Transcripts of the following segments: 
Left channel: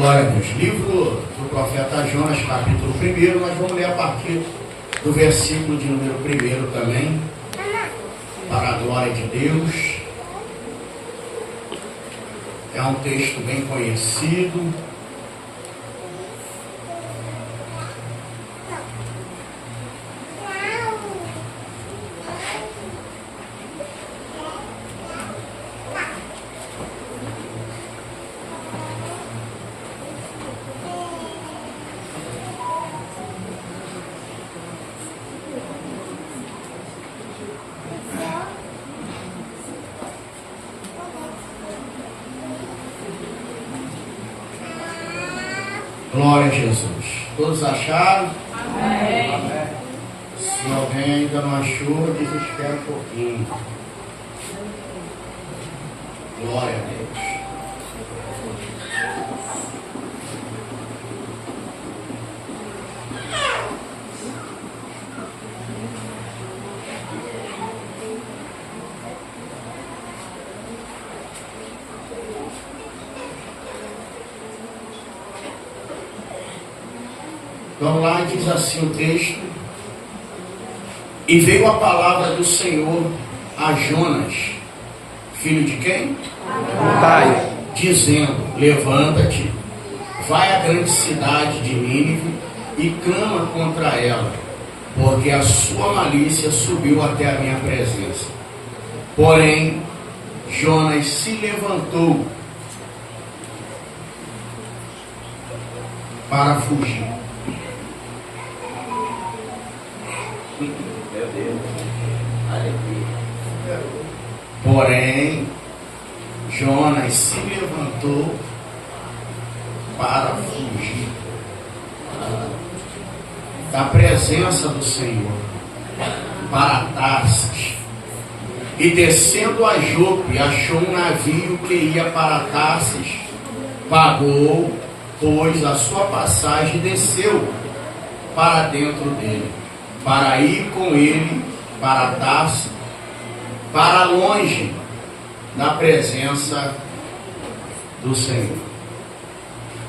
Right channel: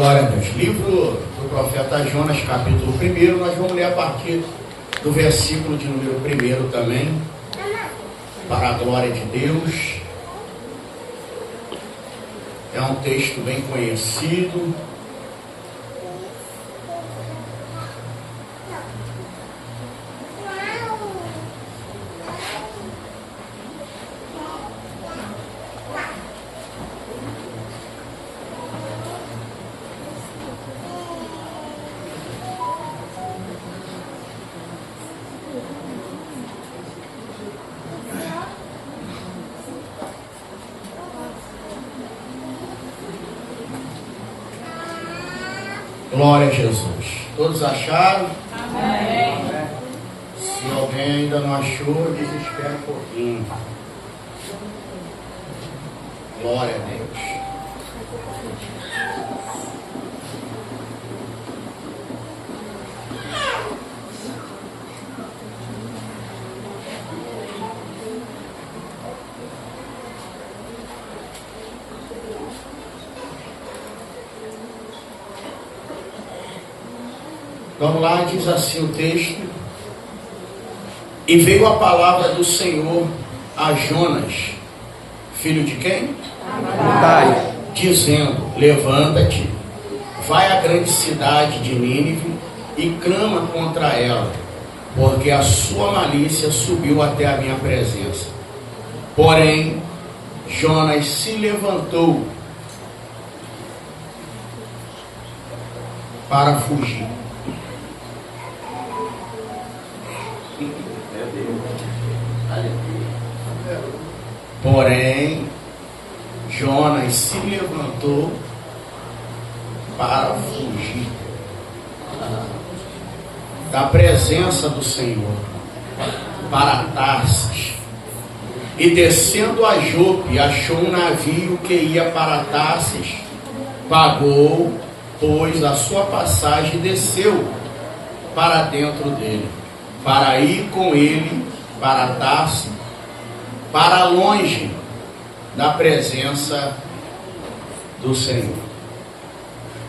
Glória a Deus. Livro do profeta Jonas, capítulo 1, nós vamos ler a partir do versículo de número 1 também, para a glória de Deus. É um texto bem conhecido. Glória a Jesus. Todos acharam? Amém. Se alguém ainda não achou, desespera um pouquinho. Glória a Deus. Vamos lá, diz assim o texto: e veio a palavra do Senhor a Jonas, filho de quem? Amitai. Dizendo: levanta-te, vai à grande cidade de Nínive e clama contra ela, porque a sua malícia subiu até a minha presença. Porém, Jonas se levantou para fugir. Porém, Jonas se levantou para fugir da presença do Senhor, para Tarsis, e descendo a Jope, achou um navio que ia para Tarsis, pagou, pois, a sua passagem e desceu para dentro dele, para ir com ele para Tarsis, para longe da presença do Senhor.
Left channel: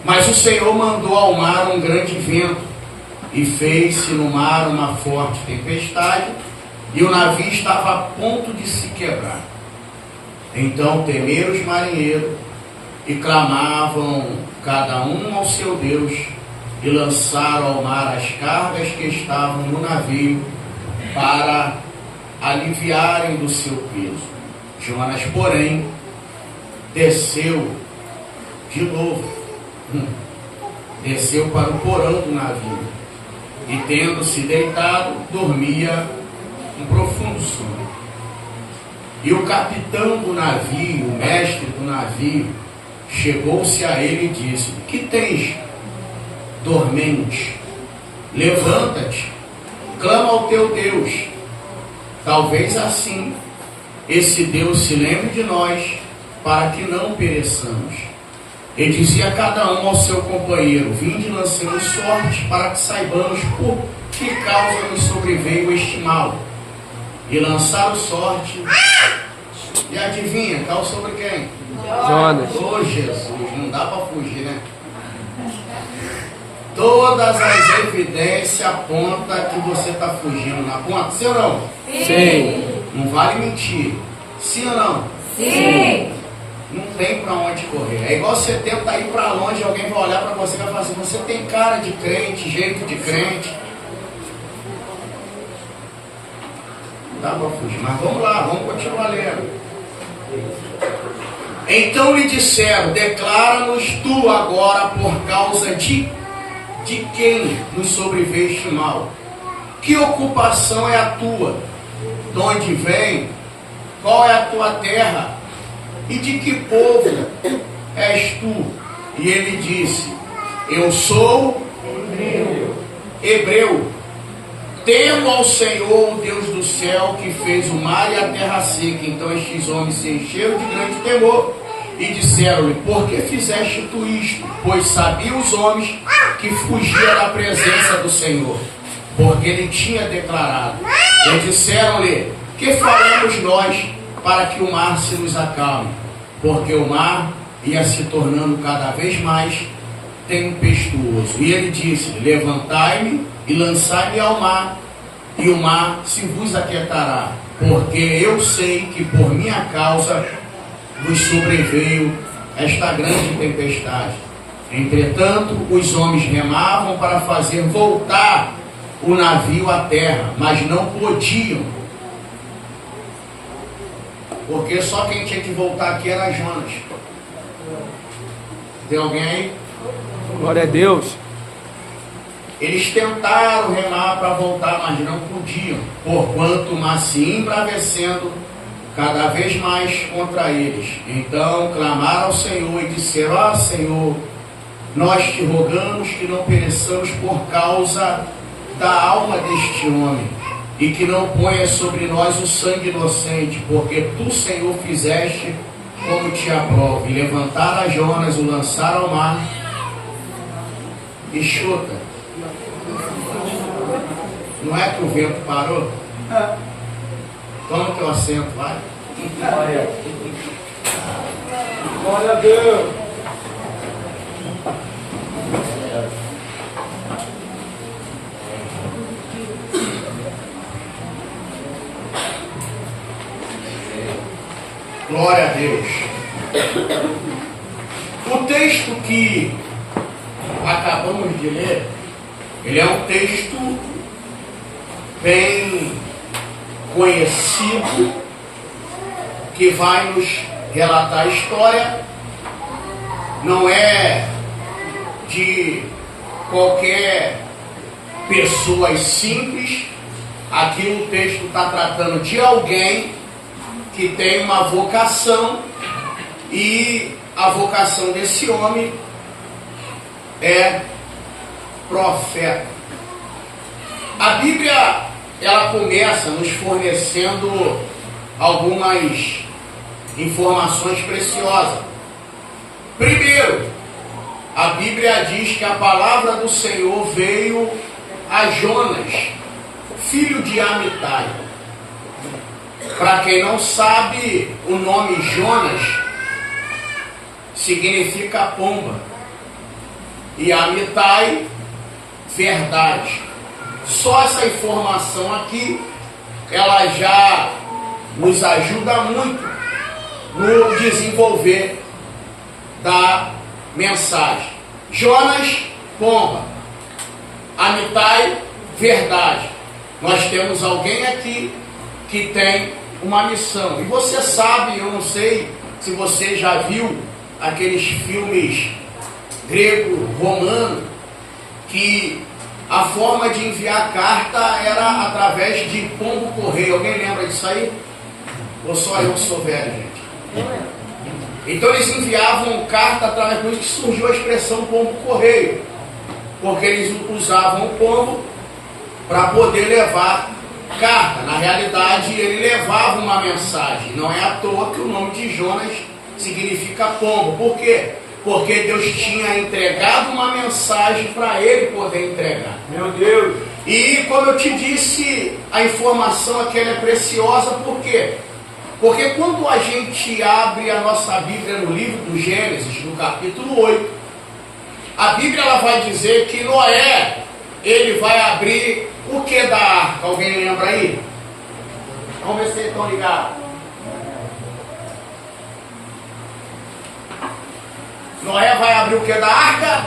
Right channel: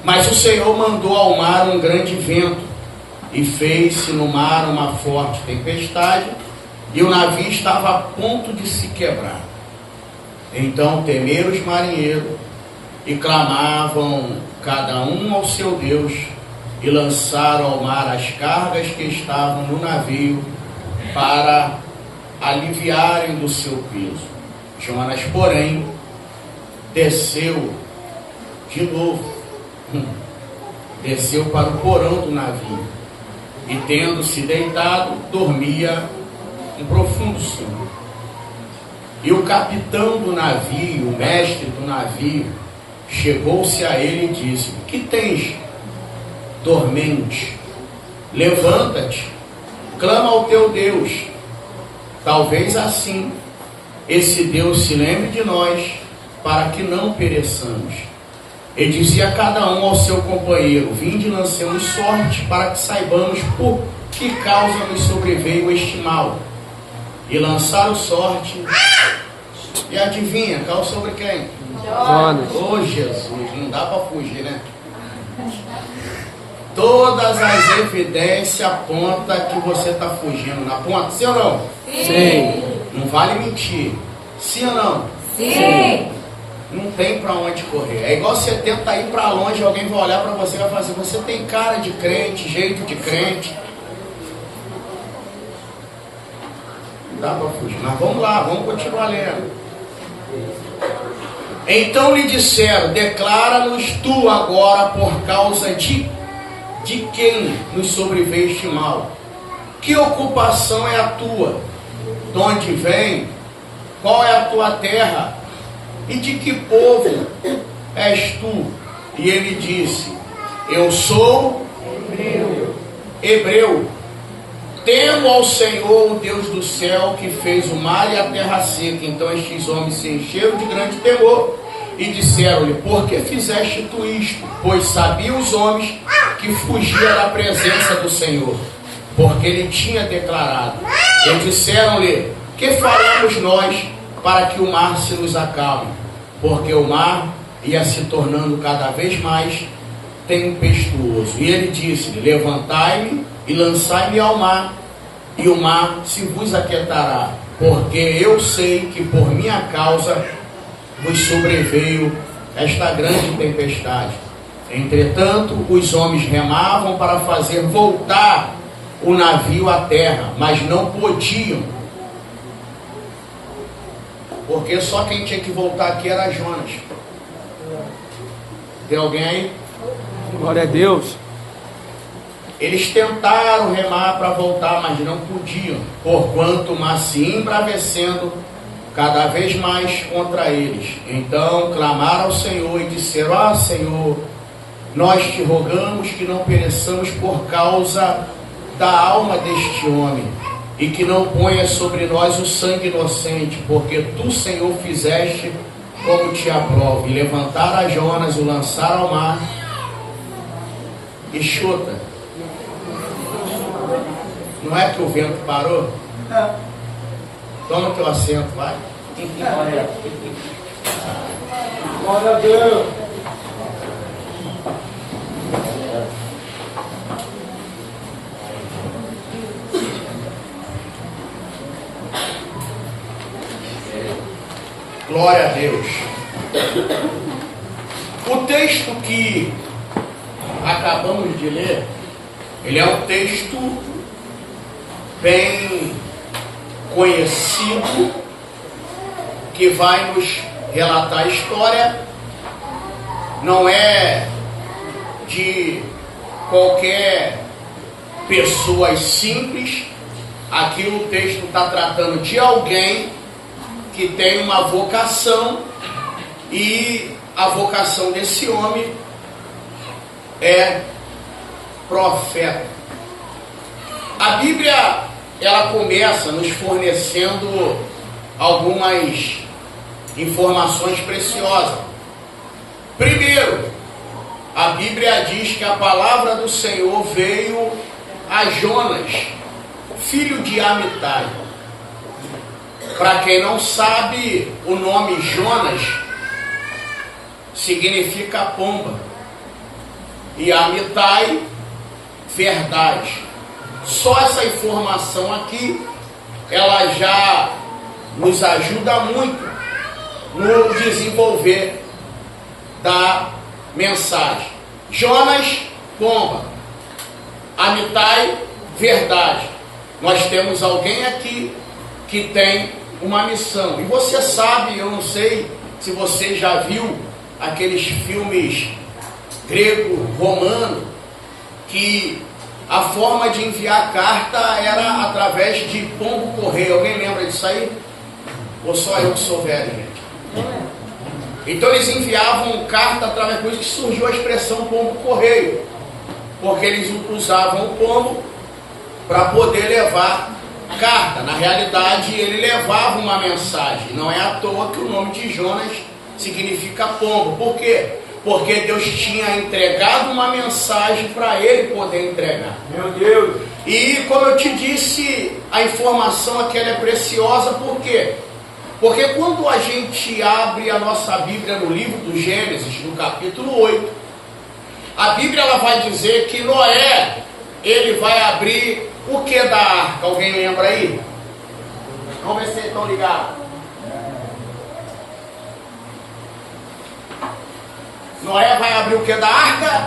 Mas o Senhor mandou ao mar um grande vento, e fez-se no mar uma forte tempestade, e o navio estava a ponto de se quebrar. Então temeram os marinheiros, e clamavam cada um ao seu Deus, e lançaram ao mar as cargas que estavam no navio, para aliviarem do seu peso. Jonas, porém, desceu de novo, desceu para o porão do navio, e tendo-se deitado, dormia um profundo sono. E o capitão do navio, o mestre do navio, chegou-se a ele e disse: que tens, dormente? Levanta-te, clama ao teu Deus. Talvez assim esse Deus se lembre de nós, para que não pereçamos. E dizia a cada um ao seu companheiro: vinde, lancemos sorte, para que saibamos por que causa nos sobreveio este mal. E lançaram sorte, e adivinha, caiu sobre quem? Jonas. Oh Jesus, não dá para fugir, né? Todas as evidências apontam que você está fugindo. Na ponta, sim ou não? Sim. Não vale mentir. Sim ou não? Sim. Não tem para onde correr. É igual você tenta ir para longe, alguém vai olhar para você e vai falar assim: você tem cara de crente, jeito de crente. Não dá para fugir. Mas vamos lá, vamos continuar lendo. Então lhe disseram: declara-nos tu agora por causa de quem nos sobreveio este mal? Que ocupação é a tua? De onde vem? Qual é a tua terra? E de que povo és tu? E ele disse: eu sou hebreu. Temo ao Senhor, o Deus do céu, que fez o mar e a terra seca. Então estes homens se encheram de grande temor e disseram-lhe: por que fizeste tu isto? Pois sabiam os homens que fugia da presença do Senhor, porque ele tinha declarado. E disseram-lhe: que faremos nós para que o mar se nos acalme? Porque o mar ia se tornando cada vez mais tempestuoso. E ele disse: levantai-me e lançai-me ao mar, e o mar se vos aquietará, porque eu sei que por minha causa vos sobreveio esta grande tempestade. Entretanto, os homens remavam para fazer voltar o navio à terra, mas não podiam, porque só quem tinha que voltar aqui era Jonas. Tem alguém aí? Glória a Deus. Eles tentaram remar para voltar, mas não podiam, porquanto o mar se embravecendo cada vez mais contra eles. Então clamaram ao Senhor e disseram: ah, Senhor, nós te rogamos que não pereçamos por causa da alma deste homem, e que não ponha sobre nós o sangue inocente, porque tu, Senhor, fizeste como te aprove. E levantaram a Jonas, o lançaram ao mar, e chuta. Não é que o vento parou? Toma o teu assento, vai. Glória a Deus. Glória a Deus. O texto que acabamos de ler, ele é um texto bem conhecido, que vai nos relatar a história. Não é de qualquer pessoa simples. Aqui o texto está tratando de alguém que tem uma vocação, e a vocação desse homem é profeta. A Bíblia, ela começa nos fornecendo algumas informações preciosas. Primeiro, a Bíblia diz que a palavra do Senhor veio a Jonas, filho de Amitai. Para quem não sabe, o nome Jonas significa pomba, e Amitai, verdade. Só essa informação aqui, ela já nos ajuda muito no desenvolver da mensagem. Jonas, pomba. Amitai, verdade. Nós temos alguém aqui que tem uma missão. E você sabe, eu não sei se você já viu aqueles filmes grego-romano, que a forma de enviar carta era através de pombo-correio. Alguém lembra disso aí? Ou só eu que sou velho, gente? Então eles enviavam carta através, por isso que surgiu a expressão pombo-correio, porque eles usavam o pombo para poder levar carta. Na realidade, ele levava uma mensagem. Não é à toa que o nome de Jonas significa pombo. Por quê? Porque Deus tinha entregado uma mensagem para ele poder entregar. Meu Deus. E como eu te disse, a informação aqui é preciosa. Por quê? Porque quando a gente abre a nossa Bíblia no livro do Gênesis, no capítulo 8, a Bíblia, ela vai dizer que Noé, ele vai abrir o que da arca? Alguém lembra aí? Vamos ver se vocês estão ligados. Noé vai abrir o que da arca?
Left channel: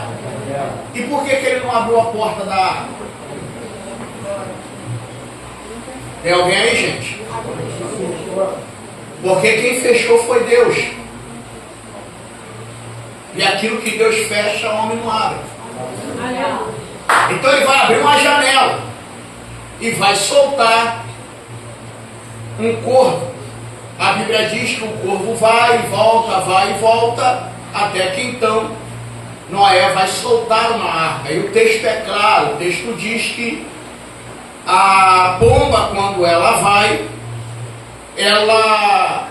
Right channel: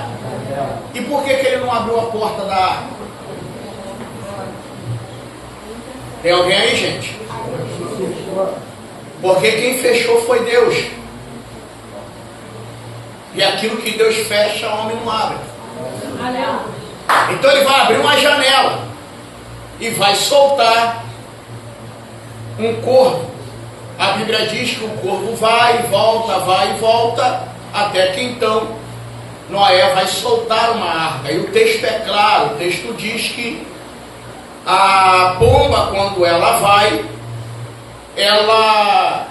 E por que ele não abriu a porta da arca? Tem alguém aí, gente? Porque quem fechou foi Deus. E aquilo que Deus fecha, o homem não abre. Então ele vai abrir uma janela e vai soltar um corvo. A Bíblia diz que o corvo vai e volta, até que então Noé vai soltar uma arca. E o texto é claro, o texto diz que a pomba, quando ela vai, ela,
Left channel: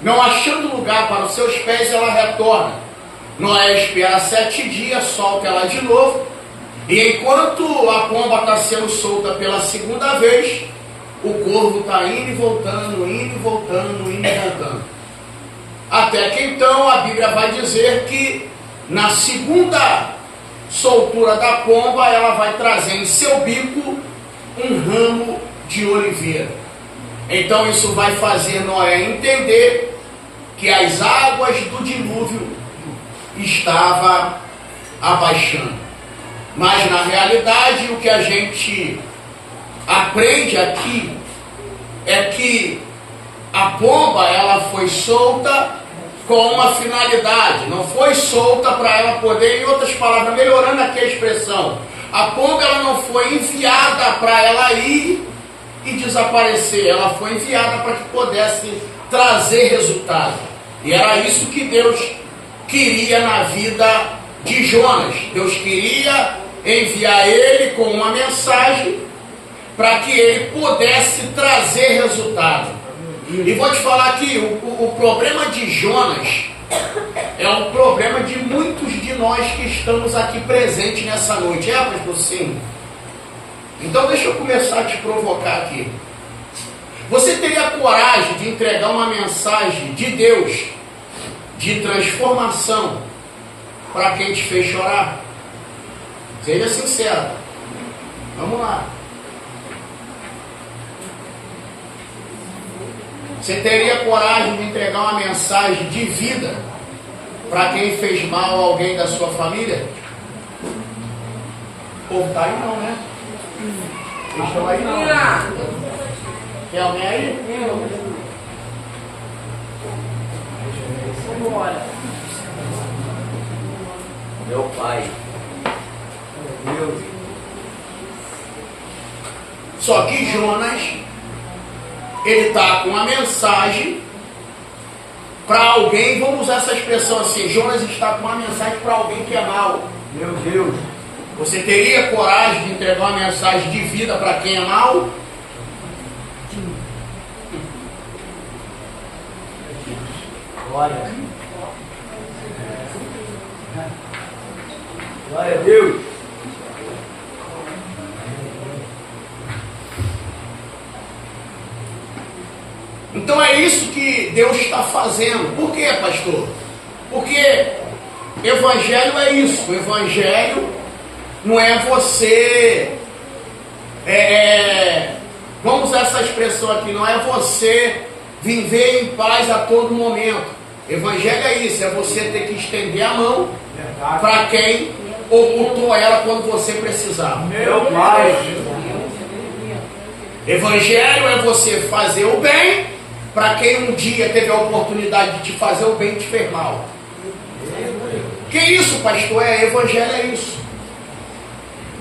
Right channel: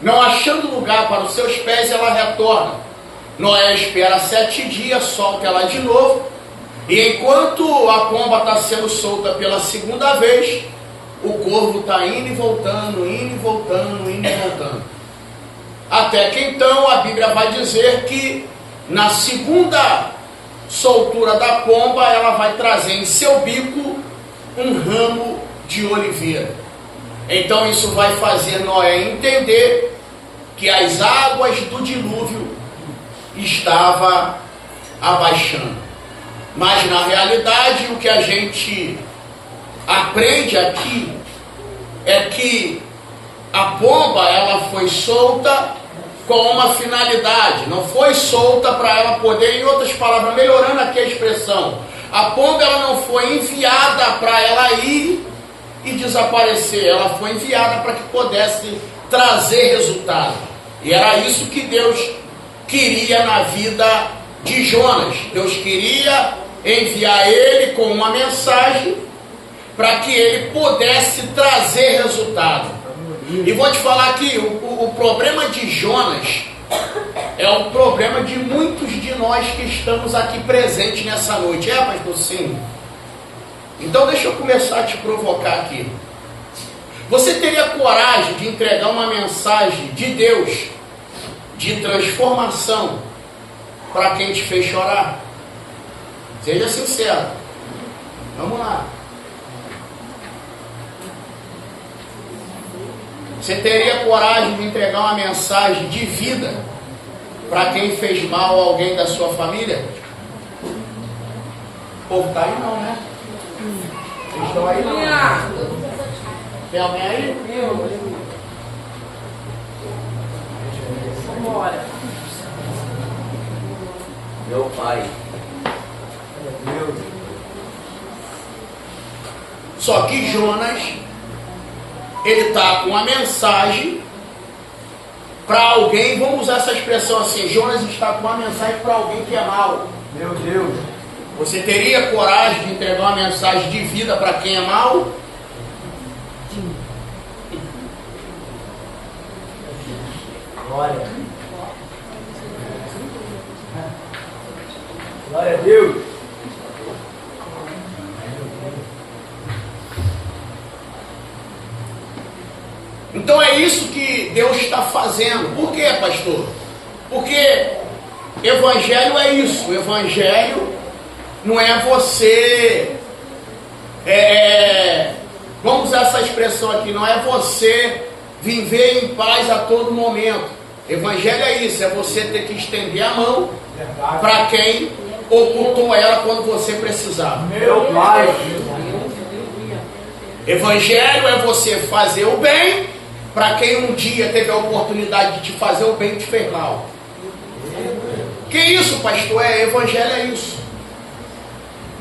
não achando lugar para os seus pés, ela retorna. Noé espera 7 dias, solta ela de novo, e enquanto a pomba está sendo solta pela segunda vez, o corvo está indo e voltando, indo e voltando, indo e voltando. Até que então a Bíblia vai dizer que Na segunda soltura da pomba, ela vai trazer em seu bico um ramo de oliveira. Então isso vai fazer Noé entender que as águas do dilúvio estavam abaixando. Mas na realidade o que a gente aprende aqui é que a pomba ela foi solta com uma finalidade, não foi solta para ela poder, em outras palavras, melhorando aqui a expressão, a pomba ela não foi enviada para ela ir e desaparecer, ela foi enviada para que pudesse trazer resultado. E era isso que Deus queria na vida de Jonas. Deus queria enviar ele com uma mensagem para que ele pudesse trazer resultado. E vou te falar aqui, o problema de Jonas é o problema de muitos de nós que estamos aqui presentes nessa noite. Pastor? Sim. Então deixa eu começar a te provocar aqui. Você teria coragem de entregar uma mensagem de Deus, de transformação, para quem te fez chorar? Seja sincero. Vamos lá. Você teria coragem de entregar uma mensagem de vida para quem fez mal a alguém da sua família? O povo está aí não, né? Vocês estão aí não? Tem alguém aí? Meu pai. Só que Jonas, ele está com uma mensagem para alguém, vamos usar essa expressão assim, Jonas está com uma mensagem para alguém que é mau. Meu Deus. Você teria coragem de entregar uma mensagem de vida para quem é mau? Glória. Glória a Deus. Então é isso que Deus está fazendo. Por quê, pastor? Porque evangelho é isso. O evangelho não é você... vamos usar essa expressão aqui. Não é você viver em paz a todo momento. Evangelho é isso. É você ter que estender a mão para quem ocultou ela quando você precisava. Meu pai. Evangelho é você fazer o bem para quem um dia teve a oportunidade de te fazer o bem e te fez mal. Que isso, pastor? Evangelho é isso.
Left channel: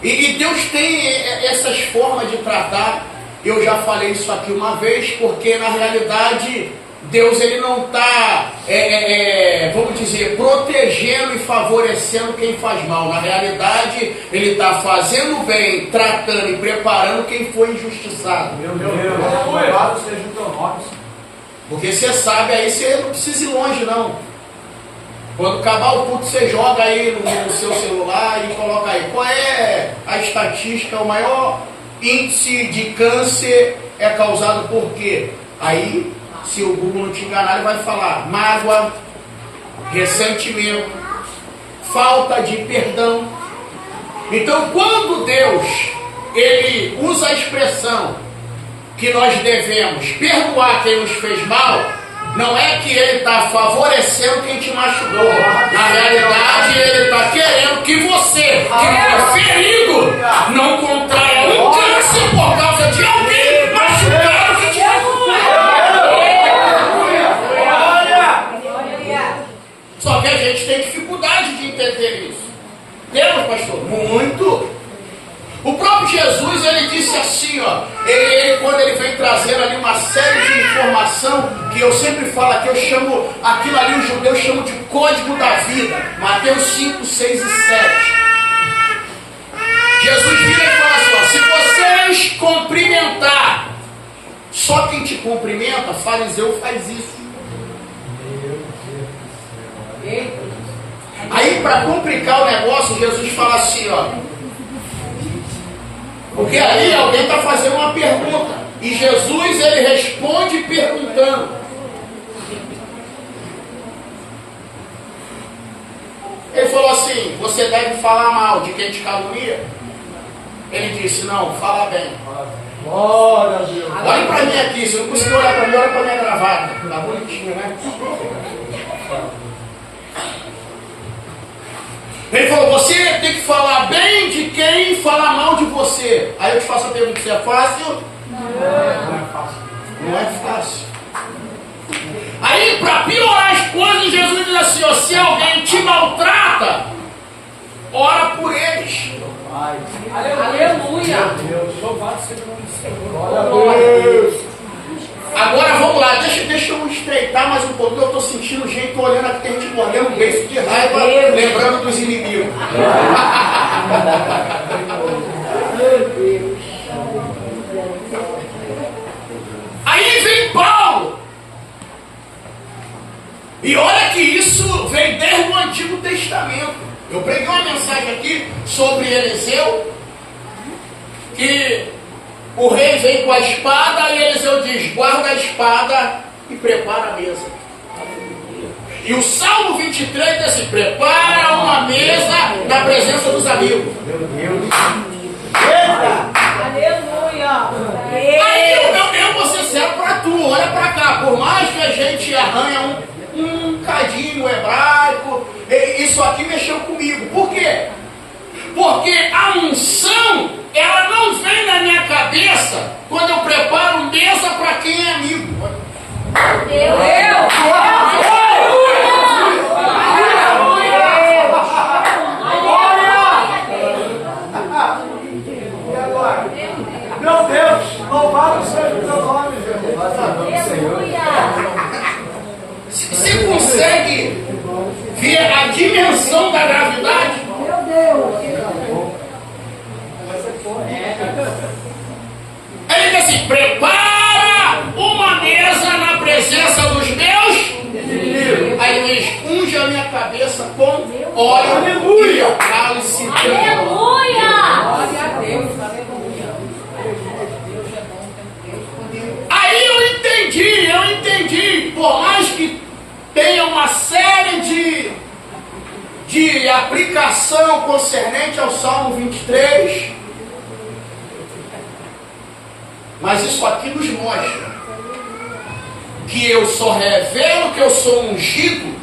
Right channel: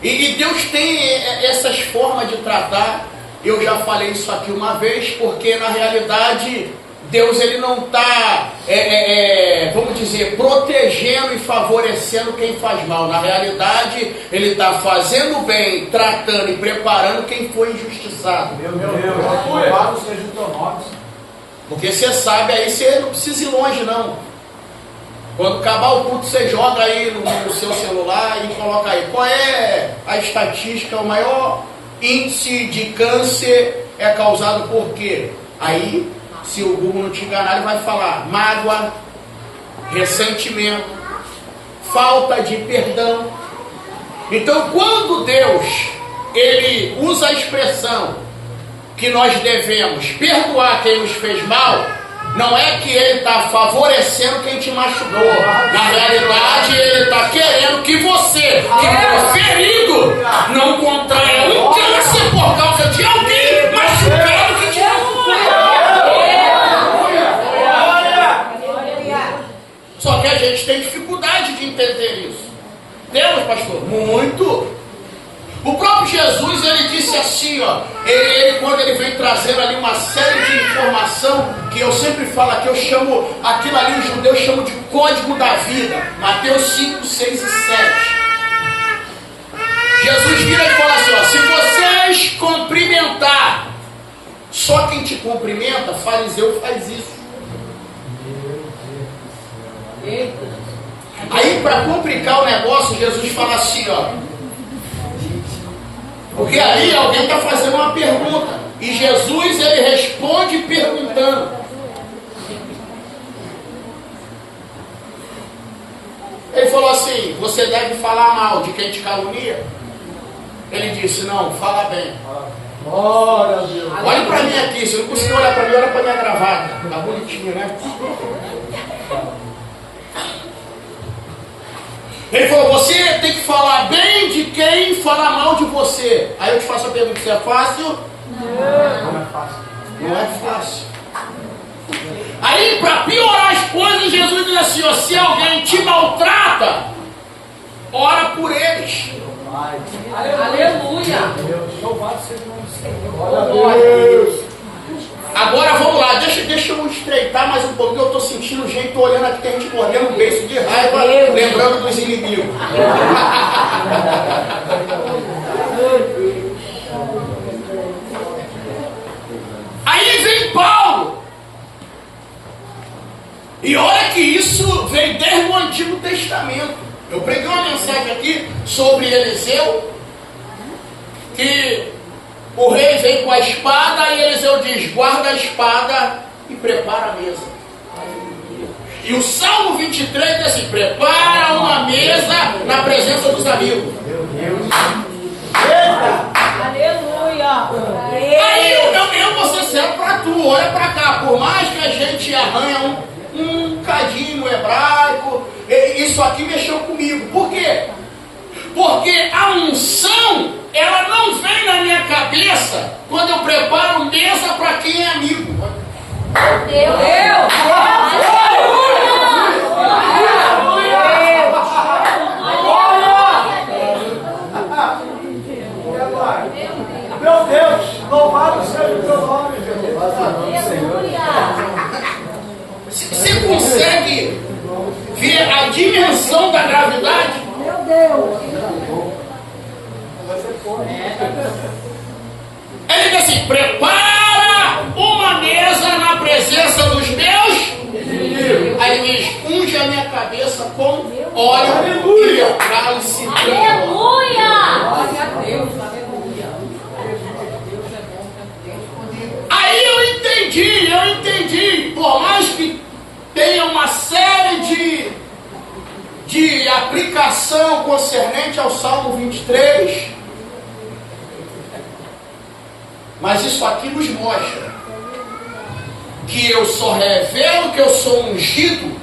E Deus tem essas formas de tratar. Eu já falei isso aqui uma vez, porque na realidade Deus ele não está, vamos dizer, protegendo e favorecendo quem faz mal. Na realidade, Ele está fazendo bem, tratando e preparando quem foi injustiçado. Meu Deus, louvado seja o teu nome. Porque você sabe, aí você não precisa ir longe não. Quando acabar o culto, você joga aí no seu celular e coloca aí. Qual é a estatística, o maior índice de câncer é causado por quê? Aí... se o Google não te enganar, ele vai falar mágoa, ressentimento, falta de perdão. Então, quando Deus ele usa a expressão que nós devemos perdoar quem nos fez mal, não é que ele está favorecendo quem te machucou. Na realidade, ele está querendo que você, que foi ferido, não contraia um câncer por causa de alguém machucado que te machucou. Só que a gente tem dificuldade de entender isso. Temos, pastor? Muito. O próprio Jesus, ele disse assim, ó, ele quando ele vem trazendo ali uma série de informação, que eu sempre falo aqui, eu chamo, aquilo ali os judeus chamam de código da vida, Mateus 5, 6 e 7. Jesus vira e fala assim, ó, se vocês cumprimentar, só quem te cumprimenta, fariseu faz isso. Aí, para complicar o negócio, Jesus fala assim, ó. Porque aí alguém está fazendo uma pergunta. E Jesus, ele responde perguntando. Ele falou assim, você deve falar mal de quem te calunia? Ele disse, não, fala bem. Glória a Deus. Olhe para mim aqui, se eu não conseguir olhar para mim, olha para minha gravata. Tá bonitinho, né? Ele falou, você tem que falar bem de quem fala mal de você. Aí eu te faço a pergunta, se é fácil? Não é fácil. Não é fácil. Aí, para piorar as coisas, Jesus diz assim, ó, se alguém te maltrata, ora por eles. Pai. Aleluia. Deus. Louvado seja o nome do Senhor. Glória a Deus. Agora vamos lá, deixa eu estreitar mais um pouquinho. Eu estou sentindo gente olhando aqui, tem gente mordendo o beijo de raiva, lembrando dos inimigos. Aí vem Paulo. E olha que isso vem desde o Antigo Testamento. Eu preguei uma mensagem aqui sobre Eliseu, que o rei vem com a espada e Eliseu diz, guarda a espada e prepara a mesa. E o Salmo 23 diz assim, prepara uma mesa na presença dos amigos. Aleluia. Aí eu vou ser sério para tu, olha para cá, por mais que a gente arranha um cadinho no hebraico, isso aqui mexeu comigo. Por quê? Porque a unção, ela não vem na minha cabeça quando eu preparo mesa para quem é amigo. Deus. Meu Deus, louvado seja o teu nome, Jesus. Você consegue ver a dimensão da gravidade? Meu Deus. Ele diz assim, prepara uma mesa na presença dos meus. Aí ele diz, unge a minha cabeça com óleo. Aleluia. Cálice. Aleluia. Aí eu entendi. Por mais que tenha uma série de aplicação concernente ao Salmo 23, mas isso aqui nos mostra que eu só revelo que eu sou ungido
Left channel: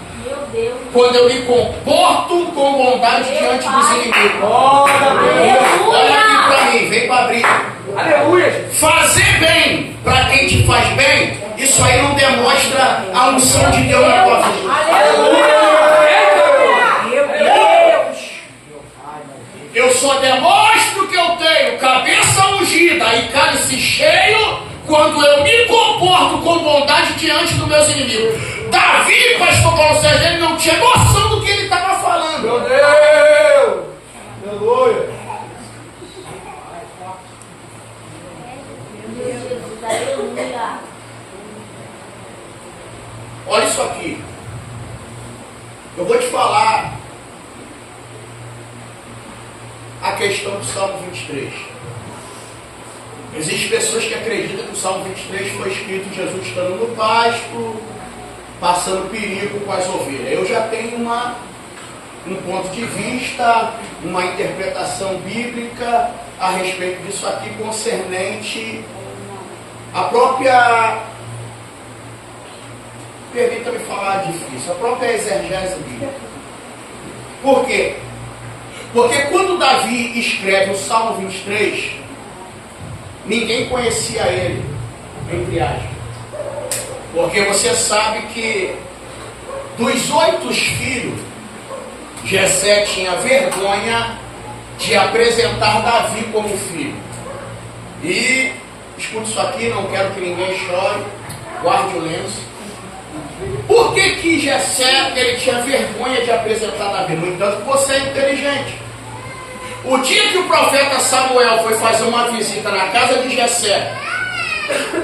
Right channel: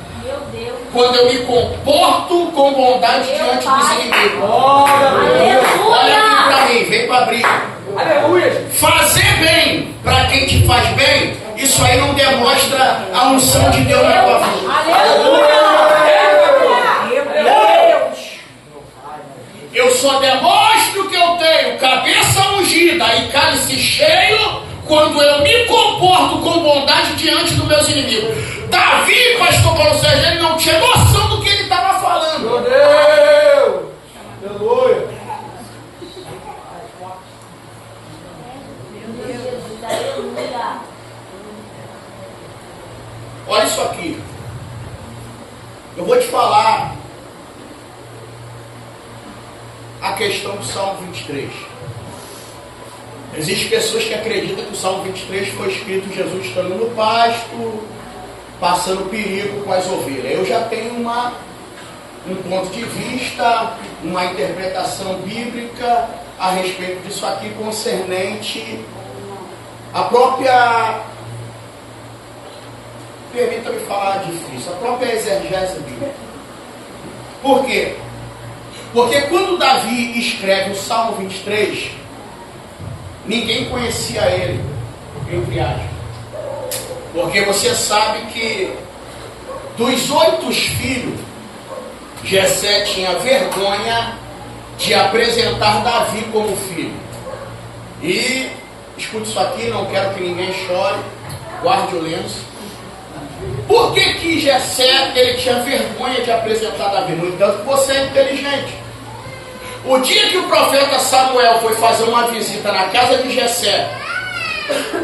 quando eu me comporto com bondade diante dos inimigos. Olha aqui para mim, vem para abrir. Aleluia. Fazer bem para quem te faz bem, isso aí não demonstra a unção de Deus na tua vida. Eu só demonstro que eu tenho cabeça ungida e cálice cheio quando eu me comporto com bondade diante dos meus inimigos. Davi, pastor Paulo Sérgio, ele não tinha noção do que ele estava falando. Meu Deus. Aleluia. Olha isso aqui. Eu vou te falar a questão do Salmo 23. Existem pessoas que acreditam que o Salmo 23 foi escrito Jesus estando no pasto, passando perigo com as ovelhas. Eu já tenho um ponto de vista, uma interpretação bíblica a respeito disso aqui, concernente a própria, permita-me falar difícil, a própria exegese bíblica. Por quê? Porque quando Davi escreve o Salmo 23, ninguém conhecia ele, entre aspas. Porque você sabe que dos 8 filhos, Jessé tinha vergonha de apresentar Davi como filho. E, escute isso aqui, não quero que ninguém chore, guarde o lenço. Por que Jessé, ele tinha vergonha de apresentar Davi? No entanto, você é inteligente. O dia que o profeta Samuel foi fazer uma visita na casa de Jessé,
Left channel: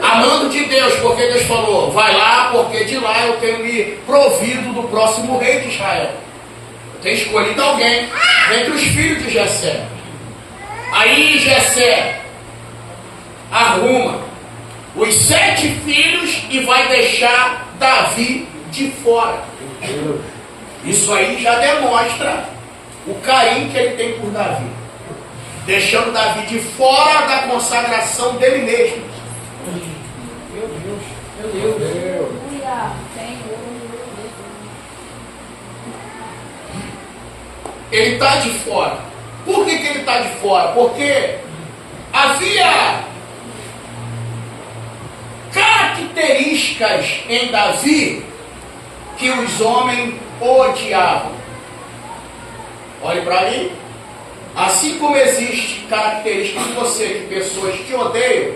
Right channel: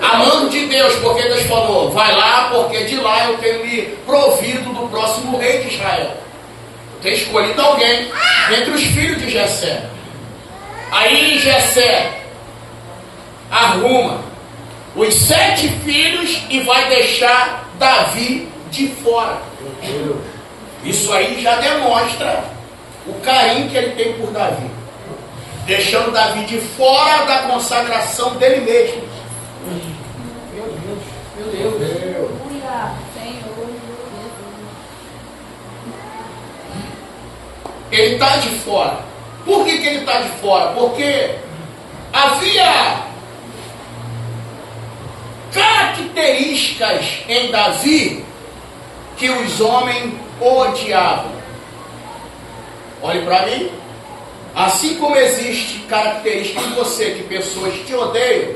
a mando de Deus, porque Deus falou, vai lá, porque de lá eu tenho me provido do próximo rei de Israel. Eu tenho escolhido alguém entre os filhos de Jessé. Aí Jessé arruma os 7 filhos e vai deixar Davi de fora. Isso aí já demonstra o carinho que ele tem por Davi, deixando Davi de fora da consagração dele mesmo. Meu Deus. Ele está de fora. Por que ele está de fora? Porque havia características em Davi que os homens odiavam. Olhe para mim. Assim como existe característica em você que pessoas te odeiam,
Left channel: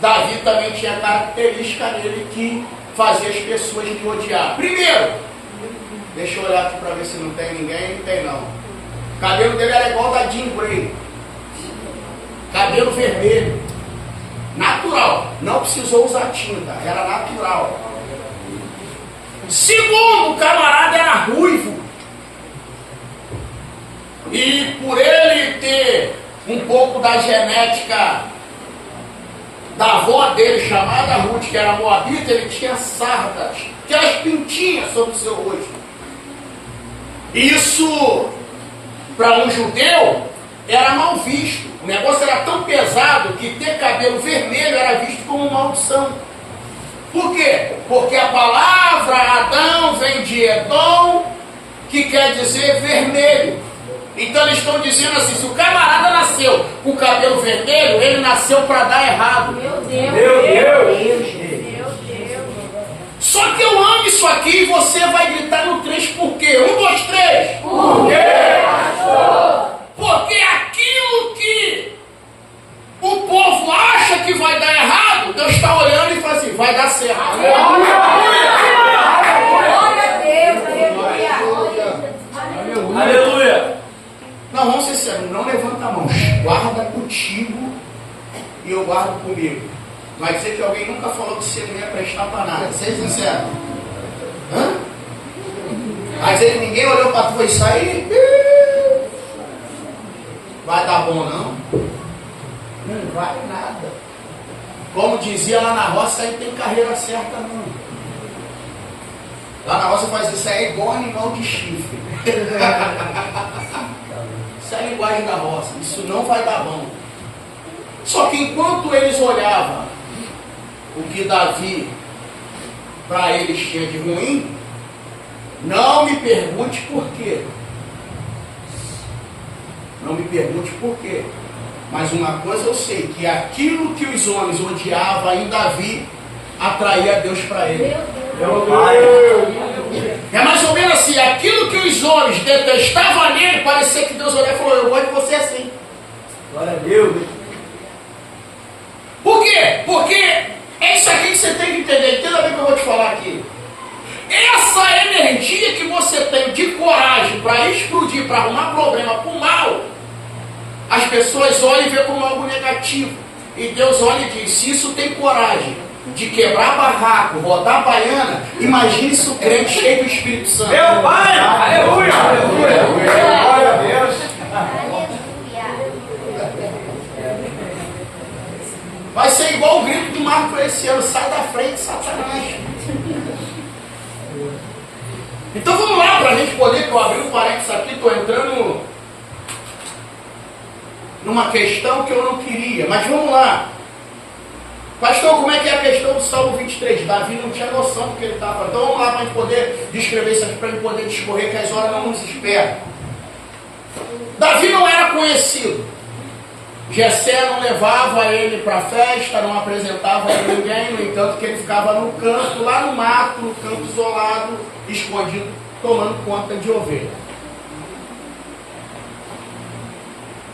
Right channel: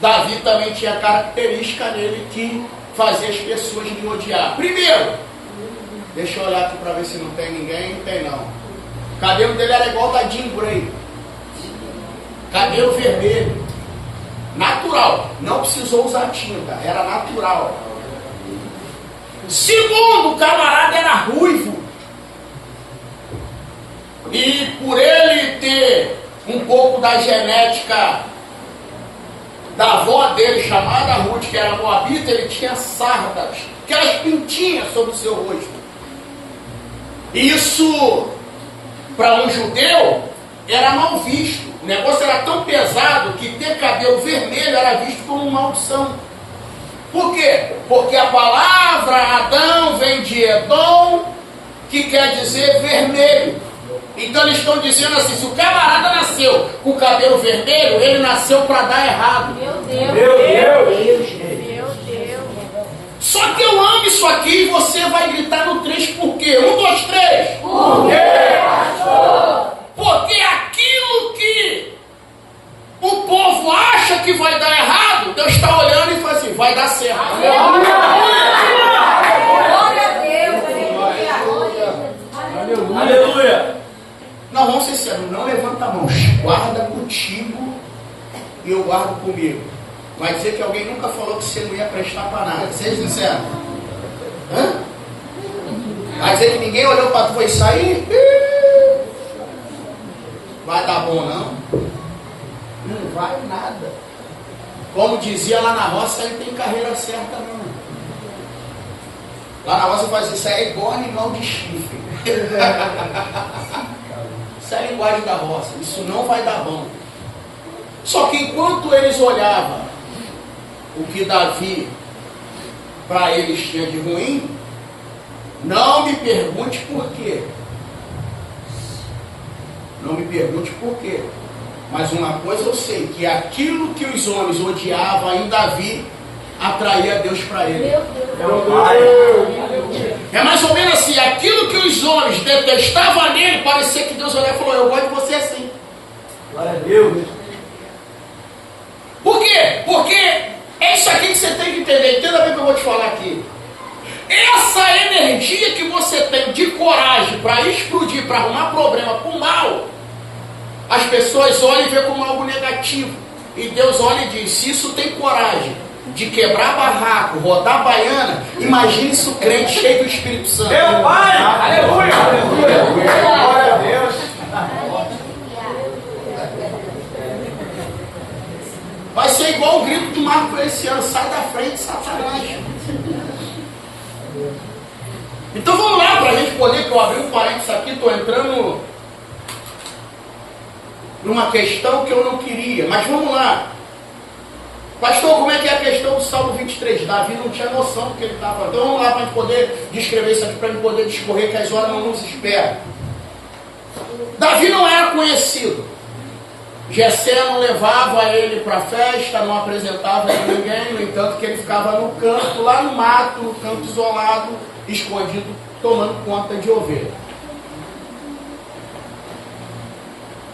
Davi também tinha característica nele que fazia as pessoas me odiar. Primeiro, deixa eu olhar aqui para ver se não tem ninguém. Não tem não. O cabelo dele era igual da Jean Grey. Cabelo vermelho. Natural. Não precisou usar tinta. Era natural. Segundo, o camarada era ruivo. E por ele ter um pouco da genética da avó dele, chamada Ruth, que era moabita, ele tinha sardas, aquelas pintinhas sobre o seu rosto. Isso, para um judeu, era mal visto. O negócio era tão pesado que ter cabelo vermelho era visto como maldição. Por quê? Porque a palavra Adão vem de Edom, que quer dizer vermelho. Então eles estão dizendo assim, se o camarada nasceu com o cabelo vermelho, ele nasceu para dar errado. Meu Deus. Meu Deus. Só que eu amo isso aqui e você vai gritar no 3 por quê? 1, 2, 3. Por quê, pastor? Porque aquilo que o povo acha que vai dar errado, Deus está olhando e fala assim, vai dar certo. Glória a Deus. Aleluia. Não, vamos ser sérios, não levanta a mão. Guarda contigo e eu guardo comigo. Vai dizer que alguém nunca falou que você não ia prestar para nada. Seja sincero. Hã? Vai dizer que ninguém olhou para tu e sair? Vai dar bom não? Não vai nada. Como dizia lá na roça, aí não tem carreira certa não. Lá na roça faz isso, é igual animal de chifre. Isso é a linguagem da roça. Isso não vai dar bom. Só que enquanto eles olhavam o que Davi para eles tinha de ruim, não me pergunte por quê. Não me pergunte por quê. Mas uma coisa eu sei, que aquilo que os homens odiavam em Davi atraía Deus para ele. Meu Deus. É mais ou menos assim, aquilo que os homens detestavam nele, parecia que Deus olhou e falou, eu gosto de você assim. Glória a Deus. Por quê? Porque é isso aqui que você tem que entender. Entenda bem o que eu vou te falar aqui. Essa energia que você tem de coragem para explodir, para arrumar problema, para o mal, as pessoas olham e veem como algo negativo. E Deus olha e diz, se isso tem coragem de quebrar barraco, rodar baiana, imagine isso crente cheio do Espírito Santo. Meu Pai. Aleluia. Glória a Deus. Vai ser igual o grito do Marco para esse ano, sai da frente, Satanás. Então vamos lá, para a gente poder, que eu abri um parênteses aqui, estou entrando numa questão que eu não queria, mas vamos lá. Pastor, como é que é a questão do Salmo 23? Davi não tinha noção do que ele estava. Então vamos lá para a gente poder descrever isso aqui, para a gente poder discorrer, que as horas não nos esperam. Davi não era conhecido. Jessé não levava ele para a festa, não apresentava ele a ninguém, no entanto que ele ficava no canto, lá no mato, no canto isolado, escondido, tomando conta de ovelha.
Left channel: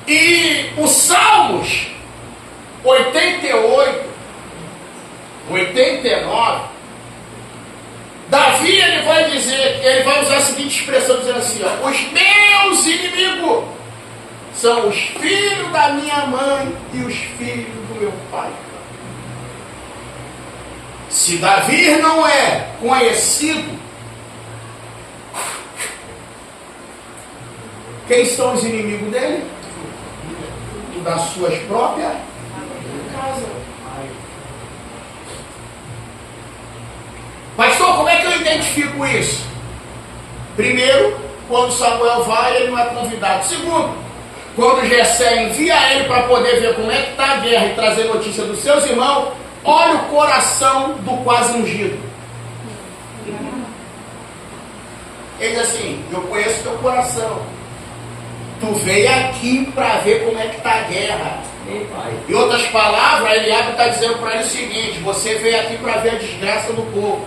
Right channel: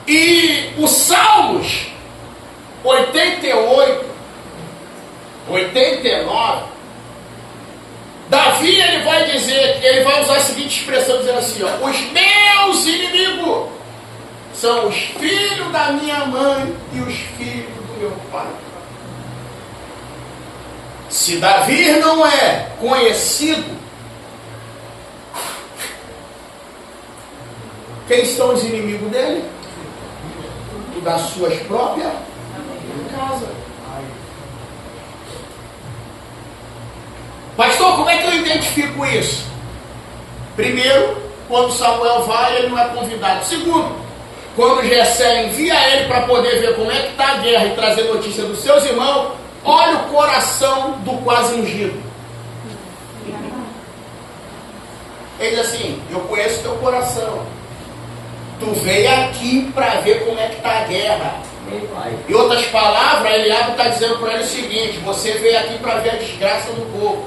E os Salmos 88, 89, Davi ele vai dizer, ele vai usar a seguinte expressão, dizendo assim, ó, os meus inimigos são os filhos da minha mãe e os filhos do meu pai. Se Davi não é conhecido, quem são os inimigos dele? Das suas próprias casas. Pastor, como é que eu identifico isso? Primeiro, quando Samuel vai, ele não é convidado. Segundo, quando Jessé envia ele para poder ver como é que está a guerra e trazer notícia dos seus irmãos, olha o coração do quase ungido. Ele diz assim: eu conheço teu coração. Tu veio aqui para ver como é que está a guerra. Em outras palavras, Eliabe está dizendo para ele o seguinte: você veio aqui para ver a desgraça do povo.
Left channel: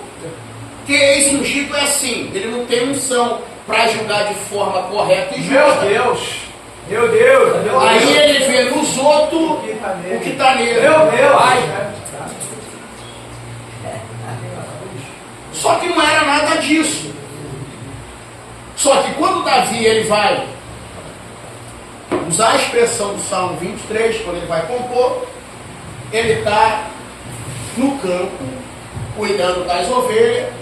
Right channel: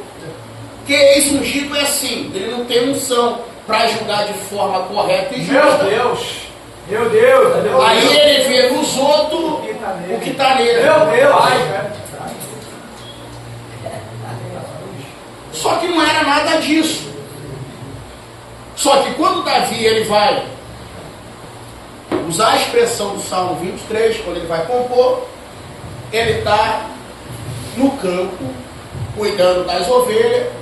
Porque ex-ungido é assim, ele não tem unção para julgar de forma correta e justa. Meu Deus! Meu Deus! Meu Aí Deus. ele vê nos outros o que está nele. Meu Deus! Só que não era nada disso. Só que quando Davi ele vai usar a expressão do Salmo 23, quando ele vai compor, ele está no campo, cuidando das ovelhas.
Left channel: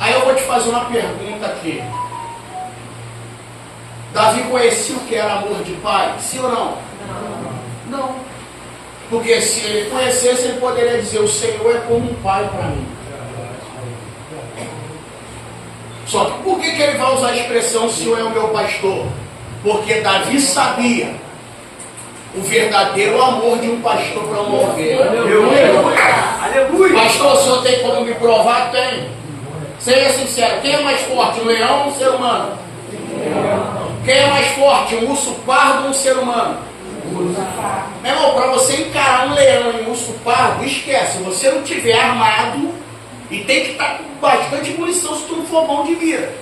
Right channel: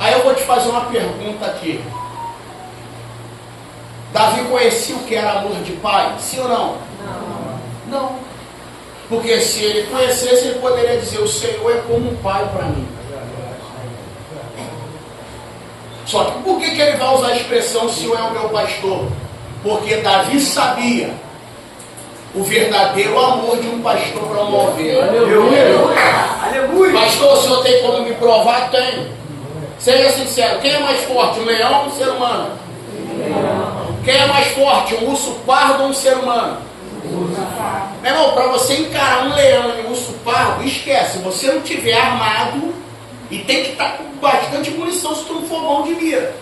Aí eu vou te fazer uma pergunta aqui. Davi conhecia o que era amor de pai? Sim ou não? Não. Porque se ele conhecesse, ele poderia dizer: o Senhor é como um pai para mim. Só que por que ele vai usar a expressão "o Senhor é o meu pastor"? Porque Davi sabia o verdadeiro amor de um pastor para uma ovelha. Aleluia! Pastor, o senhor tem como me provar? Tem. Seja sincero, quem é mais forte, um leão ou um ser humano? Quem é mais forte, um urso pardo ou um ser humano? Meu irmão, para você encarar um leão e um urso pardo, esquece. Se você não tiver armado, e tem que estar com bastante munição se tu não for bom de mira,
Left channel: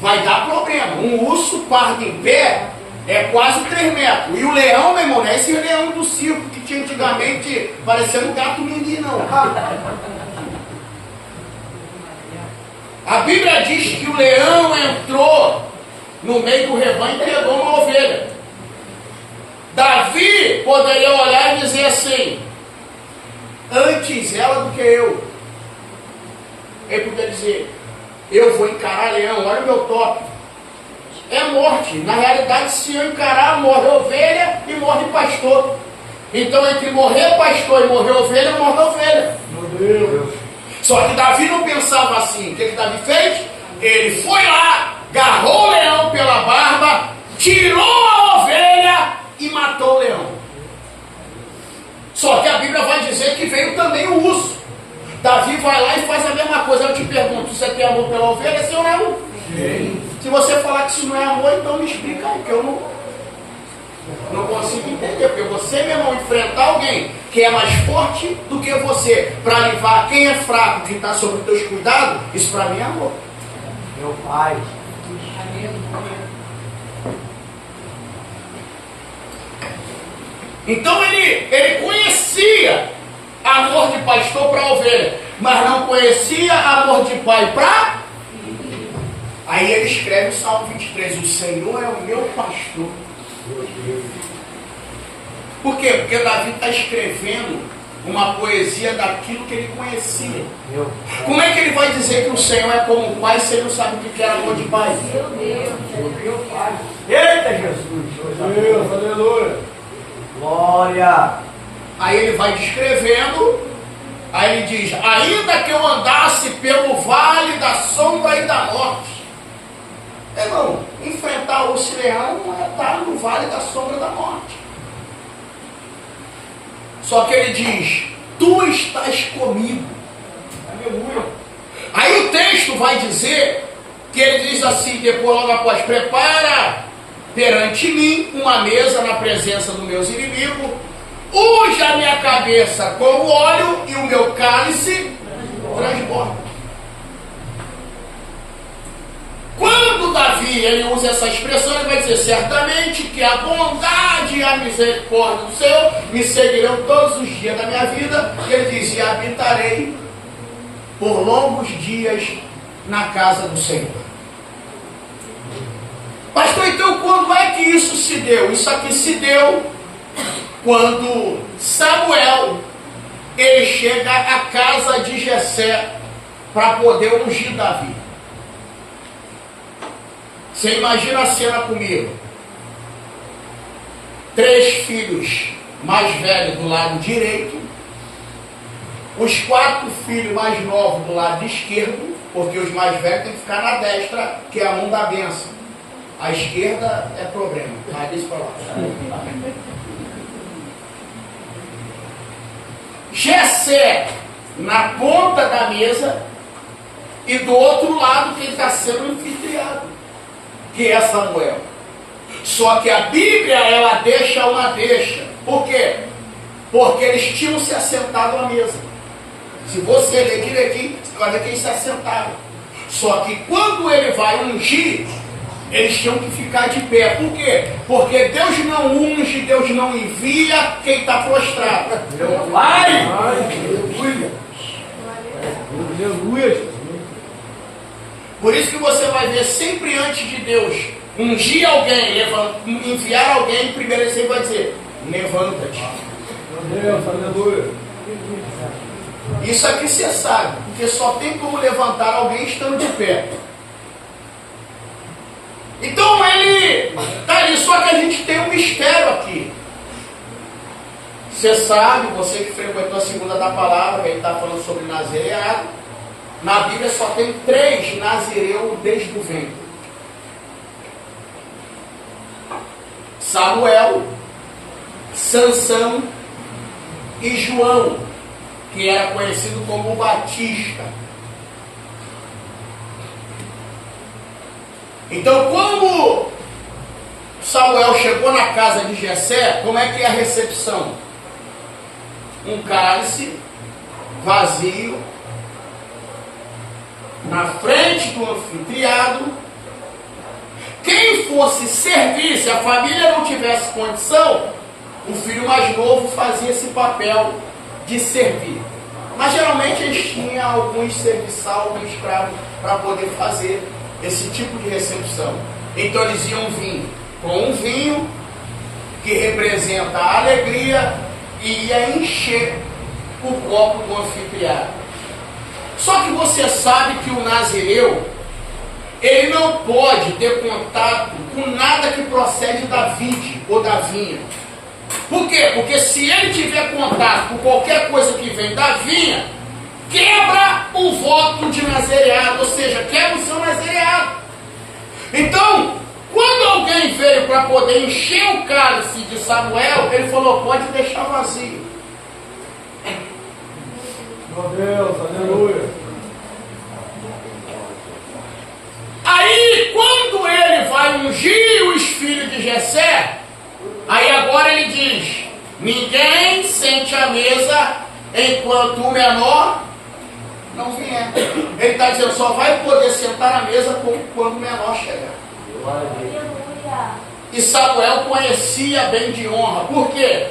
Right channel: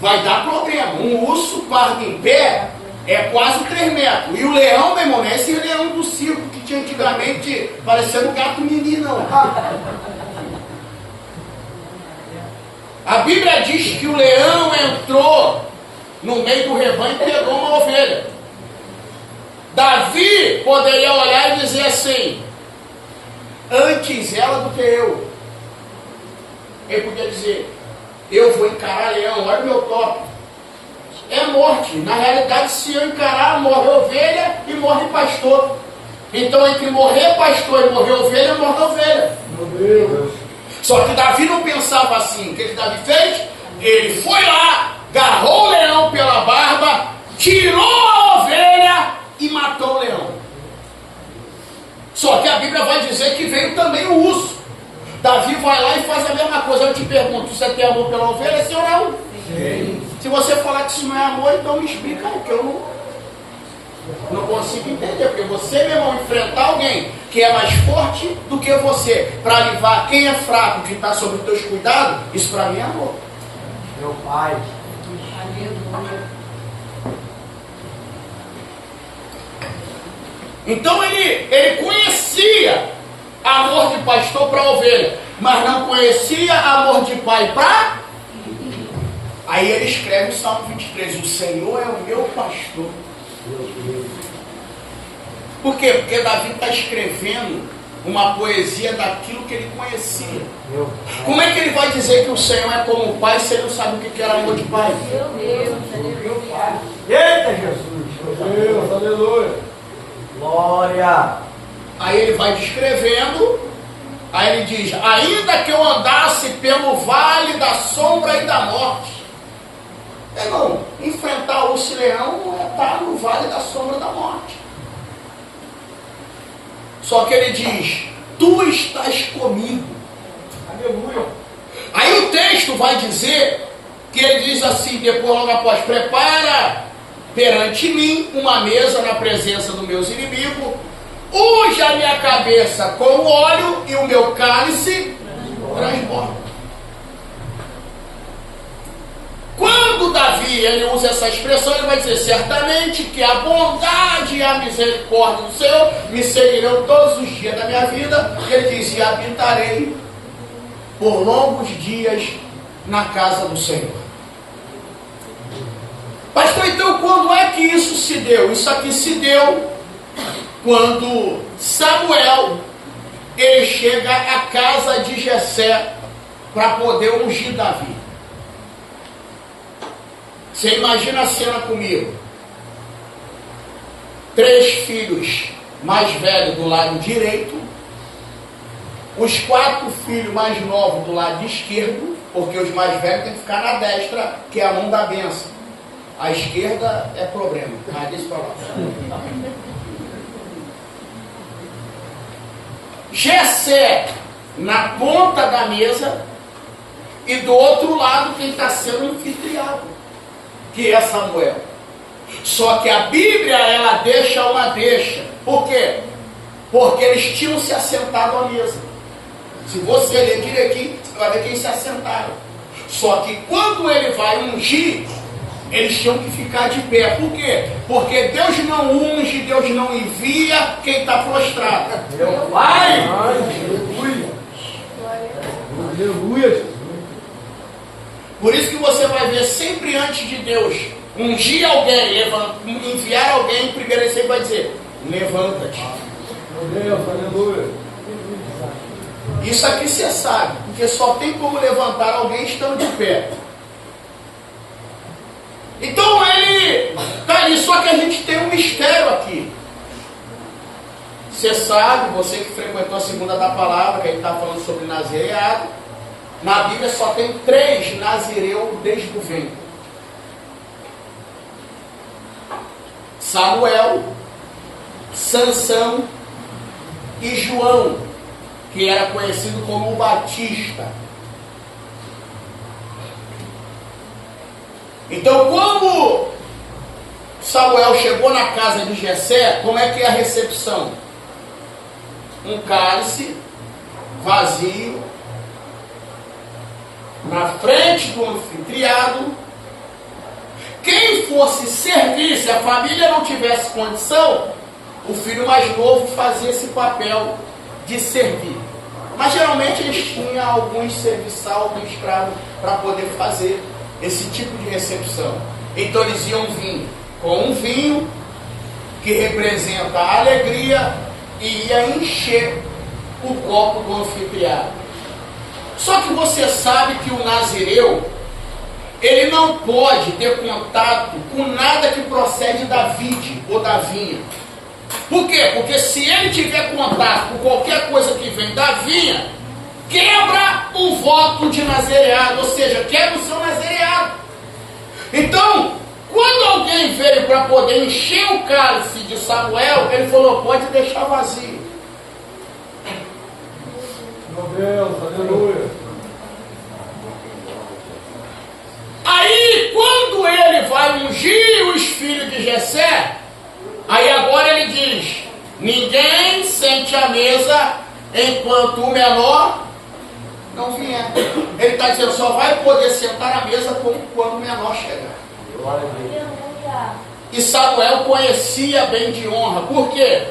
vai dar problema. Um urso pardo em pé é quase 3 metros. E o leão, meu irmão, não é esse leão do circo que tinha antigamente, parecendo um gato mini, não. A Bíblia diz que o leão entrou no meio do rebanho e pegou uma ovelha. Davi poderia olhar e dizer assim: antes ela do que eu. Ele podia dizer: eu vou encarar leão, olha o meu top. É morte. Na realidade, se eu encarar, morre ovelha e morre pastor. Então, entre morrer pastor e morrer ovelha, morre ovelha. Meu Deus! Só que Davi não pensava assim. O que Davi fez? Ele foi lá, agarrou o leão pela barba, tirou a ovelha e matou o leão. Só que a Bíblia vai dizer que veio também o urso. Davi vai lá e faz a mesma coisa. Eu te pergunto: você tem amor pela ovelha, sim ou não? Sim. Se você falar que isso não é amor, então me explica aí, que eu não consigo entender. Porque você, meu irmão, enfrentar alguém que é mais forte do que você, para livrar quem é fraco, que está sob os teus cuidados, isso para mim é amor. Meu pai! Então ele conhecia amor de pastor para ovelha, mas não conhecia amor de pai para... Aí ele escreve o Salmo 23: o Senhor é o meu pastor. Por quê? Porque Davi está escrevendo uma poesia daquilo que ele conhecia. Como é que ele vai dizer que o Senhor é como o pai se ele não sabe o que era amor de pai? Eita, Jesus! Meu Deus, aleluia! Glória! Aí ele vai descrevendo, aí ele diz: ainda que eu andasse pelo vale da sombra e da morte. Irmão, enfrentar o urso e leão é estar no vale da sombra da morte. Só que ele diz: tu estás comigo. Aleluia. Aí o texto vai dizer que ele diz assim, depois logo após: prepara perante mim uma mesa na presença dos meus inimigos, unge a minha cabeça com óleo e o meu cálice transborda. Quando Davi ele usa essa expressão, ele vai dizer: certamente que a bondade e a misericórdia do Senhor me seguirão todos os dias da minha vida. Ele diz: e habitarei por longos dias na casa do Senhor. Pastor, então quando é que isso se deu? Isso aqui se deu quando Samuel ele chega à casa de Jessé para poder ungir Davi. Você imagina a cena comigo: 3 filhos mais velhos do lado direito, os 4 filhos mais novos do lado esquerdo, Porque os mais velhos têm que ficar na destra, que é a mão da bênção. A esquerda é problema. Mas deixa pra lá. Jessé na ponta da mesa e do outro lado quem está sendo anfitriado, que é Samuel. Só que a Bíblia, ela deixa uma deixa. Por quê? Porque eles tinham se assentado à mesa. Se você ler direitinho, você vai ver quem se assentaram. Só que quando ele vai ungir, eles tinham que ficar de pé. Por quê? Porque Deus não unge, Deus não envia quem está prostrado. Meu pai! Aleluia. Aleluia. Por isso que você vai ver sempre antes de Deus ungir alguém, enviar alguém, primeiro ele sempre vai dizer, levanta-te. Meu Deus, aleluia. Isso aqui você sabe, porque só tem como levantar alguém estando de pé. Então ele está ali, só que a gente tem um mistério aqui. Você sabe, você que frequentou a segunda da palavra, ele está falando sobre nazireado. Na Bíblia só tem 3 nazireus desde o ventre: Samuel, Sansão e João, que era conhecido como Batista. Então, como Samuel chegou na casa de Jessé, como é que é a recepção? Um cálice vazio na frente do anfitriado. Quem fosse servir, se a família não tivesse condição, o filho mais novo fazia esse papel de servir. Mas geralmente eles tinham alguns serviçal, algum escravo para poder fazer esse tipo de recepção. Então eles iam vir com um vinho que representa a alegria e ia encher o copo do anfitriado. Só que você sabe que o nazireu, ele não pode ter contato com nada que procede da vide ou da vinha. Por quê? Porque se ele tiver contato com qualquer coisa que vem da vinha, quebra o voto de nazireado, ou seja, quebra o seu nazireado. Então, quando alguém veio para poder encher o cálice de Samuel, ele falou, pode deixar vazio. Meu Deus, aleluia. Aí, quando ele vai ungir os filhos de Jessé, aí agora ele diz, ninguém sente à mesa enquanto o menor não vier. Ele está dizendo, só vai poder sentar à mesa quando o menor chegar. E Samuel conhecia bem de honra. Por quê?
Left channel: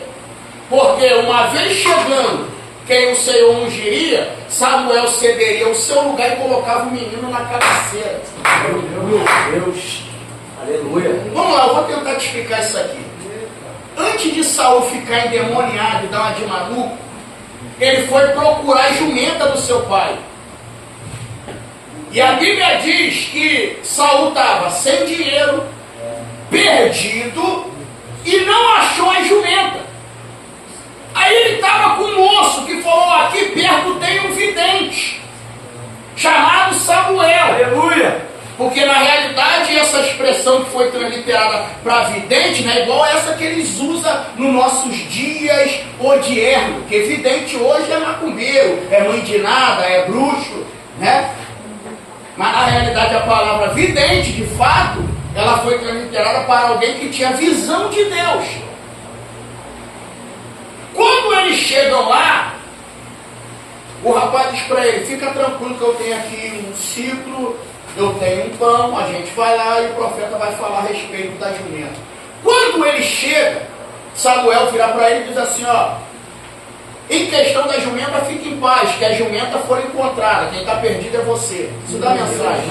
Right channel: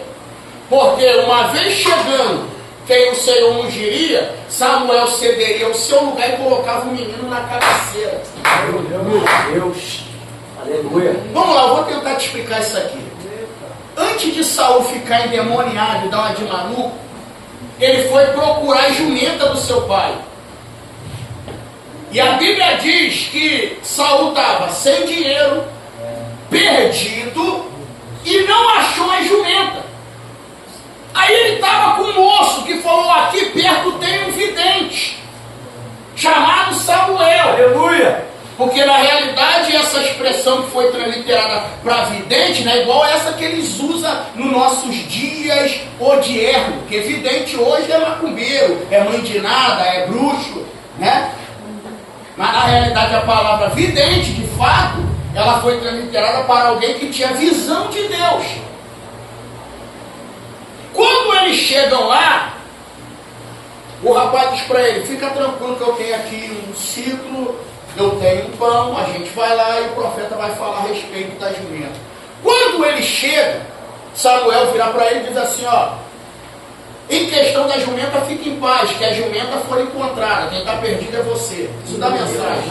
Porque uma vez chegando quem o Senhor ungiria, Samuel cederia o seu lugar e colocava o menino na cabeceira. Meu Deus. Aleluia. Vamos lá, eu vou tentar te explicar isso aqui. Antes de Saul ficar endemoniado e dar uma de maluco, ele foi procurar a jumenta do seu pai. E a Bíblia diz que Saul estava sem dinheiro, perdido, e não achou a jumenta. Aí ele estava com um moço que falou, aqui perto tem um vidente, chamado Samuel. Aleluia. Porque na realidade essa expressão que foi transliterada para vidente não é igual a essa que eles usam nos nossos dias odiernos. Porque vidente hoje é macumbeiro, é mãe de nada, é bruxo, né? Mas na realidade a palavra vidente, de fato, ela foi transliterada para alguém que tinha visão de Deus. Quando eles chegam lá, o rapaz diz para ele, fica tranquilo que eu tenho aqui um ciclo, eu tenho um pão, a gente vai lá e o profeta vai falar a respeito da jumenta. Quando ele chega, Samuel vira para ele e diz assim, ó, em questão da jumenta, fique em paz, que a jumenta foi encontrada, quem está perdido é você. Isso dá mensagem.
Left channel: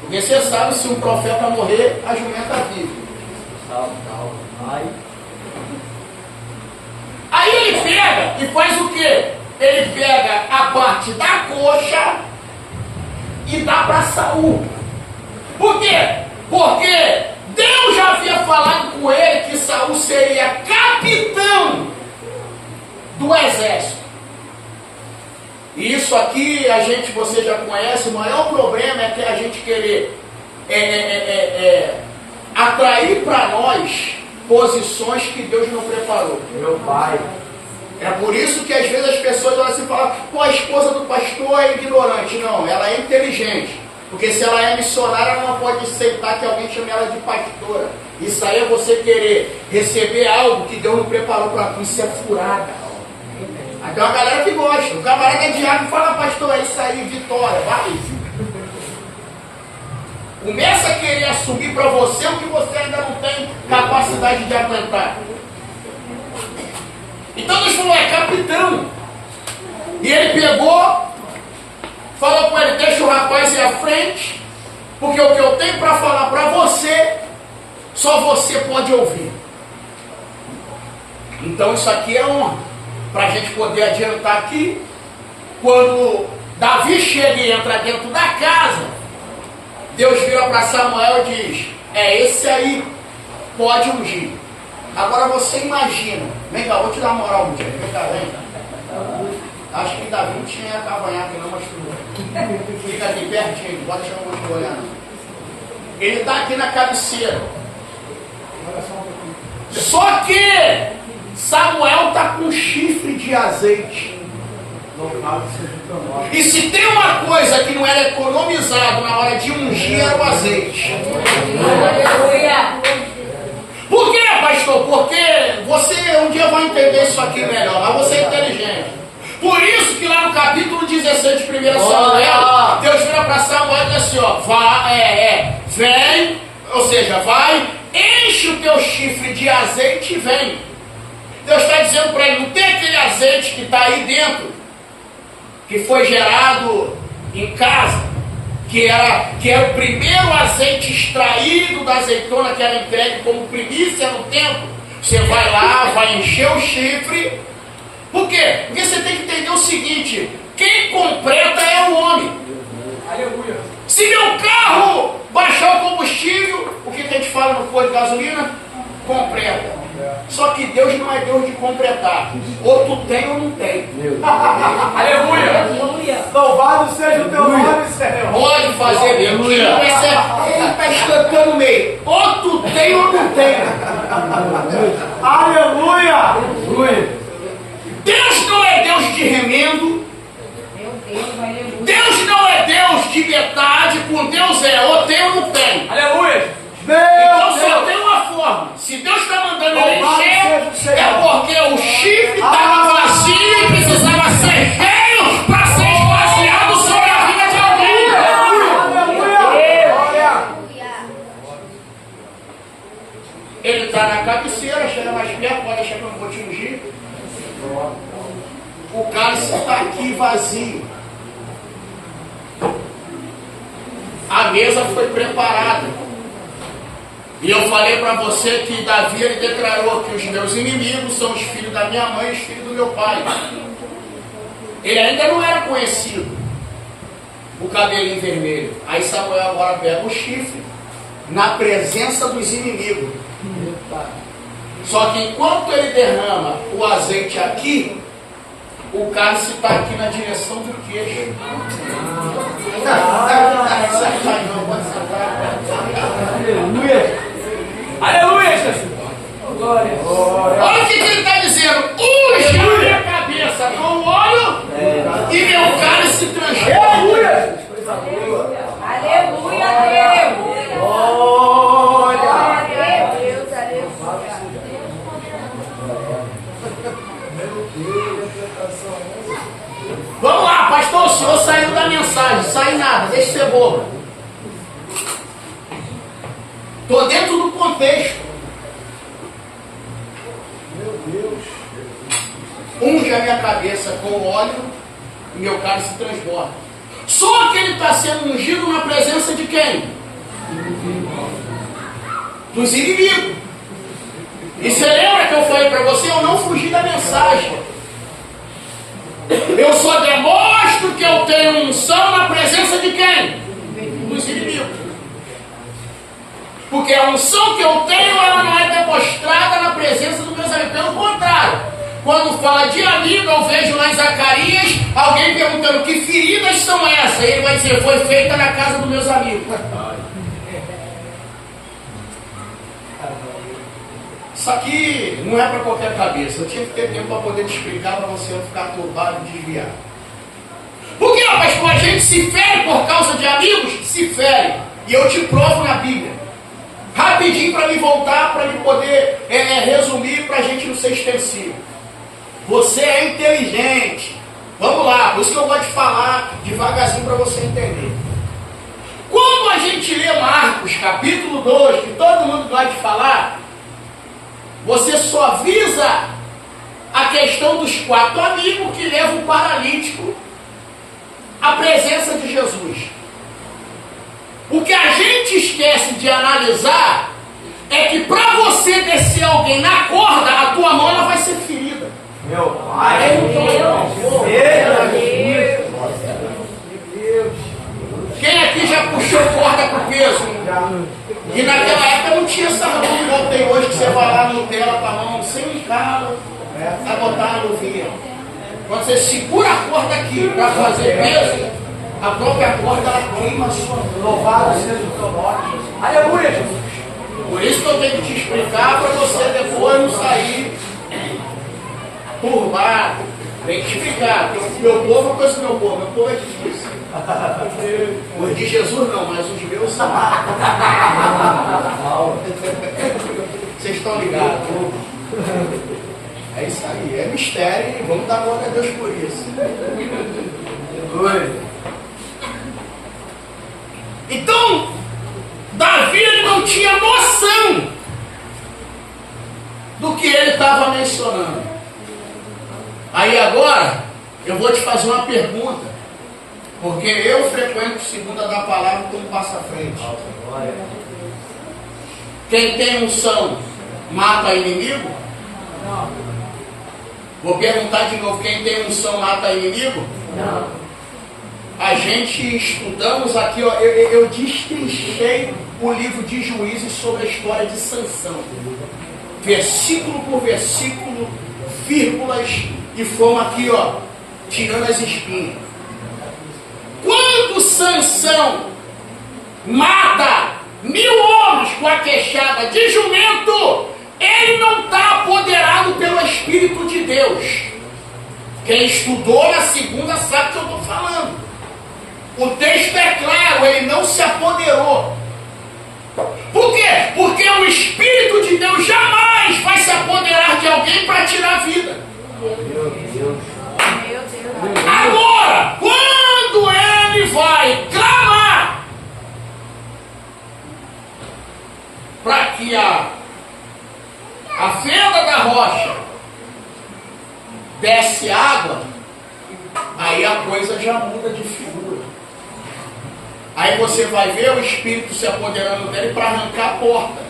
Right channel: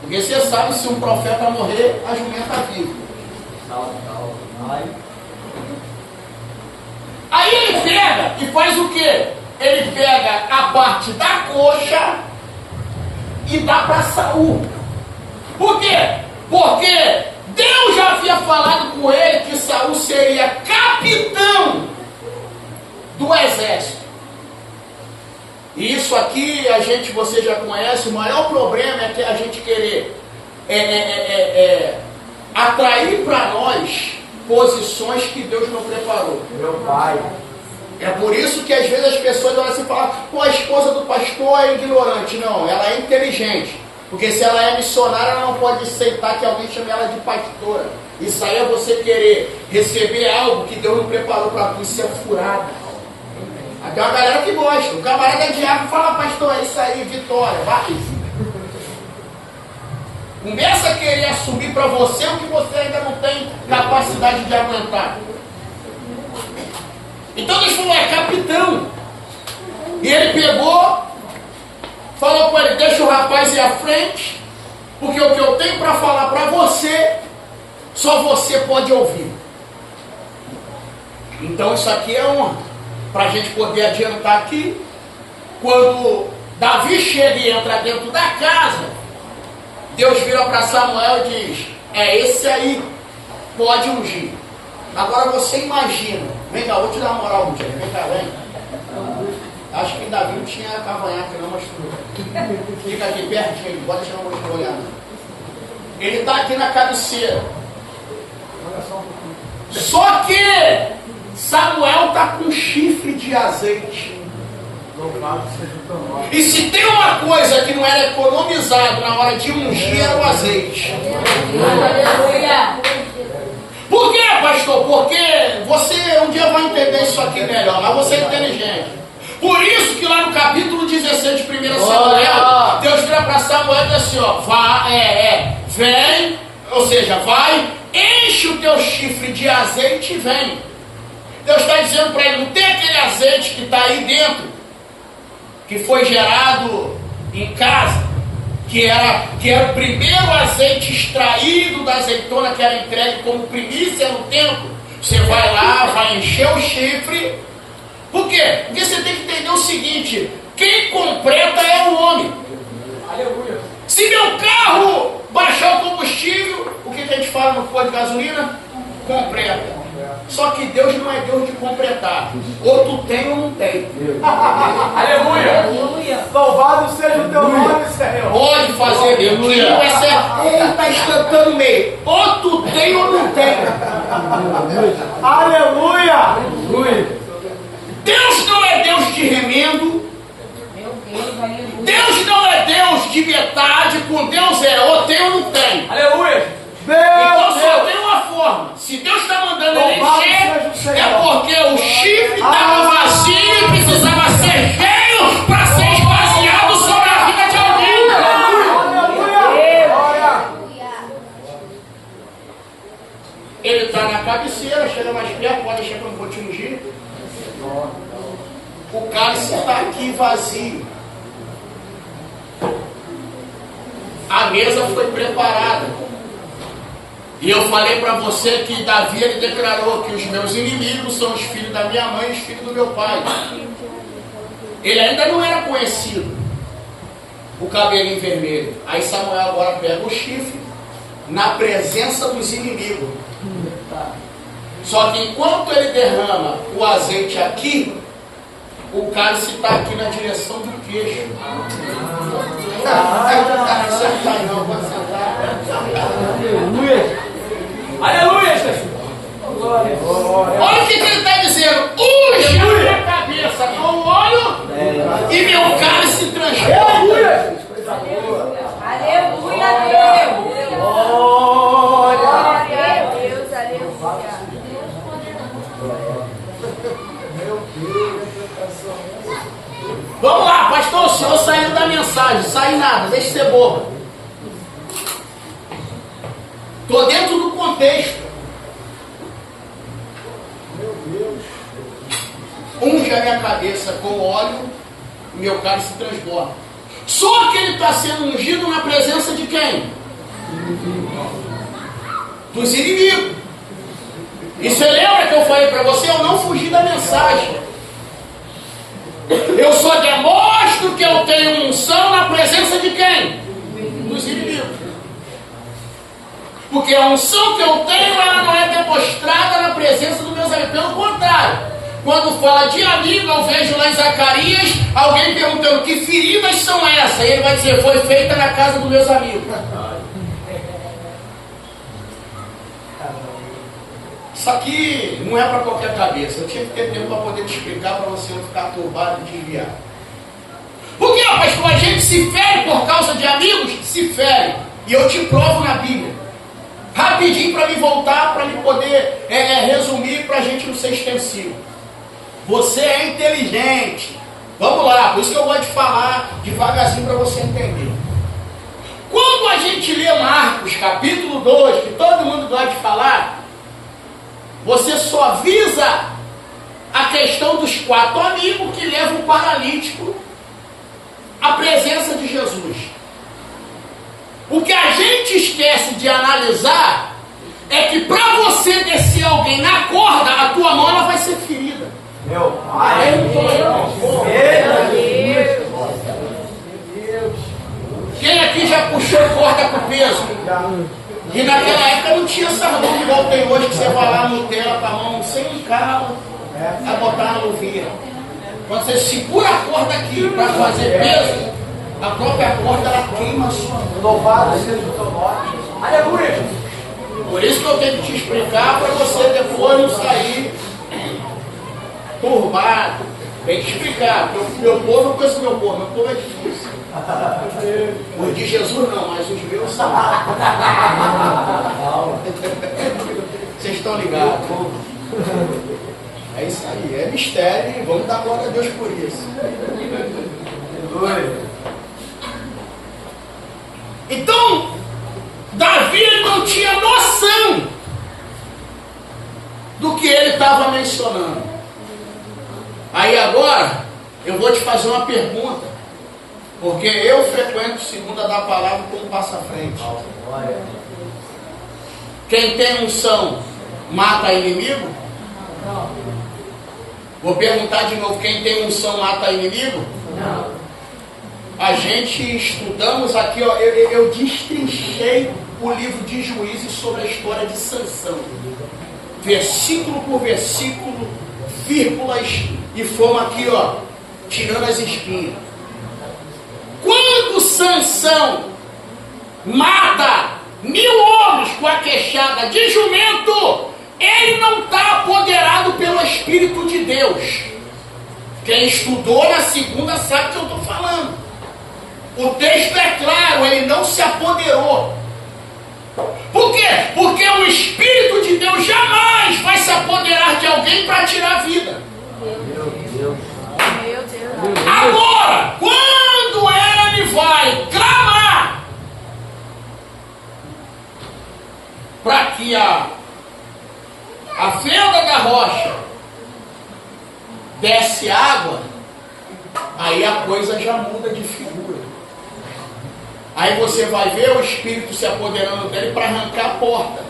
Porque você sabe, se um profeta morrer, a jumenta vive. Aí ele pega e faz o quê? Ele pega a parte da coxa e dá para Saul. Por quê? Porque Deus já havia falado com ele que Saul seria capitão do exército. E isso aqui você já conhece. O maior problema é que a gente querer atrair para nós posições que Deus não preparou. Meu pai. É por isso que às vezes as pessoas olham assim e falam: pô, a esposa do pastor é ignorante. Não, ela é inteligente. Porque se ela é missionária, ela não pode aceitar que alguém chame ela de pastora. Isso aí é você querer receber algo que Deus não preparou para tu. Isso é furada. Tem uma galera que gosta. O camarada é diabo, fala: pastor, é isso aí, vitória, vai. Começa a querer assumir para você o que você ainda não tem capacidade de aguentar. Então Deus falou: é capitão. E ele pegou, falou com ele: deixa o rapaz ir à frente, porque o que eu tenho para falar para você, só você pode ouvir. Então isso aqui é honra, para a gente poder adiantar aqui. Quando Davi chega e entra dentro da casa, Deus vira para Samuel e diz: é esse aí, pode ungir. Agora você imagina, vem cá, vou te dar uma moral um dia, vem cá, vem cá. Acho que Davi não tinha cavanhaque não, mas fica aqui pertinho, não pode chamar muito olhar não. Ele está aqui na cabeceira. Só que Samuel está com chifre de azeite. E se tem uma coisa que não era economizado na hora de ungir, era o azeite. Por quê, pastor? Porque você um dia vai entender isso aqui melhor, mas você é inteligente. Por isso que lá no capítulo 16 de 1 Samuel, Deus vira para Samuel e diz assim: ó, vem, ou seja, vai, enche o teu chifre de azeite e vem. Deus está dizendo para ele: não tem aquele azeite que está aí dentro, que foi gerado em casa, que era o primeiro azeite extraído da azeitona, que era entregue como primícia no templo. Você vai lá, vai encher o chifre. Por quê? Porque você tem que entender o seguinte: quem completa é o homem. Aleluia. Se meu carro baixar o combustível, o que a gente fala no posto de gasolina? Completa. Só que Deus não é Deus de completar. Ou tu tem ou não tem. Aleluia. Louvado seja o teu nome, Senhor. Pode fazer mesmo. Ele está escantando meio. Ou tu tem ou não tem. Aleluia. Deus não é Deus de remendo. Deus não é Deus de metade. Com Deus é ou tem ou não tem. Aleluia. Então só tem uma forma. Se Deus está mandando ele encher, é porque o chifre estava vazio e precisava ser cheio para ser esvaziado sobre a vida de alguém. Ele está na cabeceira, chega mais perto, pode deixar que eu vou te ungir. O cálice está aqui vazio. A mesa foi preparada. E eu falei para você que Davi ele declarou que os meus inimigos são os filhos da minha mãe e os filhos do meu pai. Ele ainda não era conhecido, o cabelinho vermelho. Aí Samuel agora pega o chifre na presença dos inimigos. Só que enquanto ele derrama o azeite aqui, o cálice está aqui na direção do queixo. Aleluia, Jesus. Olha o que ele está dizendo: unge a minha cabeça com óleo e meu cálice transforma. Aleluia. Aleluia, Deus. Glória. Glória a Deus, aleluia. Vamos lá, pastor, o senhor saiu da mensagem. Sai nada, deixa de ser bobo. Estou dentro do contexto. Unge a minha cabeça com óleo e meu cálice se transborda. Só que ele está sendo ungido na presença de quem? Dos inimigos. E você lembra que eu falei para você? Eu não fugi da mensagem. Eu só demonstro que eu tenho unção na presença de quem? Dos inimigos. Porque a unção que eu tenho, ela não é demonstrada na presença dos meus amigos. Pelo contrário, quando fala de amigo, eu vejo lá em Zacarias alguém perguntando: que feridas são essas? Ele vai dizer, foi feita na casa dos meus amigos. Isso aqui não é para qualquer cabeça. Eu tinha que ter tempo para poder te explicar, para você não ficar turbado e desviar. Por que, pastor? A gente se fere por causa de amigos? Se fere. E eu te provo na Bíblia. Rapidinho para me voltar, para me poder resumir, para a gente não ser extensivo. Você é inteligente. Vamos lá, por isso que eu vou te falar devagarzinho para você entender. Quando a gente lê Marcos, capítulo 2, que todo mundo gosta de falar, você só visa a questão dos 4 amigos que levam o paralítico à presença de Jesus. O que a gente esquece de analisar é que para você descer alguém na corda, a tua mão ela vai ser ferida. Meu pai, Quem aqui já puxou corda com peso? E naquela época não tinha essa mão igual tem hoje, que você vai lá no Nutella com a mão sem calo, vai botar na luvinha. Quando você segura a corda aqui para fazer peso, a própria corda ela queima a sua mão. louvado seja o teu nome. Aleluia. Por isso que eu tenho que te explicar para você depois não sair turbado. Tem que explicar. Meu povo é coisa do meu povo é difícil. Os de Jesus não, mas os meus são. Vocês estão ligados? É isso aí, é mistério e vamos dar glória a Deus por isso. Então, Davi ele não tinha noção do que ele estava mencionando. Aí agora, eu vou te fazer uma pergunta, porque eu frequento segunda da palavra como passa à frente. Quem tem unção mata inimigo? Não. Vou perguntar de novo, quem tem unção mata inimigo? Não. A gente estudamos aqui, ó, eu destrinchei o livro de Juízes sobre a história de Sansão. Versículo por versículo, vírgulas, e fomos aqui, ó, tirando as espinhas. Quando Sansão mata 1000 homens com a queixada de jumento, ele não está apoderado pelo Espírito de Deus. Quem estudou na segunda sabe o que eu estou falando. O texto é claro, ele não se apoderou. Por quê? Porque o Espírito de Deus jamais vai se apoderar de alguém para tirar a vida. Meu Deus. Agora, quando ele vai clamar para que a fenda da rocha desce água, aí a coisa já muda de figura. Aí você vai ver o Espírito se apoderando dele para arrancar a porta,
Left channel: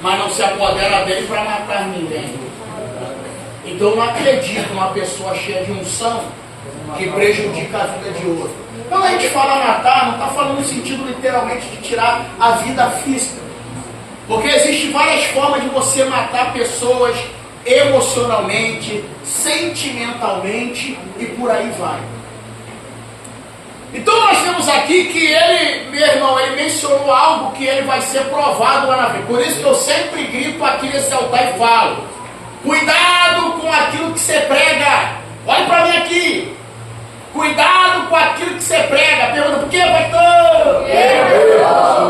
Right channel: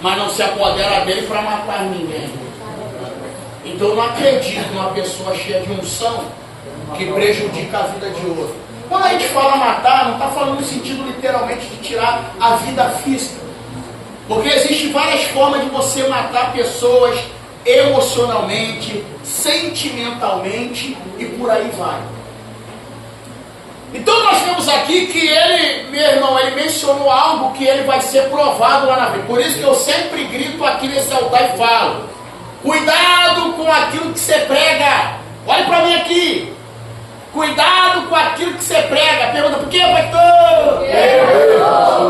mas não se apodera dele para matar ninguém. Então eu não acredito numa pessoa cheia de unção que prejudica a vida de outro. Quando a gente fala matar, não está falando no sentido literalmente de tirar a vida física. Porque existem várias formas de você matar pessoas emocionalmente, sentimentalmente e por aí vai. Então nós temos aqui que ele, meu irmão, ele mencionou algo que ele vai ser provado lá na frente. Por isso que eu sempre grito aqui nesse altar e falo: cuidado com aquilo que você prega. Olha para mim aqui. Cuidado com aquilo que você prega. Pergunta, por quê, pastor?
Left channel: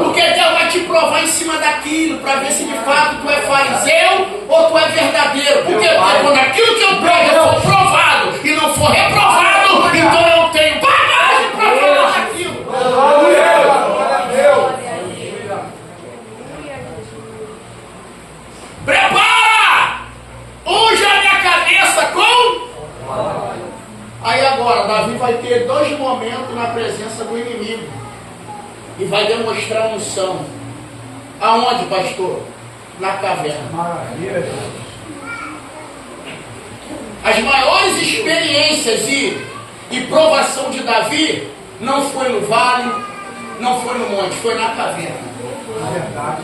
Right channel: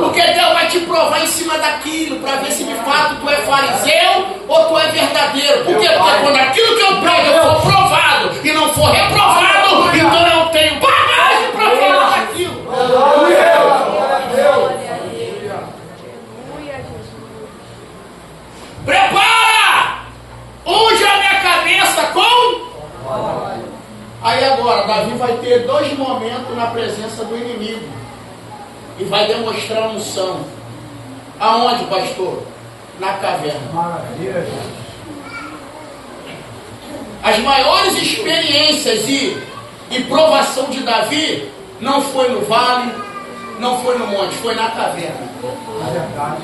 Porque Deus vai te provar em cima daquilo, para ver se de fato tu é fariseu ou tu é verdadeiro. Por quê? Porque quando aquilo que eu prego for provado e não for reprovado, então eu não tenho bagagem para falar daquilo. Prepara! Unja a minha cabeça com... Aí agora, Davi vai ter 2 momentos na presença do inimigo e vai demonstrar unção. Aonde, pastor? Na caverna. Maravilha. As maiores experiências e provação de Davi não foi no vale, não foi no monte, foi na caverna. É verdade.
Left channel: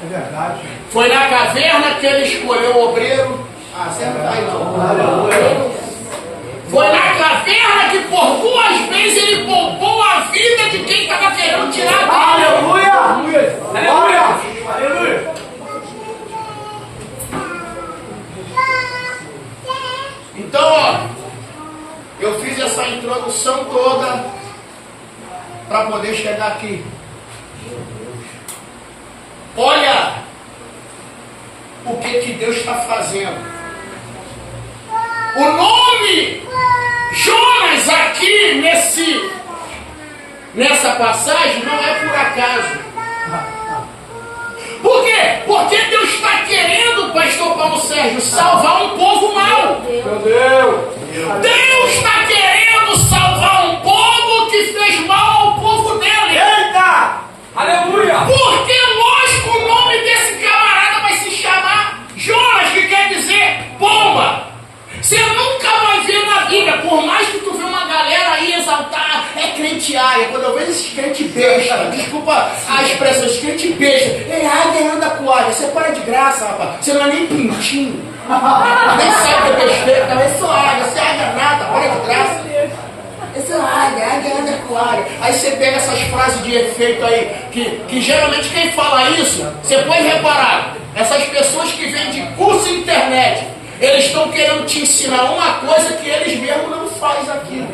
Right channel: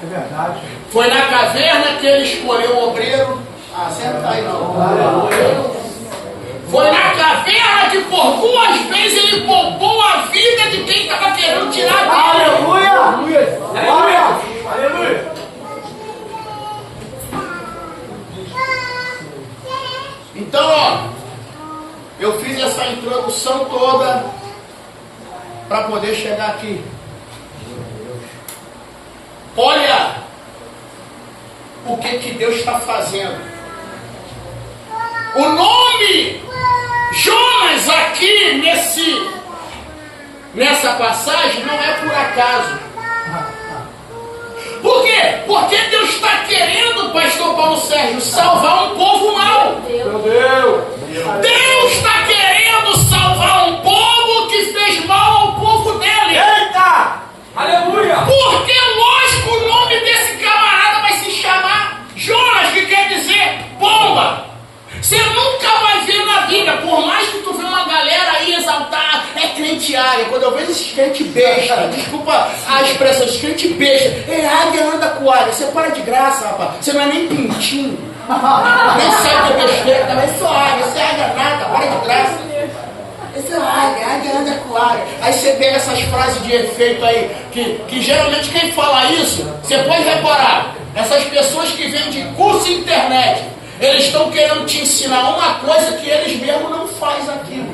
É verdade. Foi na caverna que ele escolheu o obreiro. Ah, senta aí não. Aleluia. Foi na caverna 2 vezes ele poupou a vida de quem estava querendo tirar dele. Aleluia! Aleluia! Aleluia! Então, ó, eu fiz essa introdução toda para poder chegar aqui. Olha o que Deus está fazendo. O nome Jonas aqui nessa passagem não é por acaso. Por quê? Porque Deus está querendo, pastor Paulo Sérgio, salvar um povo mau. Meu Deus! Deus está querendo salvar um povo que fez mal ao povo dele. Eita! Aleluia! Porque, lógico, o nome desse camarada vai se chamar Jonas, que quer dizer pomba. Você nunca vai ver na vida, por mais que tu vê uma galera aí exaltar, é crente área. Quando eu vejo esses crente besta, desculpa a expressão, esses crente besta, águia anda com águia. Você para de graça, rapaz. Você não é nem pintinho. Nem sabe que é besteira, tá? Eu sou águia, você é águia nada, para de graça. Essa é águia anda com águia. Aí você pega essas frases de efeito aí, que geralmente quem fala isso, você pode reparar, essas pessoas que vêm de curso internet, eles estão querendo te ensinar uma coisa que eles mesmos não fazem aqui.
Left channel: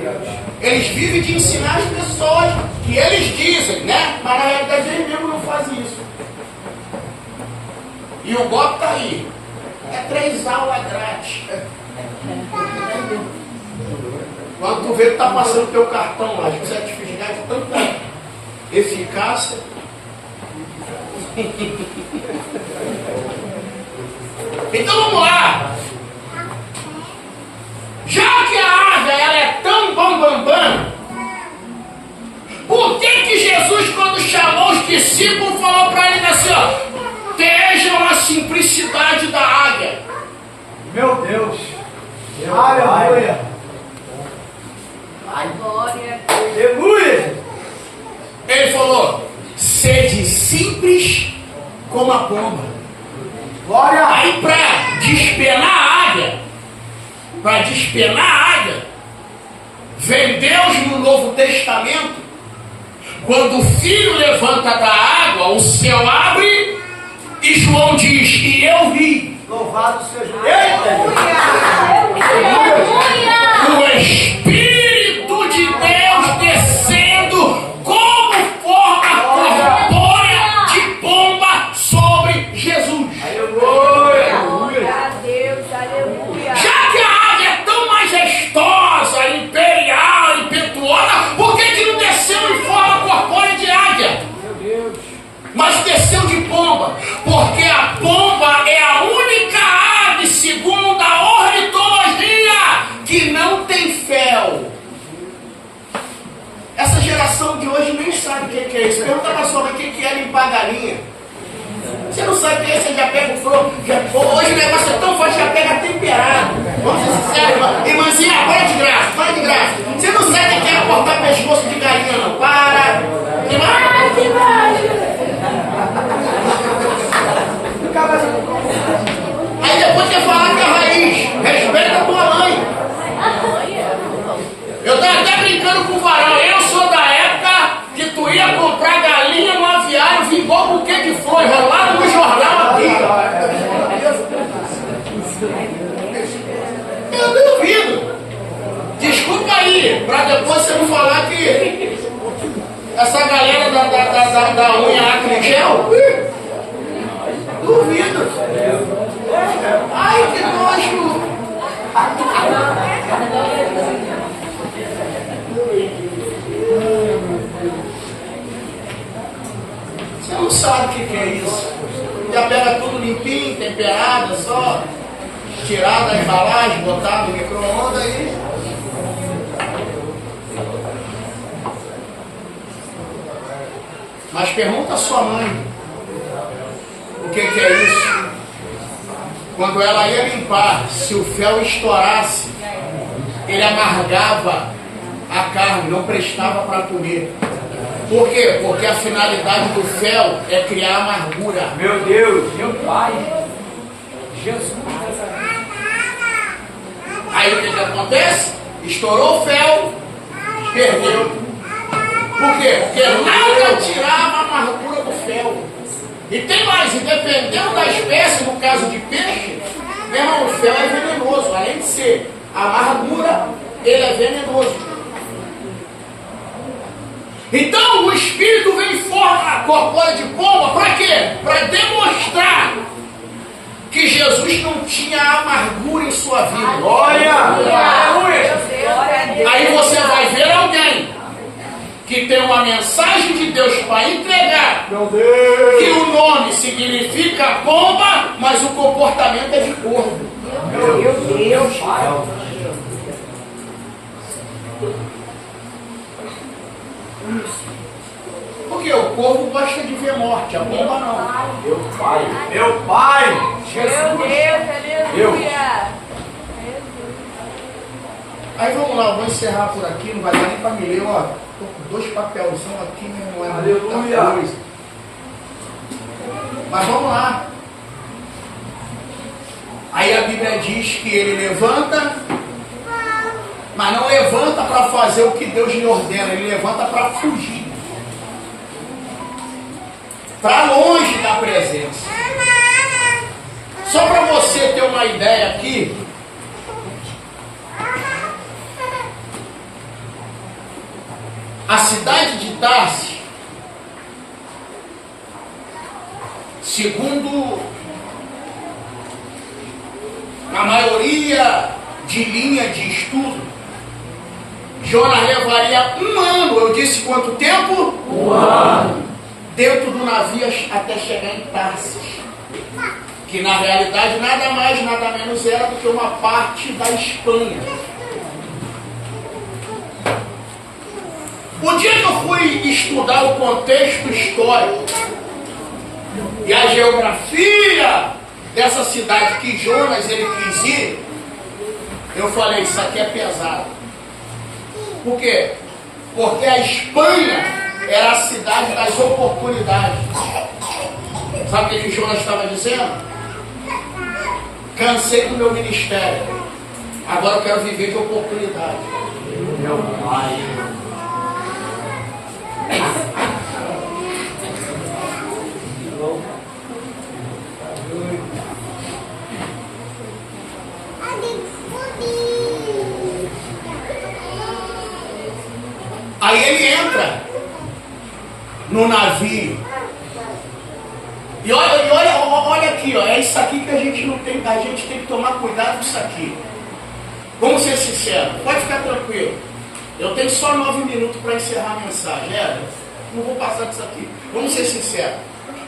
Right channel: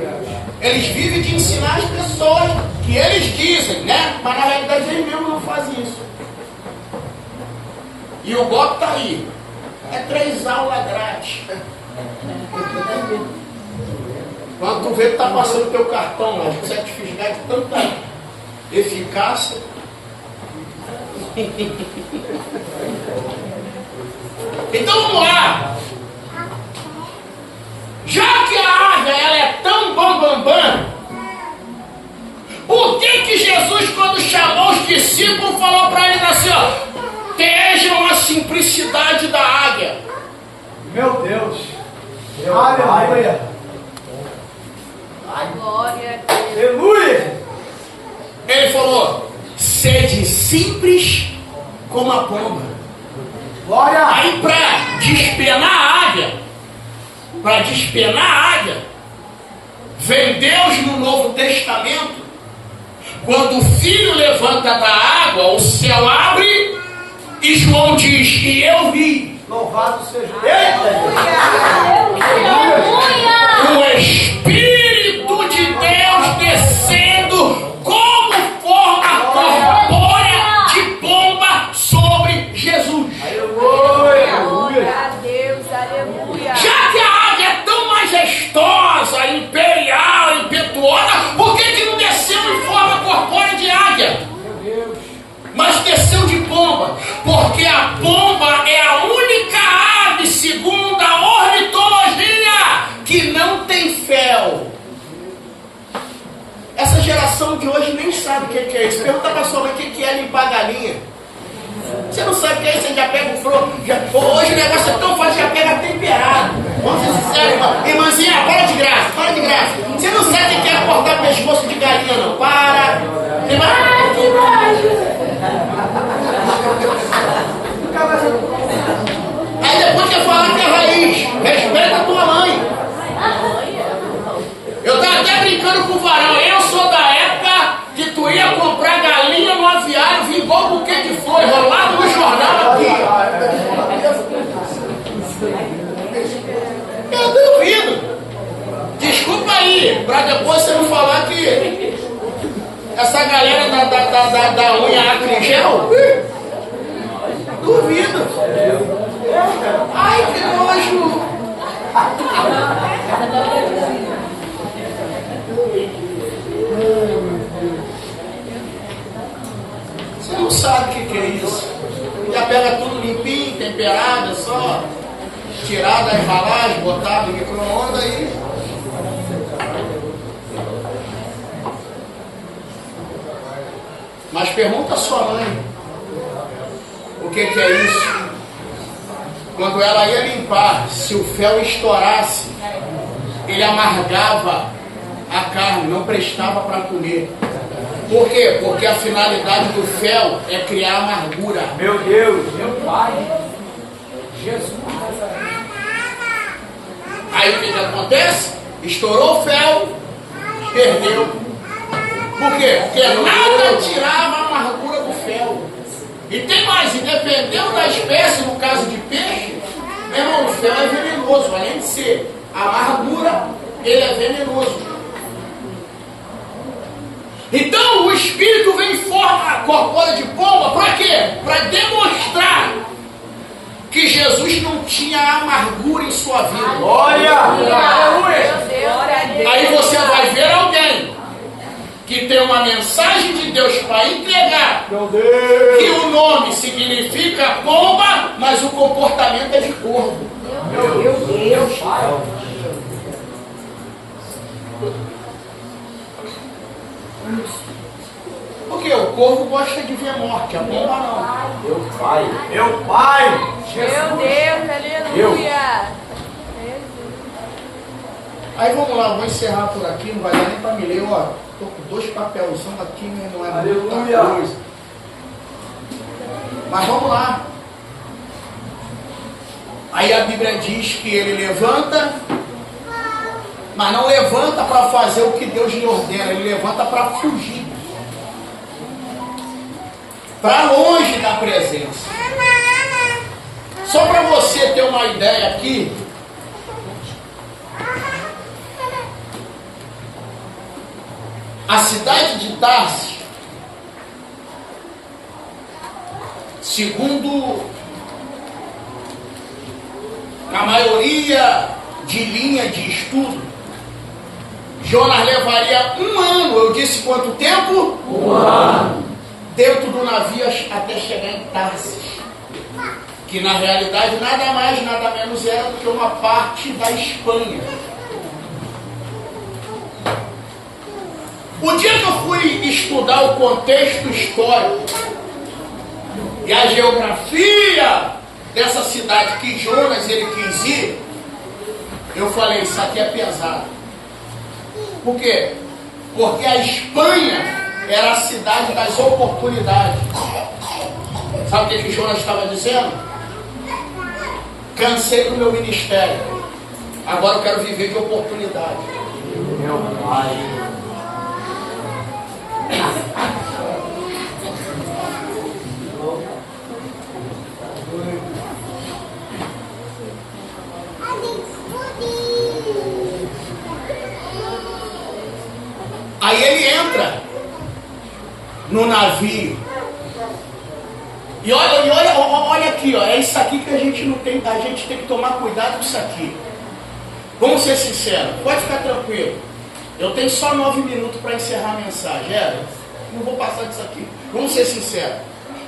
Eles vivem de ensinar as pessoas que eles dizem, né? Mas na realidade eles mesmos não fazem isso. E o golpe está aí. É 3 aulas grátis. Quando tu vê que está passando teu cartão lá, os certificados de tanta eficácia. Então vamos lá. Já que a águia ela é tão bam, por que Jesus, quando chamou os discípulos, falou para eles assim, ó, vejam a simplicidade da águia. Meu Deus! Aleluia! Glória. Aleluia! Ele falou, sede simples como a pomba. Glória! Aí para despenar a águia, vem Deus no Novo Testamento, quando o Filho levanta da água, o céu abre, e João diz, e eu vi. Louvado seja Deus! Eita! O Espírito de Deus descendo como forma corpórea de pomba sobre Jesus. Aleluia! A Deus, aleluia. Já que a águia é tão majestosa, imperial, impetuosa, por que não desceu em forma corpórea de águia? Mas desceu de pomba, porque a pomba é a única ave, segundo a ornitologia, que não tem fel. Essa geração de hoje nem sabe o que é isso. Pergunta para sua mãe o que é limpar a galinha. Você não sabe o que é isso, você já pega o flor. Hoje o negócio é tão forte, já pega temperado. Vamos ser sinceros, irmã. Irmãzinha, para de graça, para de graça. Você não sabe o que é cortar pescoço de galinha, não. Para. Que imagem. Aí depois quer falar que é raiz. Respeita a tua mãe. Eu estava até brincando com o varão. Eu sou da época que tu ia comprar galinha no aviário, vi igual buquê de flores, rolado no jornal aqui. Eu duvido. Desculpa aí, para depois você não falar que essa galera da unha acrigel. Duvido. Ai, que nojo. Você não sabe o que é isso. Já pega tudo limpinho, temperado, só tirar da embalagem, botar no micro-ondas e... Mas pergunta a sua mãe o que é isso. Quando ela ia limpar, se o fel estourasse, ele amargava a carne, não prestava para comer. Por quê? Porque a finalidade do fel é criar amargura. Meu Deus! Meu Pai! Jesus! Aí o que acontece? Estourou o fel, Perdeu. Por quê? Porque nada tirava a amargura do fel. E tem mais, e dependendo da espécie, no caso de peixe, meu irmão, o fel é venenoso. Além de ser amargura, ele é venenoso. Então o Espírito vem em forma corpórea de pomba, para quê? Para demonstrar que Jesus não tinha amargura em sua vida. Glória! Aleluia! Glória a Deus. Aí você vai ver alguém que tem uma mensagem de Deus para entregar, Meu Deus. que o nome significa pomba, mas o comportamento é de corvo. Meu Deus. Porque o corvo gosta de ver morte, a pomba não. Meu Pai! Meu Pai! Meu Deus, aleluia. Aí vamos lá, eu vou encerrar por aqui, não vai dar nem para me ler, ó. Tô com 2 papelzão aqui, mas não é muita Aleluia. coisa. Mas vamos lá. Aí a Bíblia diz que ele levanta, mas não levanta para fazer o que Deus lhe ordena, ele levanta para fugir. Para longe da presença. Só para você ter uma ideia aqui, a cidade de Tarsis, segundo a maioria de linha de estudo, Jonas levaria 1 ano. Eu disse quanto tempo? 1 ano. Dentro do navio até chegar em Tarsis, que na realidade nada mais, nada menos era do que uma parte da Espanha. O dia que eu fui estudar o contexto histórico e a geografia dessa cidade que Jonas ele quis ir, eu falei, isso aqui é pesado. Por quê? Porque a Espanha era a cidade das oportunidades. Sabe o que Jonas estava dizendo? Cansei do meu ministério. Agora eu quero viver de oportunidade. Meu Pai! Aí ele entra no navio. E olha aqui, ó, é isso aqui que a gente não tem, a gente tem que tomar cuidado com isso aqui. Vamos ser sinceros, pode ficar tranquilo. Eu tenho só 9 minutos para encerrar a mensagem. Não vou passar disso aqui. Vamos ser sinceros.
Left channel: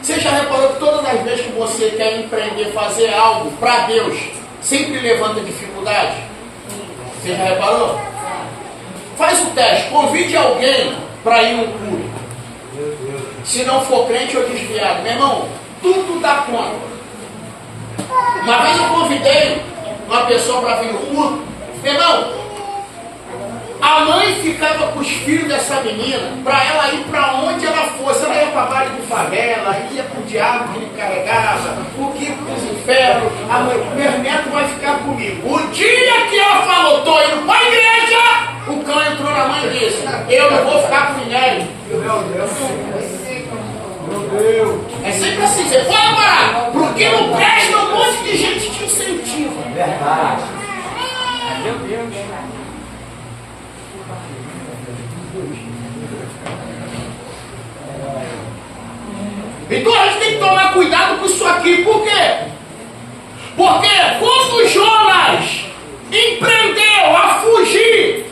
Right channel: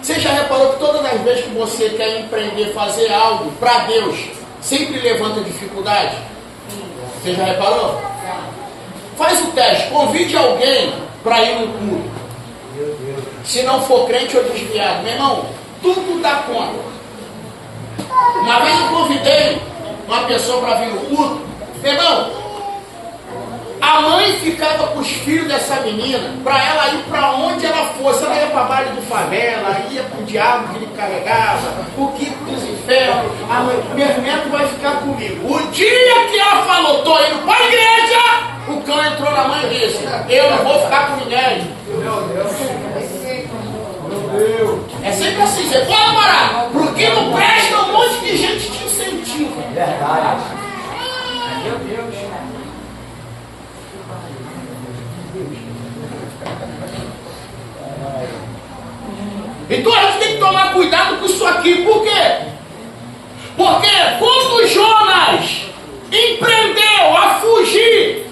Você já reparou que todas as vezes que você quer empreender, fazer algo para Deus, sempre levanta dificuldade? Você já reparou? Faz o teste, convide alguém para ir no culto. Se não for crente ou desviado, meu irmão, tudo dá conta. Uma vez eu convidei uma pessoa para vir no culto, meu irmão, a mãe ficava com os filhos dessa menina para ela ir para onde ela fosse. Ela ia para baile de favela, ia para o diabo que lhe carregava, o que para os infernos. A mãe, meu neto vai ficar comigo. O dia que ela falou, estou indo para a igreja, o cão entrou na mãe e disse, eu não vou ficar com ninguém. Meu Deus. Meu Deus. É sempre assim, você pode parar. Porque não presta, um monte de gente te incentiva. Verdade! Meu Deus! Então a gente tem que tomar cuidado com isso aqui. Por quê? Porque quando Jonas empreendeu a fugir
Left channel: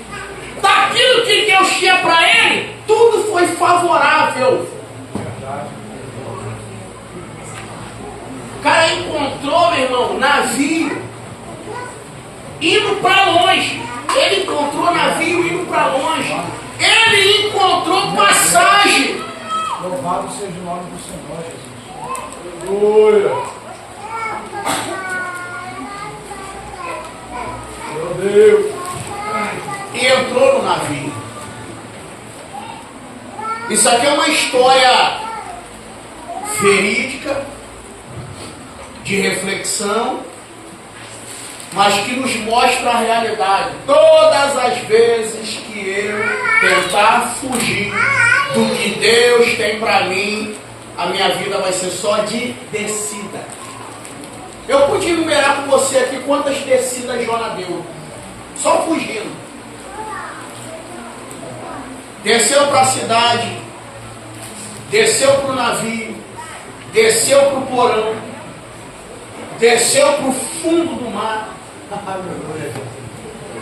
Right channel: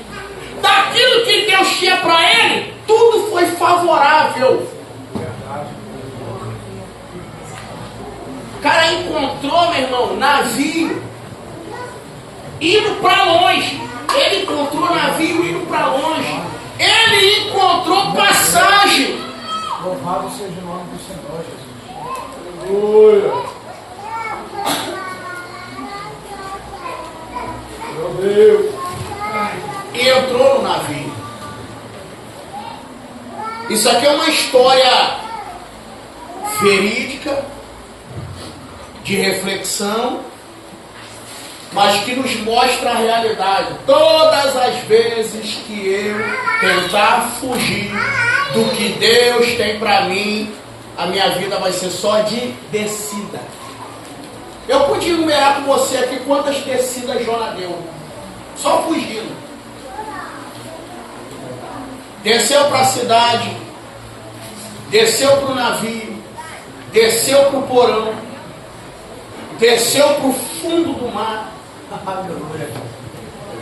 daquilo que Deus tinha para ele, tudo foi favorável. O cara encontrou, meu irmão, navio indo para longe. Ele encontrou navio indo para longe. Ele encontrou passagem. Louvado seja o nome do Senhor, Jesus. Aleluia. Meu Deus. E entrou no navio. Isso aqui é uma história verídica, de reflexão, mas que nos mostra a realidade. Todas as vezes que eu tentar fugir do que Deus tem para mim, a minha vida vai ser só de descida. Eu podia enumerar com você aqui quantas descidas Jonas deu, só fugindo. Desceu para a cidade, desceu para o navio, desceu para o porão, desceu para o fundo do mar.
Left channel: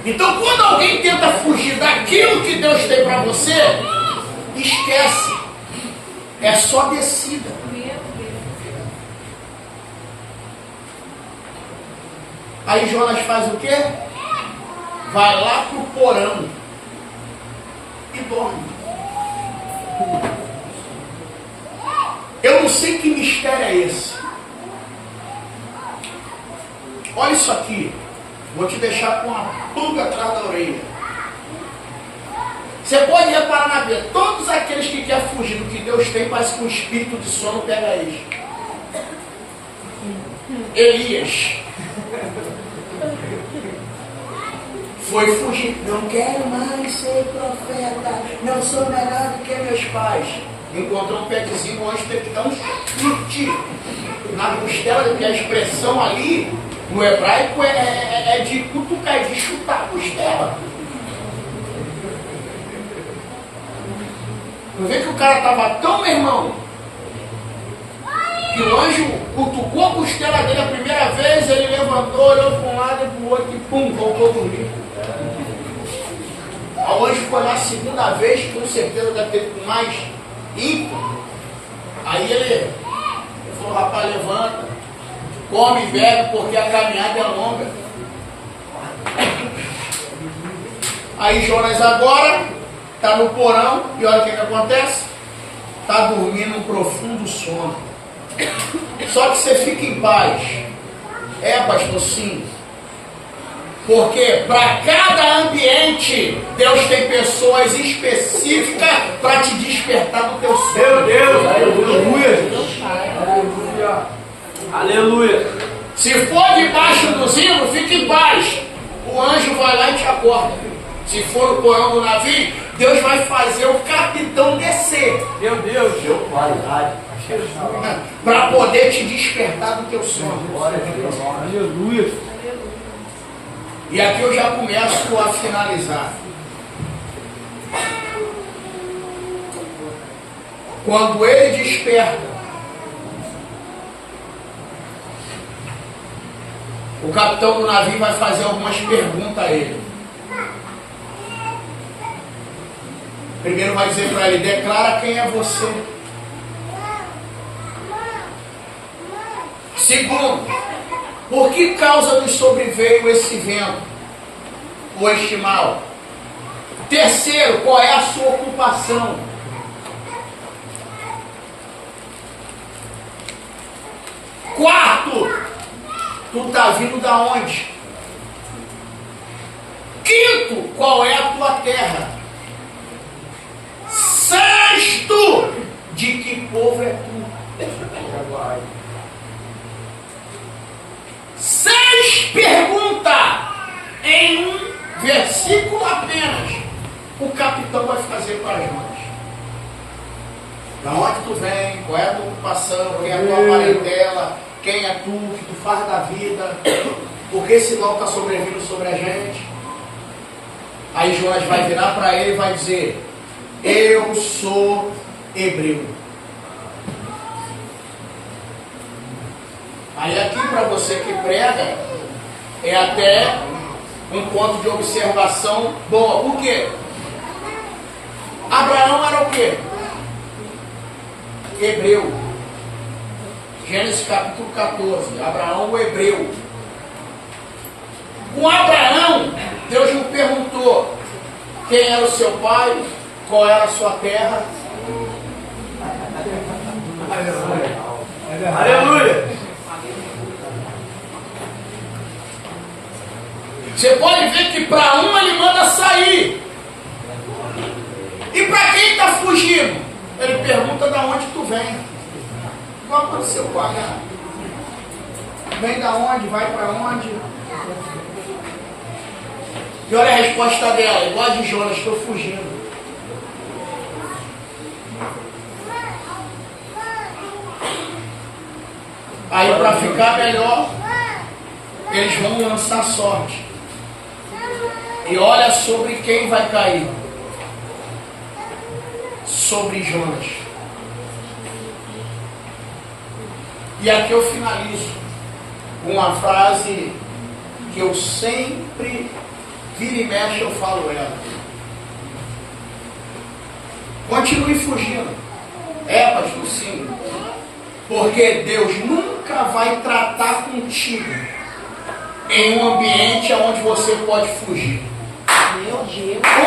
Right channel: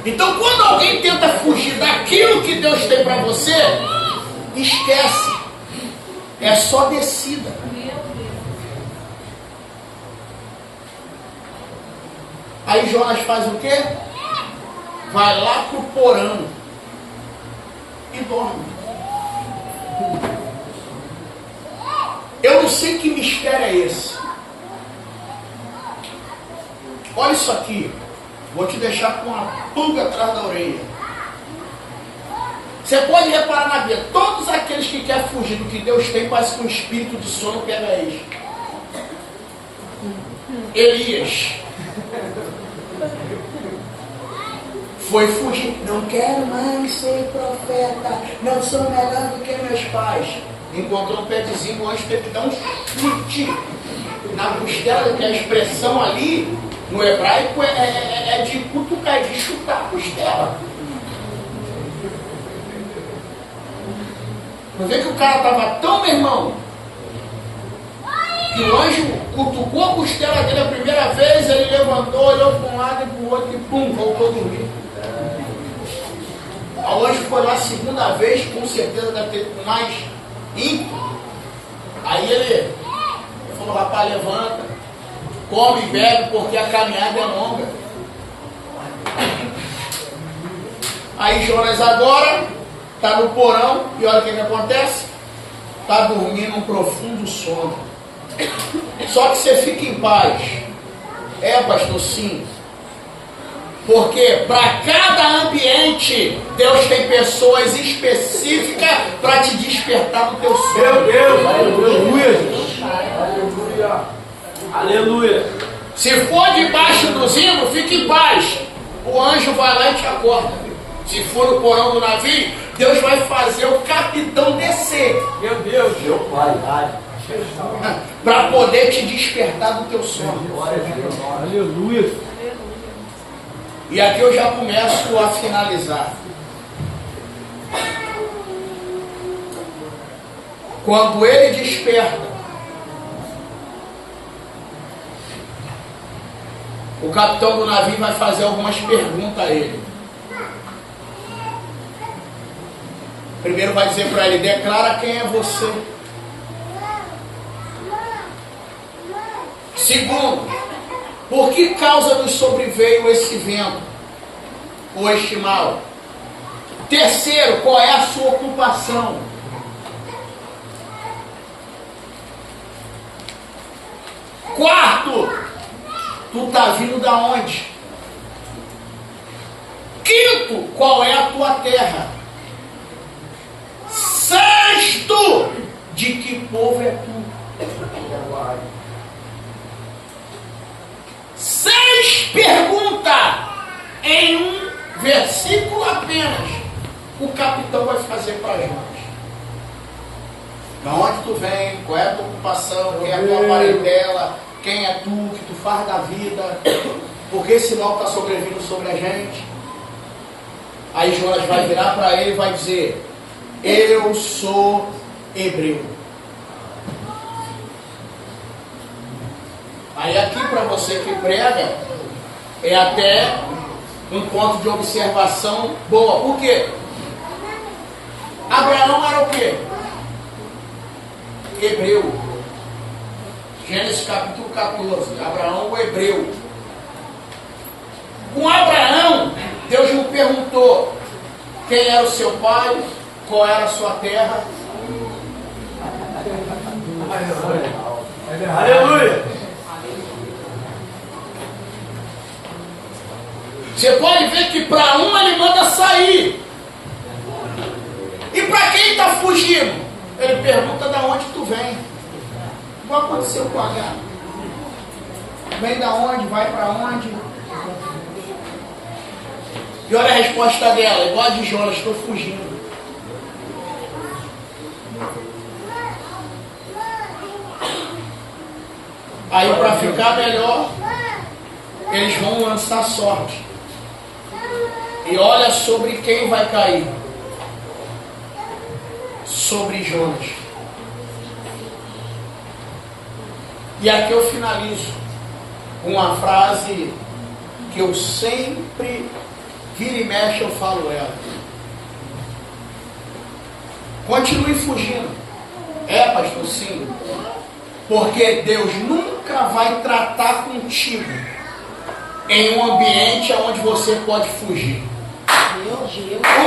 Então, quando alguém tenta fugir daquilo que Deus tem para você, esquece. É só descida. Aí Jonas faz o quê? Vai lá para o porão e dorme. Eu não sei que mistério é esse. Olha isso aqui. Vou te deixar com uma pulga atrás da orelha. Você pode reparar na vida. Todos aqueles que querem fugir do que Deus tem, parece que um espírito de sono pega eles. Elias foi fugir. Não quero mais ser profeta. Não sou melhor do que meus pais. Encontrou um pedezinho, o anjo teve que dar um chute na costela, porque a expressão ali no hebraico é de cutucar, de chutar a costela. Não vê que o cara estava tão, meu irmão, que o anjo cutucou a costela dele a primeira vez, ele levantou, olhou para um lado e para o outro e pum, voltou a dormir. O anjo foi lá a segunda vez, com certeza deve ter com mais ímpeto. Aí ele falou, rapaz, levanta, come e bebe, porque a caminhada é longa. Aí Jonas agora está no porão, e olha o que acontece. Está dormindo um profundo sono. Só que você fica em paz. É, pastor, sim. Porque para cada ambiente, Deus tem pessoas específicas para te despertar do teu sono. Meu Deus, aleluia. Aleluia. Aleluia. Se for debaixo do zimbro, fique em paz. O anjo vai lá e te acorda. Se for no porão do navio, Deus vai fazer o capitão descer. Meu Deus, meu pai. Para poder te despertar do teu sono. Aleluia. E aqui eu já começo a finalizar. Quando ele desperta, o capitão do navio vai fazer algumas perguntas a ele. Primeiro vai dizer para ele, declara quem é você. Segundo, por que causa nos sobreveio esse vento ou este mal? Terceiro, qual é a sua ocupação? Quarto, tu está vindo da onde? Quinto, qual é a tua terra? Sexto, de que povo é tu? 6 perguntas em um versículo apenas. O capitão vai fazer para nós. Da onde tu vem? Qual é a tua ocupação? Quem é a tua parentela? Quem é tu? O que tu faz da vida? Por que esse mal está sobrevindo sobre a gente? Aí Jonas vai virar para ele e vai dizer, eu sou hebreu. Aí aqui para você que prega, é até um ponto de observação boa. Por quê? Abraão era o quê? Hebreu. Gênesis capítulo 14. Abraão o hebreu. Com Abraão, Deus lhe perguntou quem era o seu pai, qual era a sua terra. Aleluia. Você pode ver que para um ele manda sair. E para quem está fugindo? Ele pergunta de onde tu vem. O que aconteceu com H? Vem da onde? Vai para onde? E olha a resposta dela, igual a de Jonas, estou fugindo. Aí para ficar melhor, eles vão lançar sorte. E olha sobre quem vai cair. Sobre Jonas. E aqui eu finalizo com uma frase que eu sempre, vira e mexe, eu falo ela. Continue fugindo. Pastor, sim. Porque Deus nunca vai tratar contigo em um ambiente onde você pode fugir.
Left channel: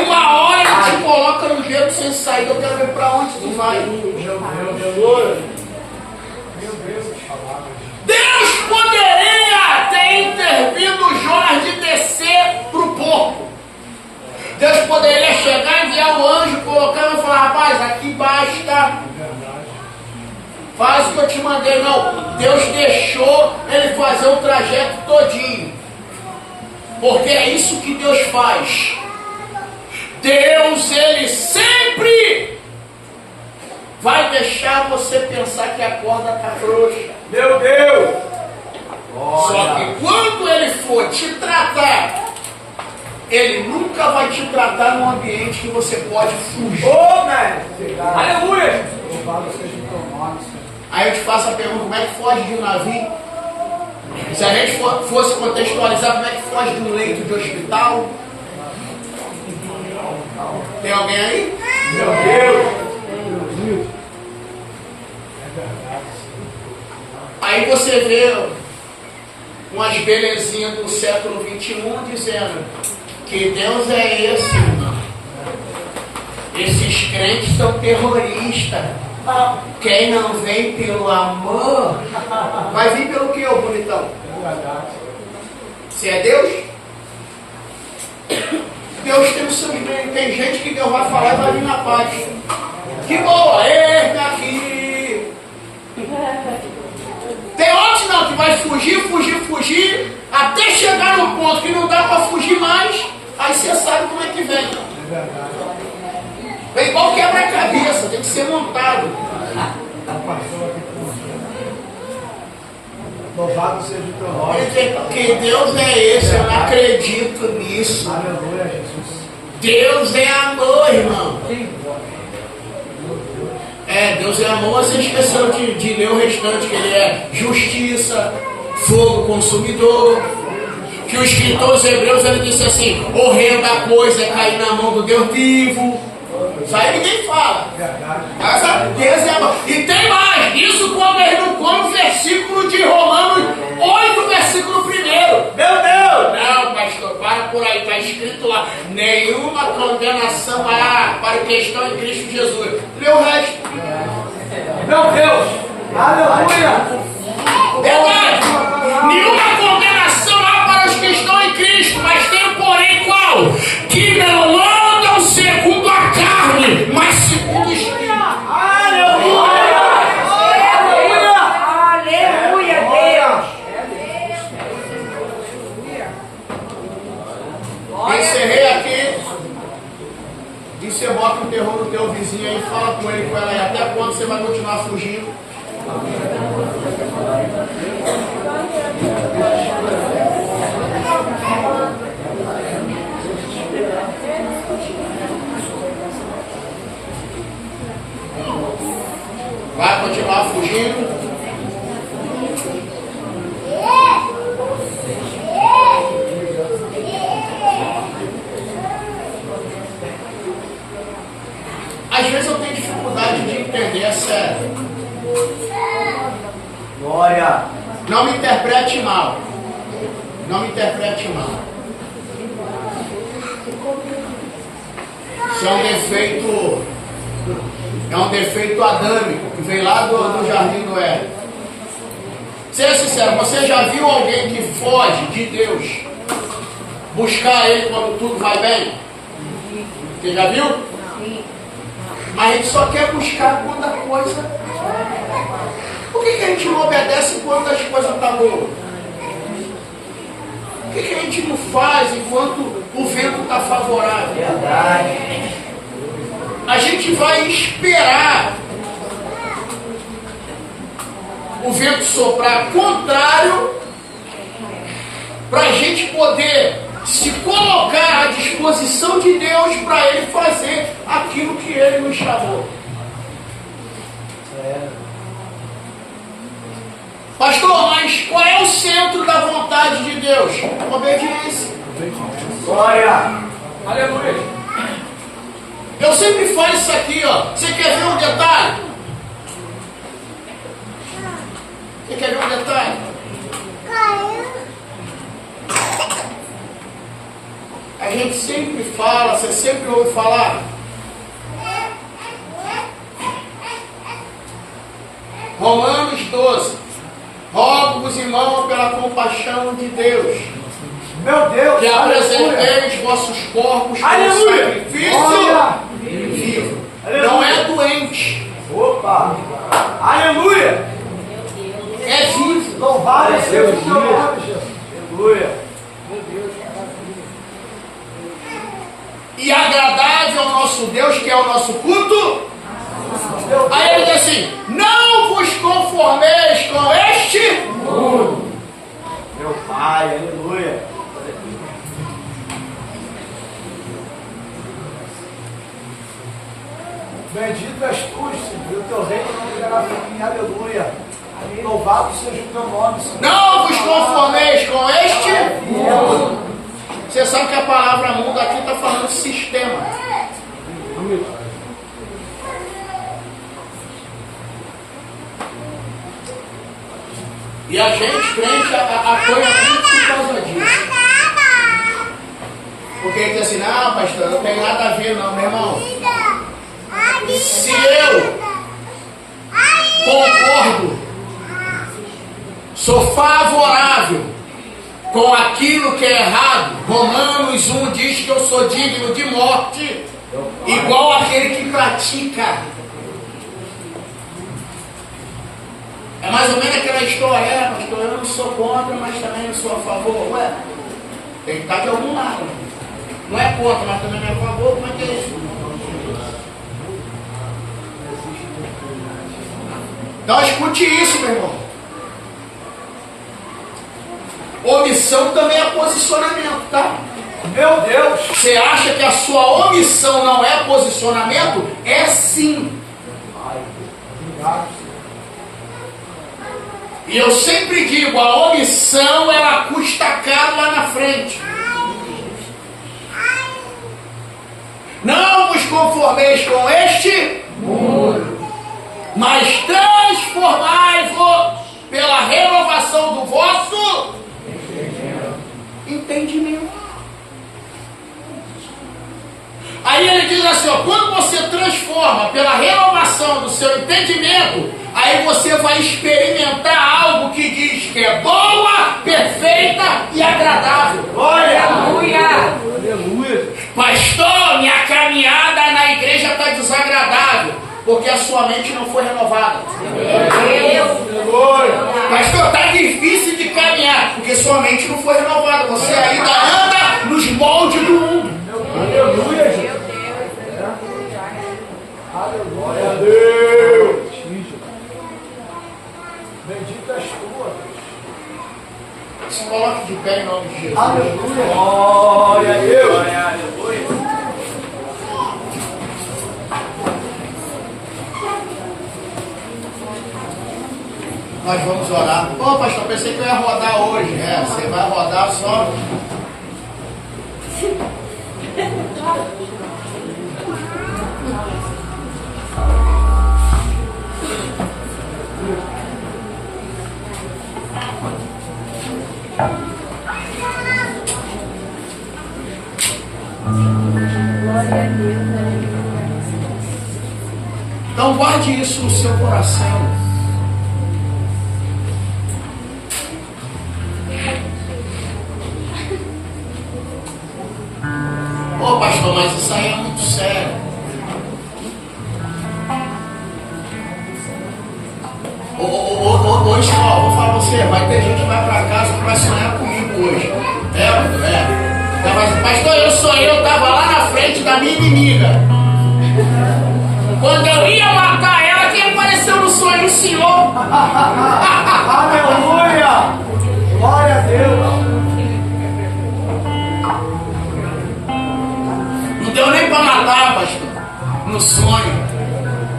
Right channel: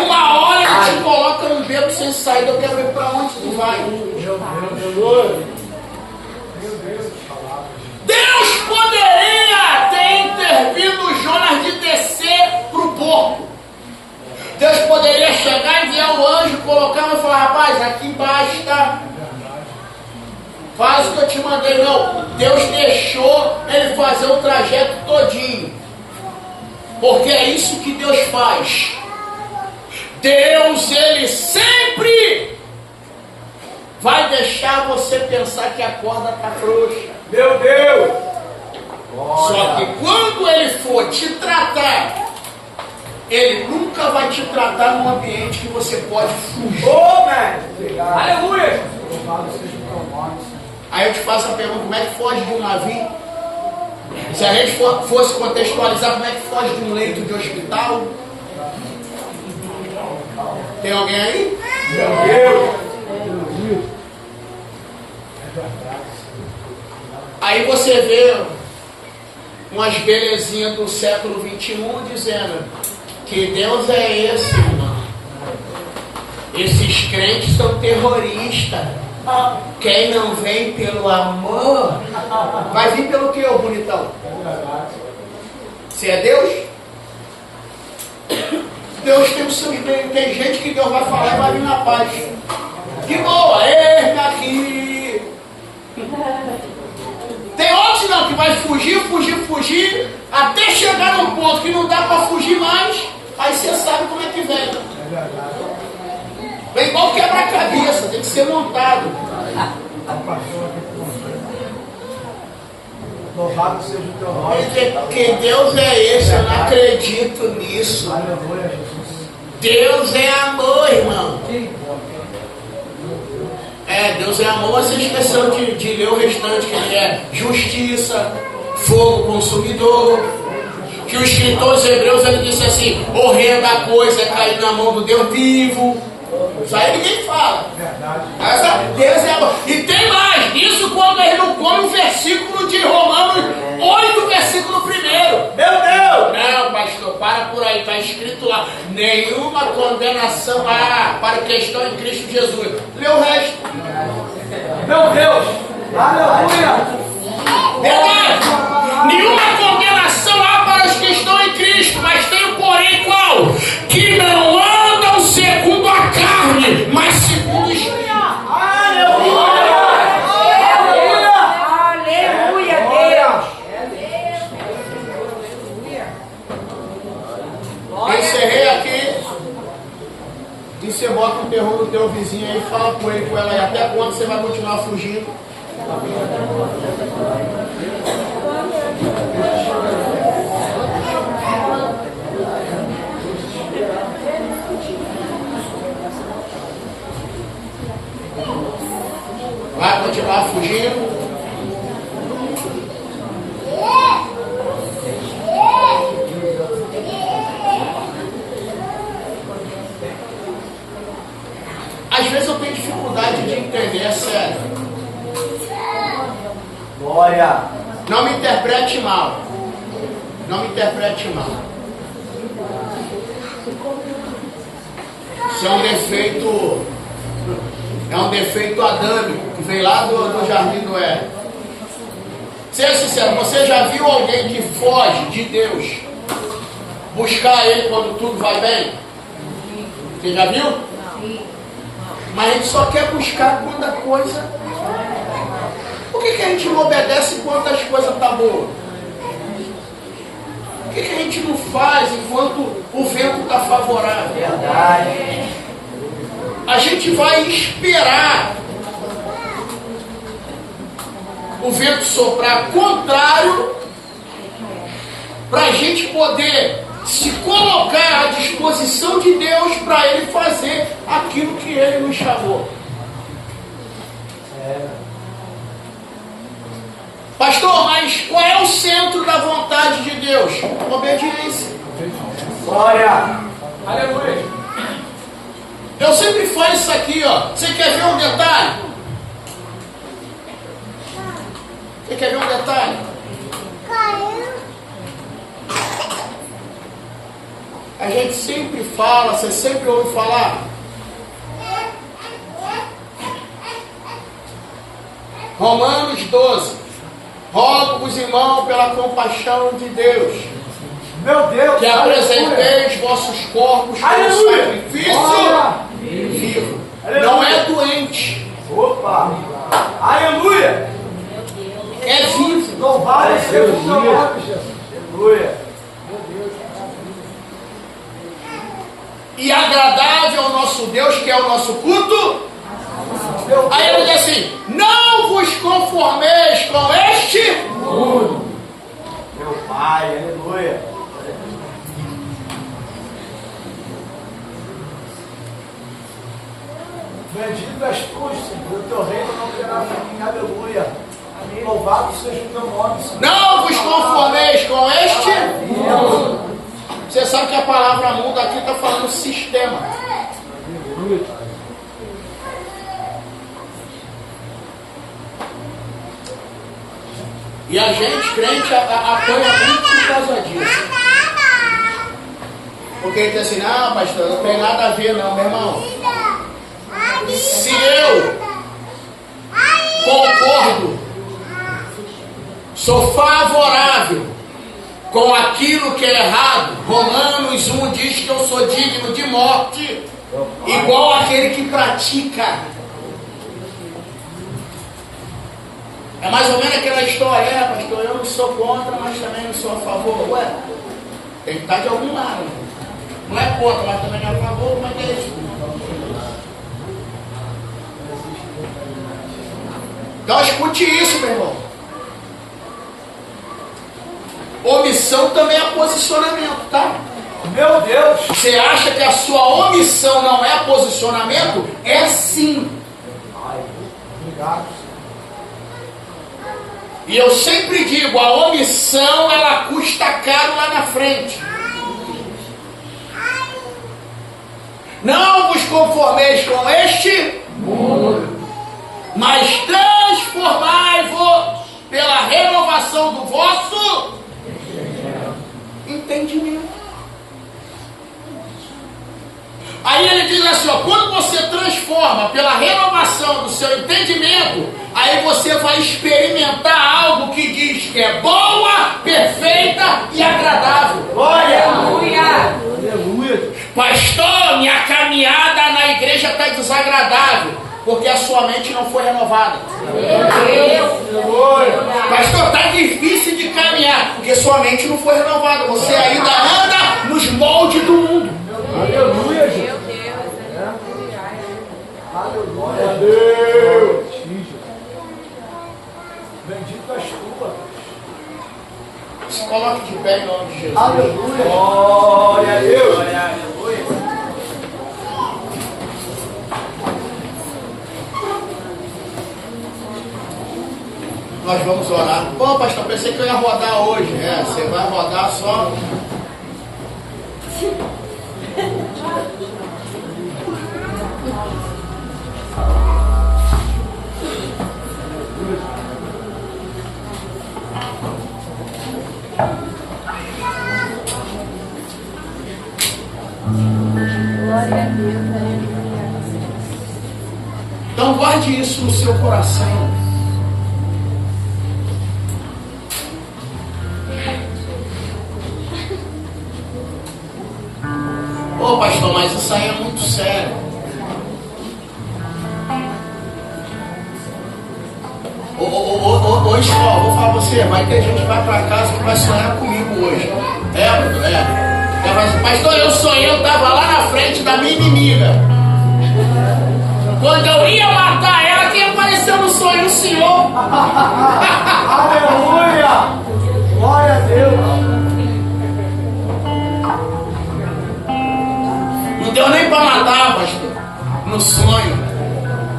Uma hora ele te coloca no jeito sem saída. Eu quero ver para onde tu vai. Deus poderia ter intervindo Jonas de descer para o porco. Deus poderia chegar, enviar o anjo, colocar e falar: rapaz, aqui basta. Faz o que eu te mandei. Não, Deus deixou ele fazer o trajeto todinho. Porque é isso que Deus faz. Deus, ele sempre vai deixar você pensar que a corda está frouxa. Meu Deus! Só que quando ele for te tratar, ele nunca vai te tratar num ambiente que você pode fugir. Ô, mestre! Aleluia! Louvado seja o teu nome, Senhor. Aí eu te faço a pergunta: como é que foge de um navio? Se a gente fosse contextualizar, como é que foge de um leito de hospital? Tem alguém aí? Meu Deus! Aí você vê umas belezinhas do século XXI dizendo que Deus é esse, irmão. Esses crentes são terroristas. Quem não vem pelo amor, vai vir pelo que, ô bonitão? Se é Deus? Deus tem o seu meio. Tem gente que Deus vai falar e vai vir na paz. Que boa, eis-me aqui. Tem outros não, que vai fugir, até chegar num ponto que não dá para fugir mais. Aí você sabe como é que vem. Vem igual quebra-cabeça, tem que ser montado. Louvado seja o teu nome. Que Deus é esse, eu não acredito nisso. Aleluia, Jesus. Deus é amor, irmão. Quem pode? Deus é amor, você esqueceu de ler o restante, que ele é justiça, fogo consumidor. Que o escritor dos Hebreus, ele disse assim: horrenda coisa é cair na mão do Deus vivo. Isso aí ninguém fala. Deus é amor. E tem mais, isso quando ele não põe o versículo de Romanos 8, versículo 1. Meu Deus! Não, pastor, para por aí, está escrito lá: nenhuma condenação há para o que estão em Cristo Jesus. Lê o resto. Meu Deus! Aleluia! Verdade. Nenhuma condenação há para os que estão em Cristo, mas tem um porém qual? Que não andam segundo a carne, mas segundo o Espírito. Aleluia! Aleluia, Deus. Eu encerrei aqui. E você bota um terror no teu vizinho aí, fala com ele, com ela aí. Até quando você vai continuar fugindo? Vai continuar fugindo? Às vezes eu tenho dificuldade de entender, é sério. Glória! Não me interprete mal. Não me interprete mal. Isso é um defeito adâmico que vem lá do Jardim do Éden. Seja sincero, você já viu alguém que foge de Deus buscar Ele quando tudo vai bem? Você já viu? Mas a gente só quer buscar quando a coisa... Por que a gente não obedece quando as coisas estão boas? Por que a gente não faz enquanto o vento está favorável? Verdade! A gente vai esperar o vento soprar contrário, para a gente poder se colocar à disposição de Deus para Ele fazer aquilo que Ele nos chamou. Pastor, mas qual é o centro da vontade de Deus? Obediência. Glória. Aleluia. Eu sempre falo isso aqui, ó. Você quer ver um detalhe? Você quer ver um detalhe? A gente sempre fala, você sempre ouve falar. Romanos 12. Rogo-vos, irmão, pela compaixão de Deus, Meu Deus. que apresenteis vossos corpos como Aleluia. sacrifício vivo. Não é doente, Opa. Aleluia. é vivo. Louvado seja o teu nome, Jesus. Aleluia. E agradável ao nosso Deus, que é o nosso culto. Aí ele diz assim: não vos conformeis com este mundo. Meu Pai, aleluia. Bendito és tu, Senhor, o teu reino não terá fim, aleluia. Amém. Louvado seja o teu nome, Senhor. Não vos conformeis com este mundo. Você sabe que a palavra mundo aqui está falando sistema. E a gente, crente, apanha muito por causa disso. Porque ele diz assim: não, pastor, não tem nada a ver não, meu irmão. Se eu concordo, sou favorável com aquilo que é errado, Romanos 1 diz que eu sou digno de morte, igual aquele que pratica. É mais ou menos aquela história: pastor, eu não sou contra, mas também não sou a favor. Ué, tem que estar de algum lado. Não é contra, mas também não é a favor. Como é que é isso? Então escute isso, meu irmão. Omissão também é posicionamento, tá? Meu Deus. Você acha que a sua omissão não é posicionamento? É sim. Obrigado. E eu sempre digo, a omissão ela custa caro lá na frente. Não vos conformeis com este mundo, mas transformai-vos pela renovação do vosso entendimento. Aí ele diz assim, ó, quando você transforma pela renovação do seu entendimento, aí você vai experimentar algo que diz que é boa, perfeita e agradável. Glória. Aleluia. Pastor, minha caminhada na igreja está desagradável, porque a sua mente não foi renovada. Pastor, está difícil de caminhar, porque sua mente não foi renovada. Você ainda anda nos moldes do mundo. Aleluia, Jesus. Glória a Deus. Bendito és tu, Deus. Se coloque de pé em nome de Jesus. Aleluia. Glória a Deus. Nós vamos orar. Pô, pastor, pensei que eu ia rodar hoje. É, você vai rodar só. Então guarde isso no seu coração. Ô pastor, mas isso aí é muito sério. Hoje só, vou falar pra você, vai ter gente que vai pra casa que vai sonhar comigo hoje. Pastor, eu sonhei, eu estava lá na frente da minha inimiga. Quando eu ia matar ela, quem apareceu? apareceu no sonho do Senhor. Aleluia! Glória a Deus! Não deu nem para matar, pastor. No sonho.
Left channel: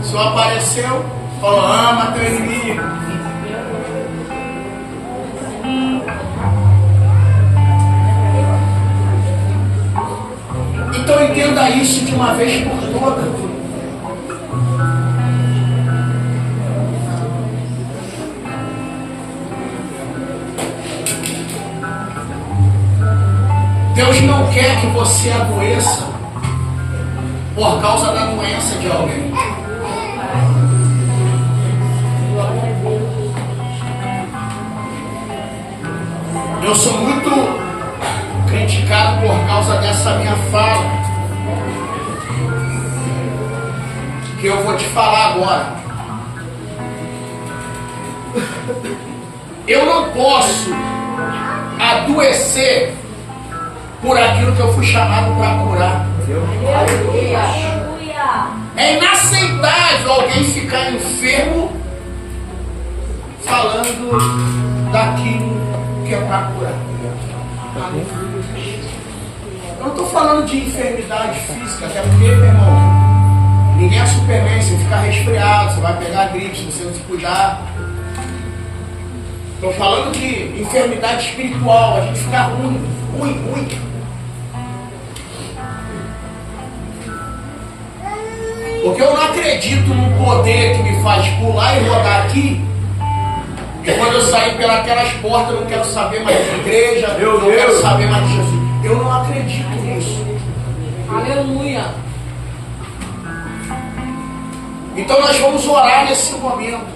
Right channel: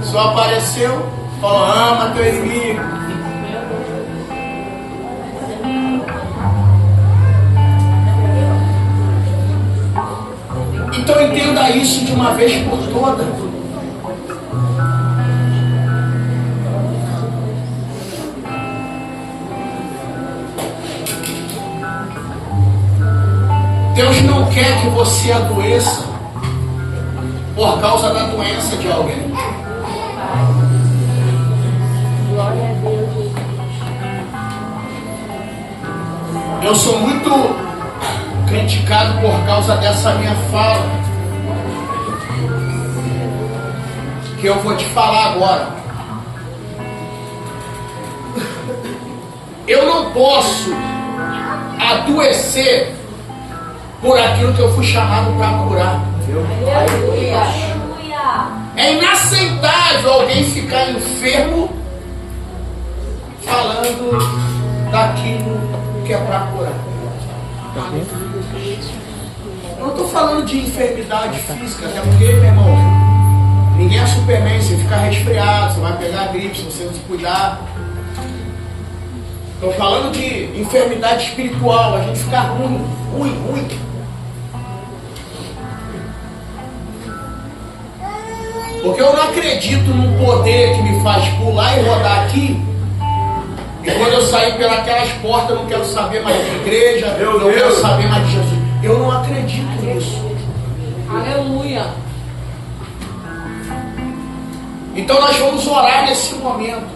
Só apareceu, falou: ama teu inimigo. Então entenda isso de uma vez por todas. Deus não quer que você adoeça por causa da doença de alguém. Eu sou muito criticado por causa dessa minha fala, que eu vou te falar agora. Eu não posso adoecer por aquilo que eu fui chamado para curar. É inaceitável alguém ficar enfermo falando daquilo que é para curar. Eu não estou falando de enfermidade física, até porque, meu irmão, ninguém é Superman. Você ficar resfriado, você vai pegar gripe se você não se cuidar. Estou falando de enfermidade espiritual, a gente ficar ruim. Porque eu não acredito num poder que me faz pular e rodar aqui, e quando eu sair pelas portas eu não quero saber mais de igreja, eu não quero saber mais de Jesus. Eu não acredito nisso. Aleluia. Então nós vamos orar nesse momento.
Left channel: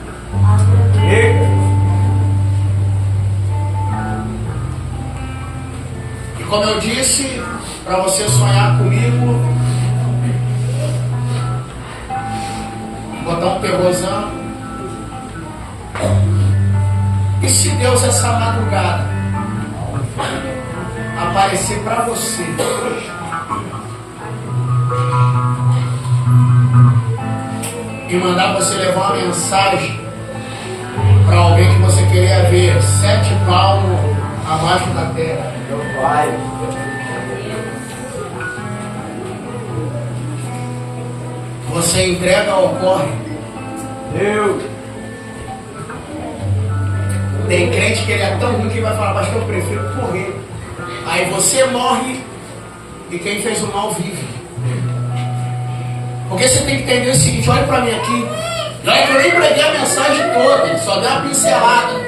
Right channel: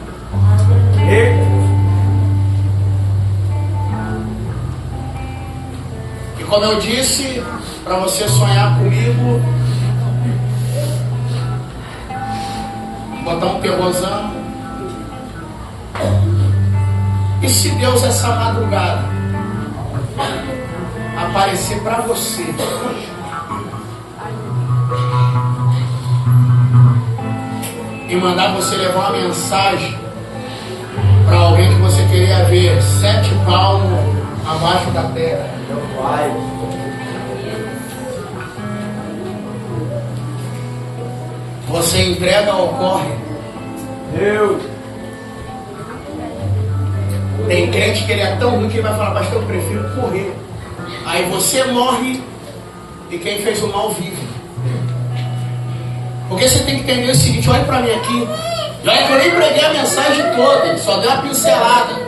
E como eu disse, para você sonhar comigo, botar um terrorzão. E se Deus essa madrugada aparecer para você e mandar você levar uma mensagem para alguém que você queria ver 7 palmos abaixo da terra, Meu Pai. você entrega ou corre? Deus. Tem crente que ele é tão ruim que ele vai falar: mas eu prefiro correr. Aí você morre e quem fez o mal vive. Porque você tem que entender o seguinte: olha para mim aqui. Olha que eu nem preguei a mensagem toda, só dei uma pincelada.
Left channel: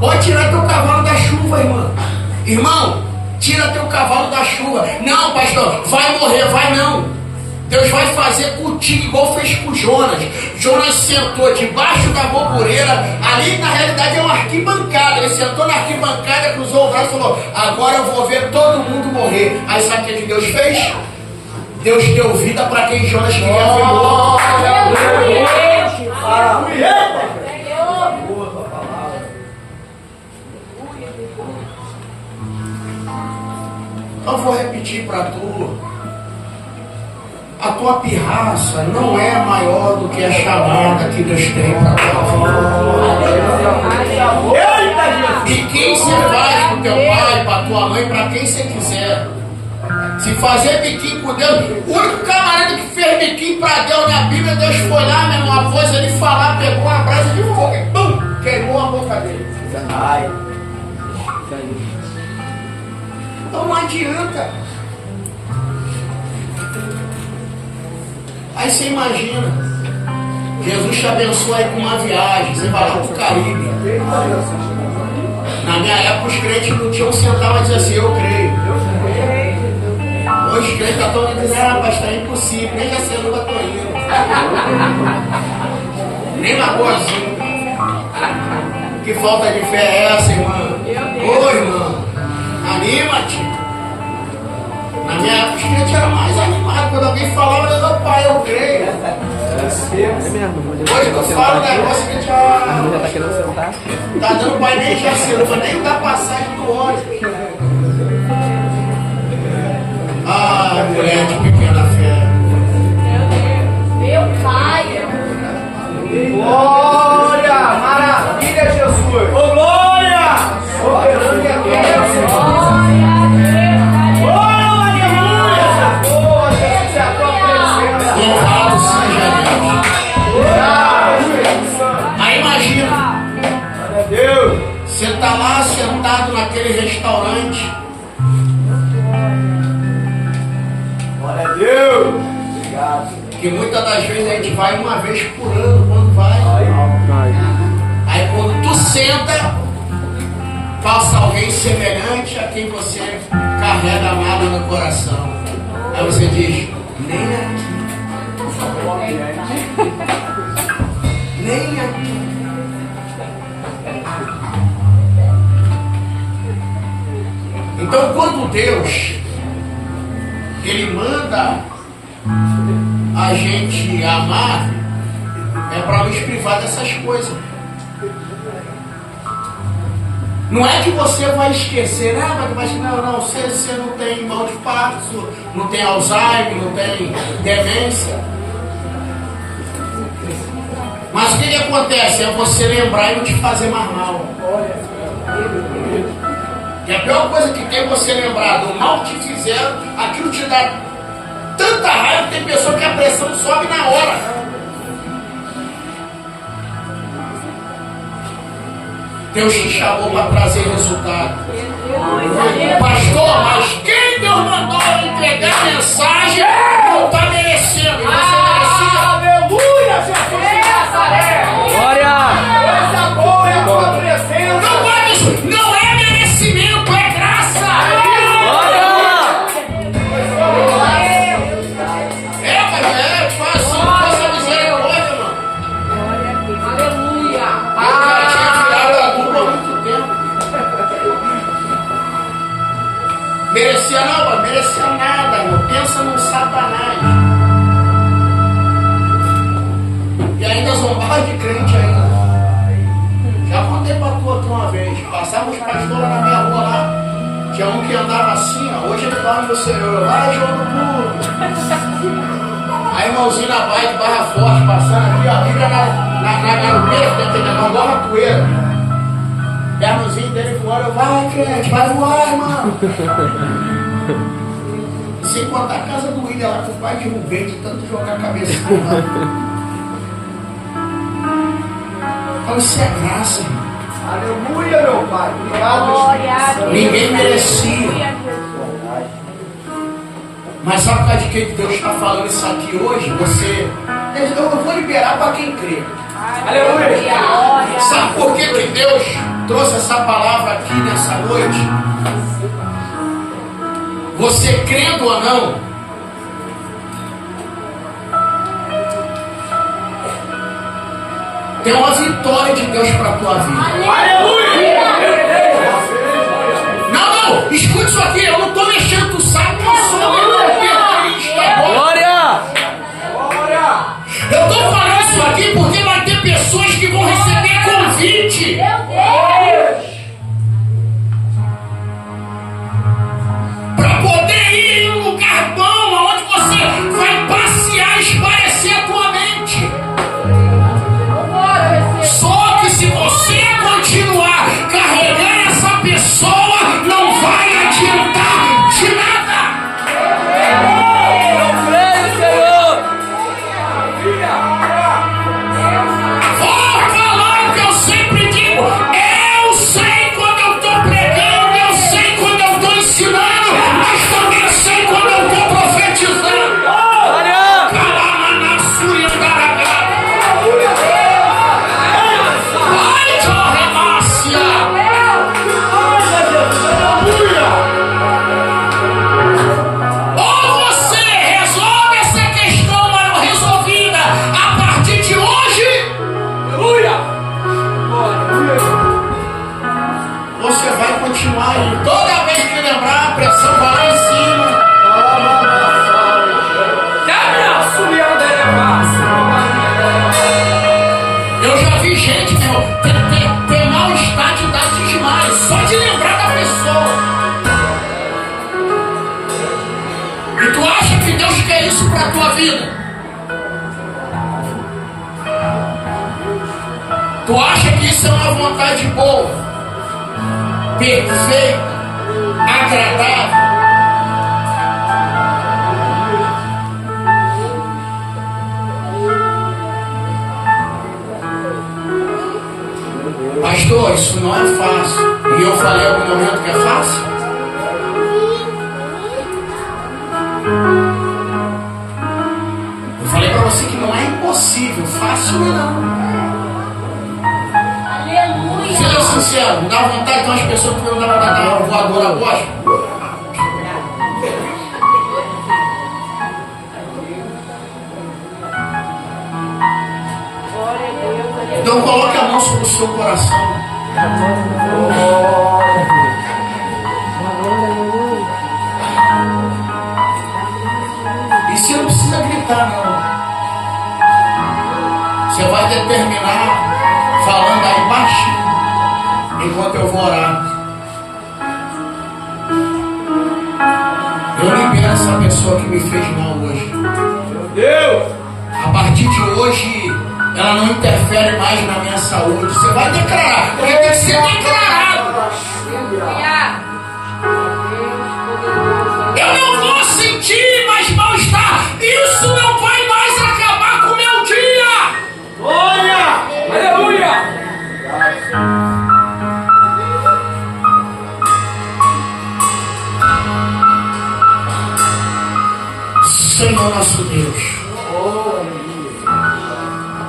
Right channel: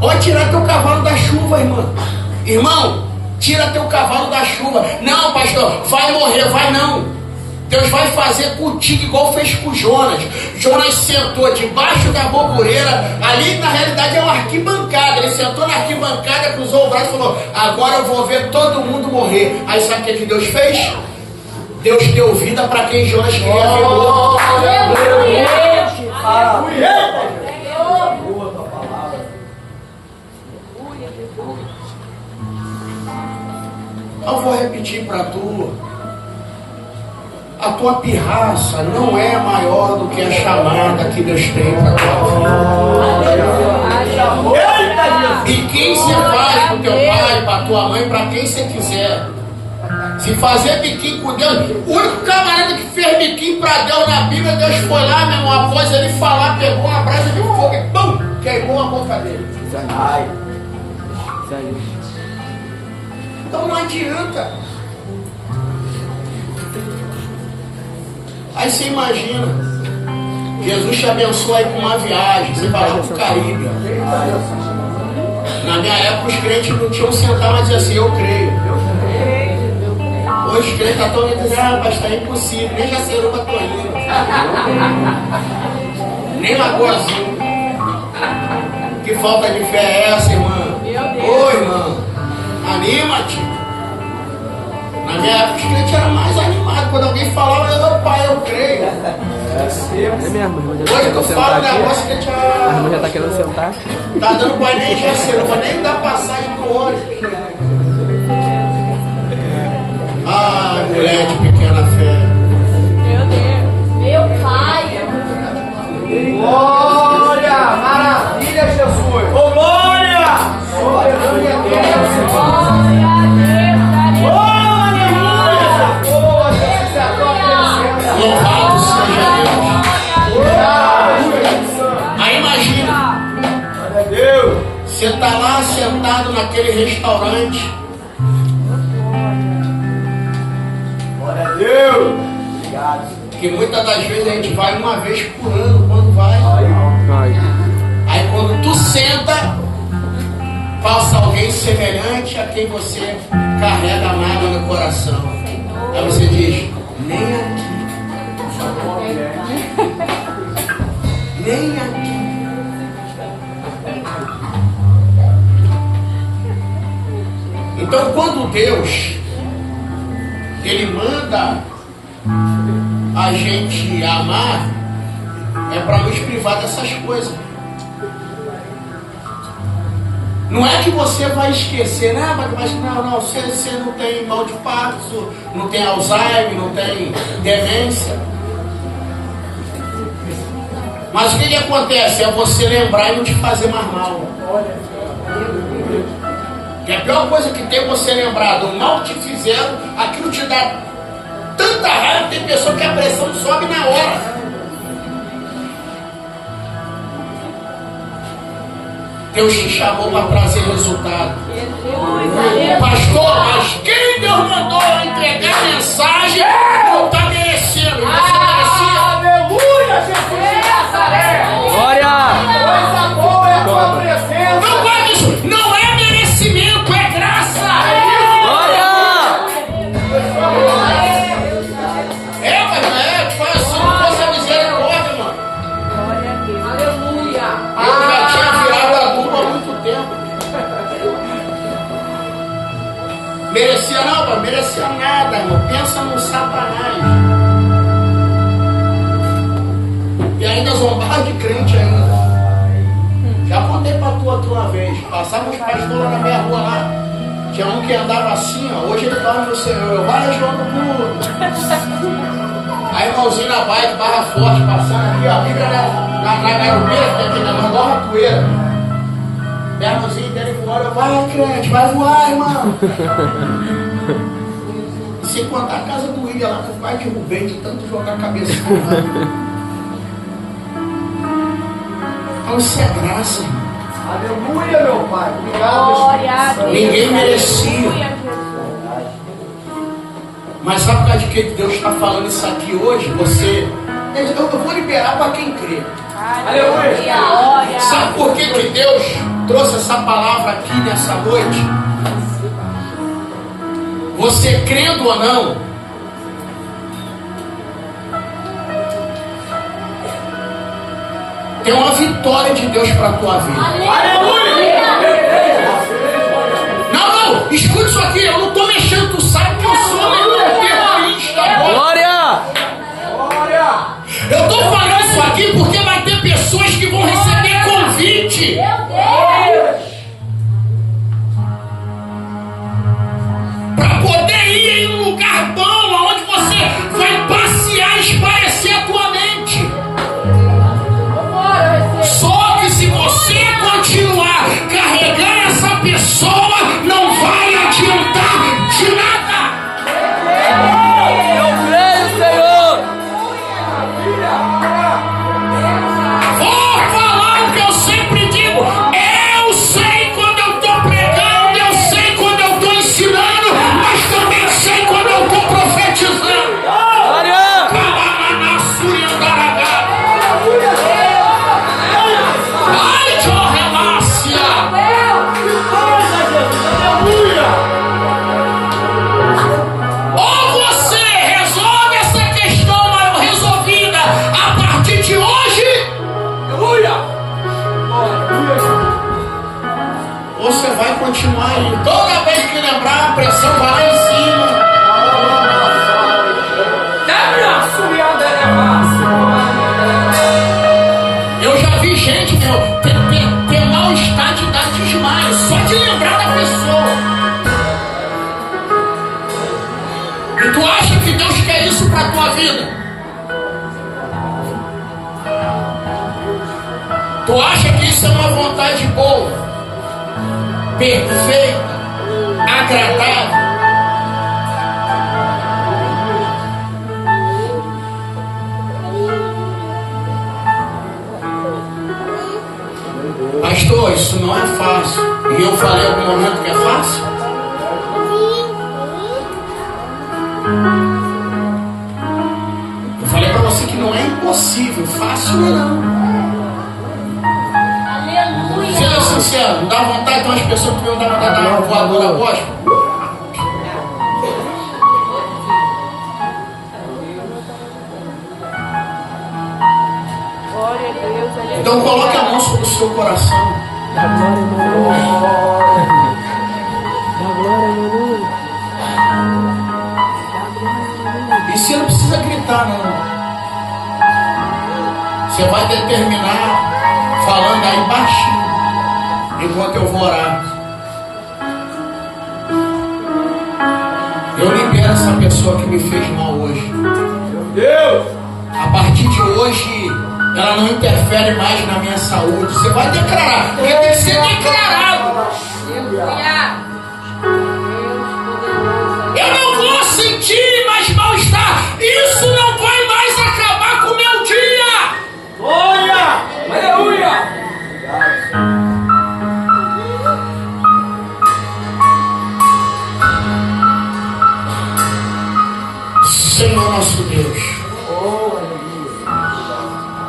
Pode tirar teu cavalo da chuva, irmão. Irmão, tira teu cavalo da chuva. Não, pastor, vai morrer, vai não. Deus vai fazer contigo igual fez com Jonas. Jonas sentou debaixo da bobureira. Ali na realidade é uma arquibancada. Ele sentou na arquibancada, cruzou o braço e falou: agora eu vou ver todo mundo morrer. Aí sabe o que Deus fez? Deus deu vida para quem Jonas queria ver morto. Eu vou repetir para tu. A tua pirraça não é maior do que a chamada que Deus tem para tua vida. E quem se faz para o teu pai, para tua mãe, para quem você quiser. Se fazer biquinho com Deus, o único camarada que fez biquinho para Deus na Bíblia, Deus foi lá, meu irmão, após ele falar, pegou uma brasa de fogo e pum, queimou a boca dele. Ai. Então não adianta. Aí você imagina, Jesus te abençoa aí com uma viagem, você vai lá pro Caribe. Na minha época os crentes não tinham sentado e dizer assim: eu creio. Hoje os crentes estão dizendo: ah, mas está impossível, nem Jaceruba tô indo. Nem Lagoa Azul. Que falta de fé é essa, irmã? Ô, irmã, anima-te. Na minha época os crentes eram mais animados. Quando alguém falava: meu pai, eu creio. Hoje tu fala um negócio que a gente tá querendo sentar? tá dando pai nem Jaceruba, nem dá passagem do ônibus. Ah, mulher de pequena fé. naquele restaurante. Glória a Deus. Obrigado. Que muitas das vezes a gente vai uma vez por ano, quando vai. Aí quando tu senta, passa alguém semelhante a quem você carrega a mágoa no coração. Aí você diz, nem aqui. Nem aqui. Então quando Deus Ele manda a gente amar, é para nos privar dessas coisas. Não é que você vai esquecer, né? Mas não, você não tem mal de Parkinson, não tem Alzheimer, não tem demência. Mas o que acontece? É você lembrar e não te fazer mais mal. E a pior coisa que tem é você lembrar do mal que te fizeram, aquilo te dá tanta raiva, tem pessoa que a pressão sobe na hora. Deus te chamou para trazer resultado. Pastor, mas quem Deus mandou entregar a mensagem não está merecendo. E você merecia? Aleluia, Jesus. Glória! Coisa boa é a tua presença. Não pode isso. Não é merecimento, é graça. Mas faz assim, faça misericórdia, mano. Aleluia. Eu já tinha virado a dupla há muito tempo. Merecia não, mas merecia nada, irmão. Pensa num Satanás. E ainda zombar de crente ainda. Já contei pra tu aqui uma vez. Passava os pastores lá na minha rua lá. Tinha um que andava assim, ó. Hoje ele dorme no Senhor. Vai, joga tudo. Aí irmãozinho na bike, Barra Forte, passando aqui, ó. Fica na garupeira, tem aquele negócio, igual ratoeira. E a irmãzinha dele voando, eu, vai, crente, vai voar, irmão. E sem contar a casa do William lá, com o pai de Rubem, de tanto jogar a cabeça com o então isso é graça, irmão. Aleluia, meu Pai. Obrigado. Ninguém merecia. Mas sabe por causa de que Deus está falando isso aqui hoje? Eu vou liberar para quem crê. Aleluia. Sabe por que Deus trouxe essa palavra aqui nessa noite? Você crendo ou não, tem uma vitória de Deus para a tua vida. Aleluia. Não, escute isso aqui, eu não estou mexendo, tu sabe que eu sou meu terrorista. Glória! Eu estou falando isso aqui porque vai ter pessoas que vão receber convite. Para poder ir em um lugar bom, onde você vai passear e espairecer a tua mente. Só que se você continuar carregando essa pessoa, não vai adiantar de nada. Vou falar o que eu sempre digo. Eu sei quando eu estou pregando, eu sei quando eu estou ensinando, mas também sei quando eu estou profetizando. Ou você resolve essa questão mal resolvida a partir de hoje, você vai continuar aí. Toda vez que lembrar, a pressão vai lá em cima. Eu já vi gente, ter mal-estar de dar desmaio, só de lembrar da pessoa. E tu acha que Deus quer isso para a tua vida? Tu acha que isso é uma vontade boa, perfeita, agradável? Pastor, isso não é fácil. E eu falei em algum momento que é fácil? Eu falei para você que não é impossível, fácil não. Aleluia. Seja sincero, não dá vontade de umas pessoas que não dava dar uma voadora apóstolo? Então coloque a mão sobre o seu coração. E você não precisa gritar não. Você vai determinar falando aí baixinho enquanto eu vou orar. Eu libero essa pessoa que me fez mal hoje. Meu Deus! A partir de hoje, ela não interfere mais na minha saúde. Você vai declarar, porque tem que ser declarado. Eu não vou sentir mais mal-estar. Isso não vai mais acabar com o meu dia. Glória! Aleluia! Senhor nosso Deus,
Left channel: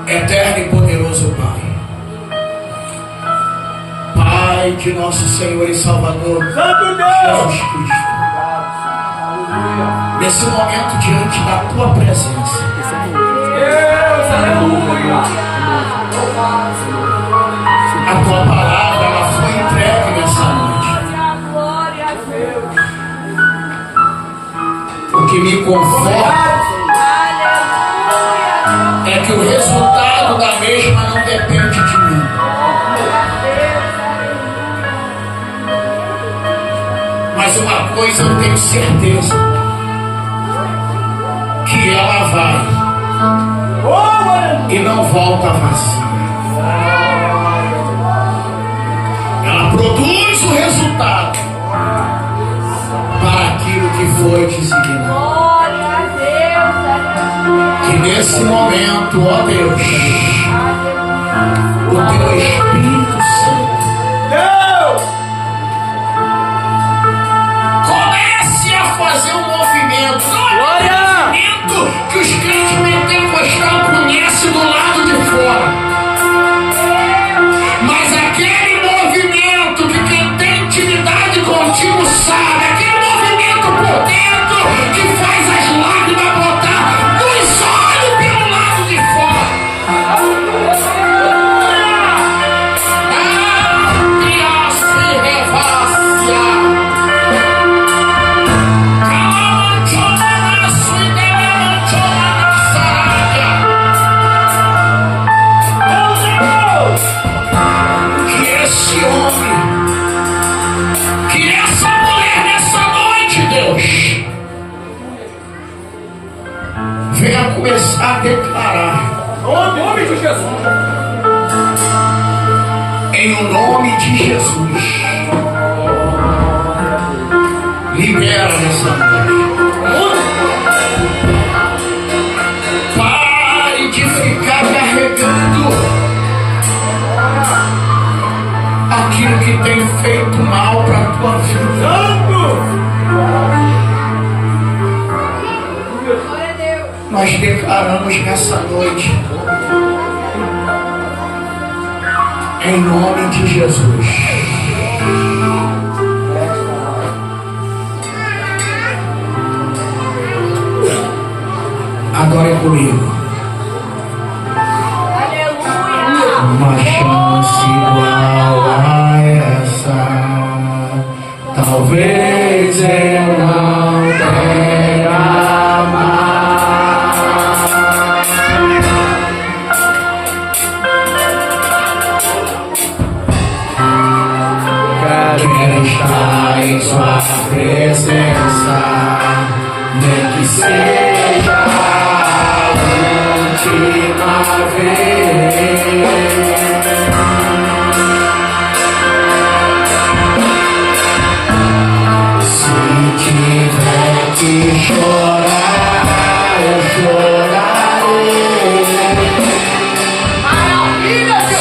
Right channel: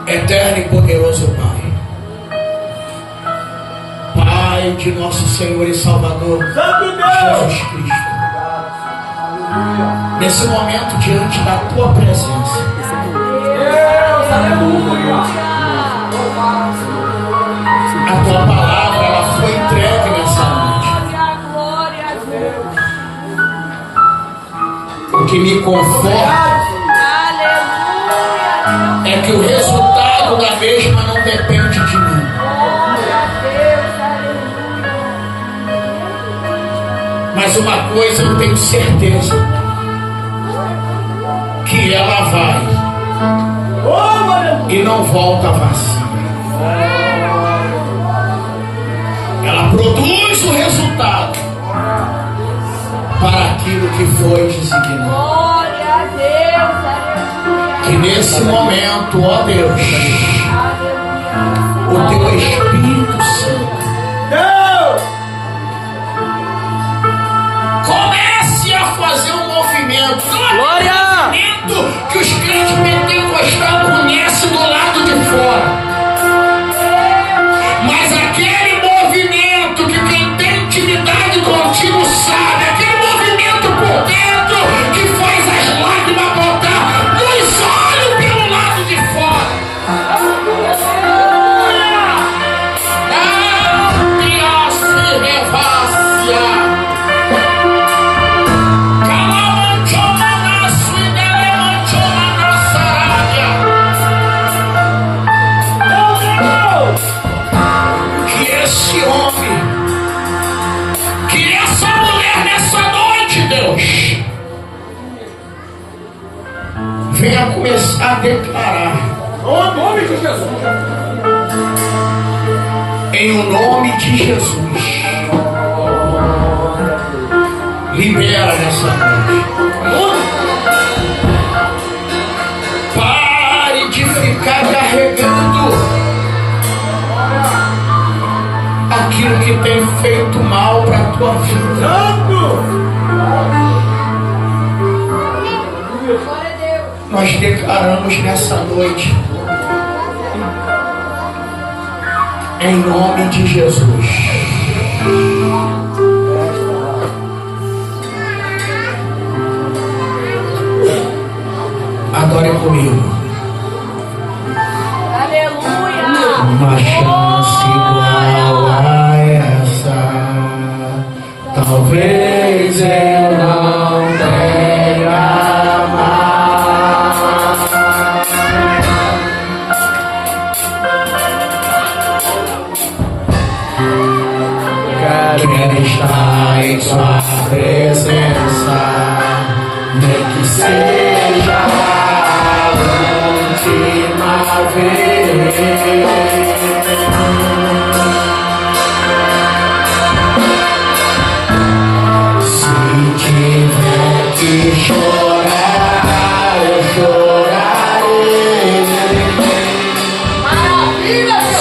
eterno e poderoso Pai, Pai de nosso Senhor e Salvador Santo Deus! Jesus Cristo, nesse momento diante da Tua presença, Deus! Aleluia! a Tua palavra ela foi entregue nessa noite. O que me conforta é que o resultado da mesma não depende de mim. Mas uma coisa eu tenho certeza, que ela vai e não volta vazia. Ela produz o resultado para aquilo que foi designado. Que nesse momento, ó Deus, o Teu Espírito Santo comece a fazer um movimento. Não é um movimento que os crentes pentecostais conhecem do lado de fora, mas aquele movimento que quem tem intimidade contigo sabe, aquele movimento por dentro que faz as lágrimas brotar dos olhos pelo lado de fora. Ampliasse revácia. Calamanchona na sua delemanchona na sarábia. Que esse homem, que essa mulher nessa noite, Deus, venha começar a declarar Em nome de Jesus! em o nome de Jesus. Libera nessa noite. Pare de ficar carregando aquilo que tem feito mal para a tua vida. Santo! Nós declaramos nessa noite, em nome de Jesus. Agora é comigo. Uma chance igual a essa, talvez eu não tenha mais. Quero estar em Sua presença, nem que seja a última vez. Se tiver que chorar, eu chorarei.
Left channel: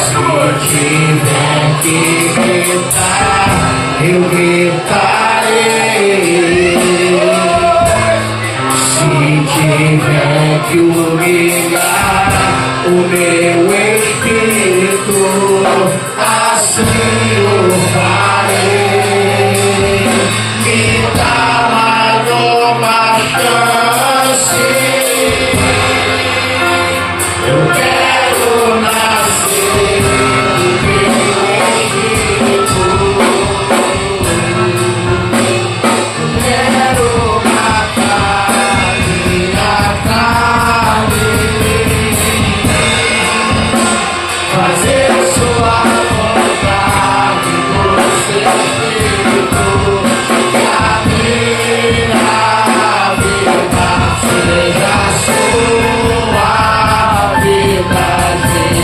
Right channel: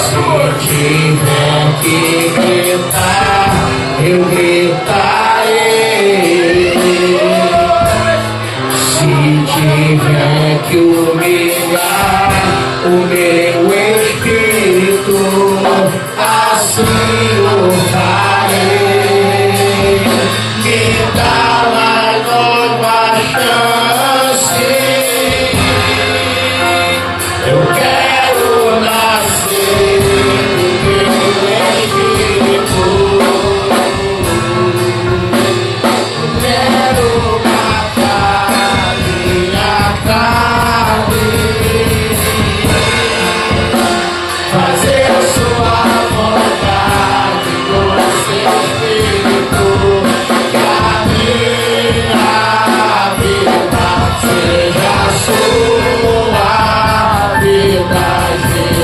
Se tiver que gritar, Se tiver que humilhar, humilhar.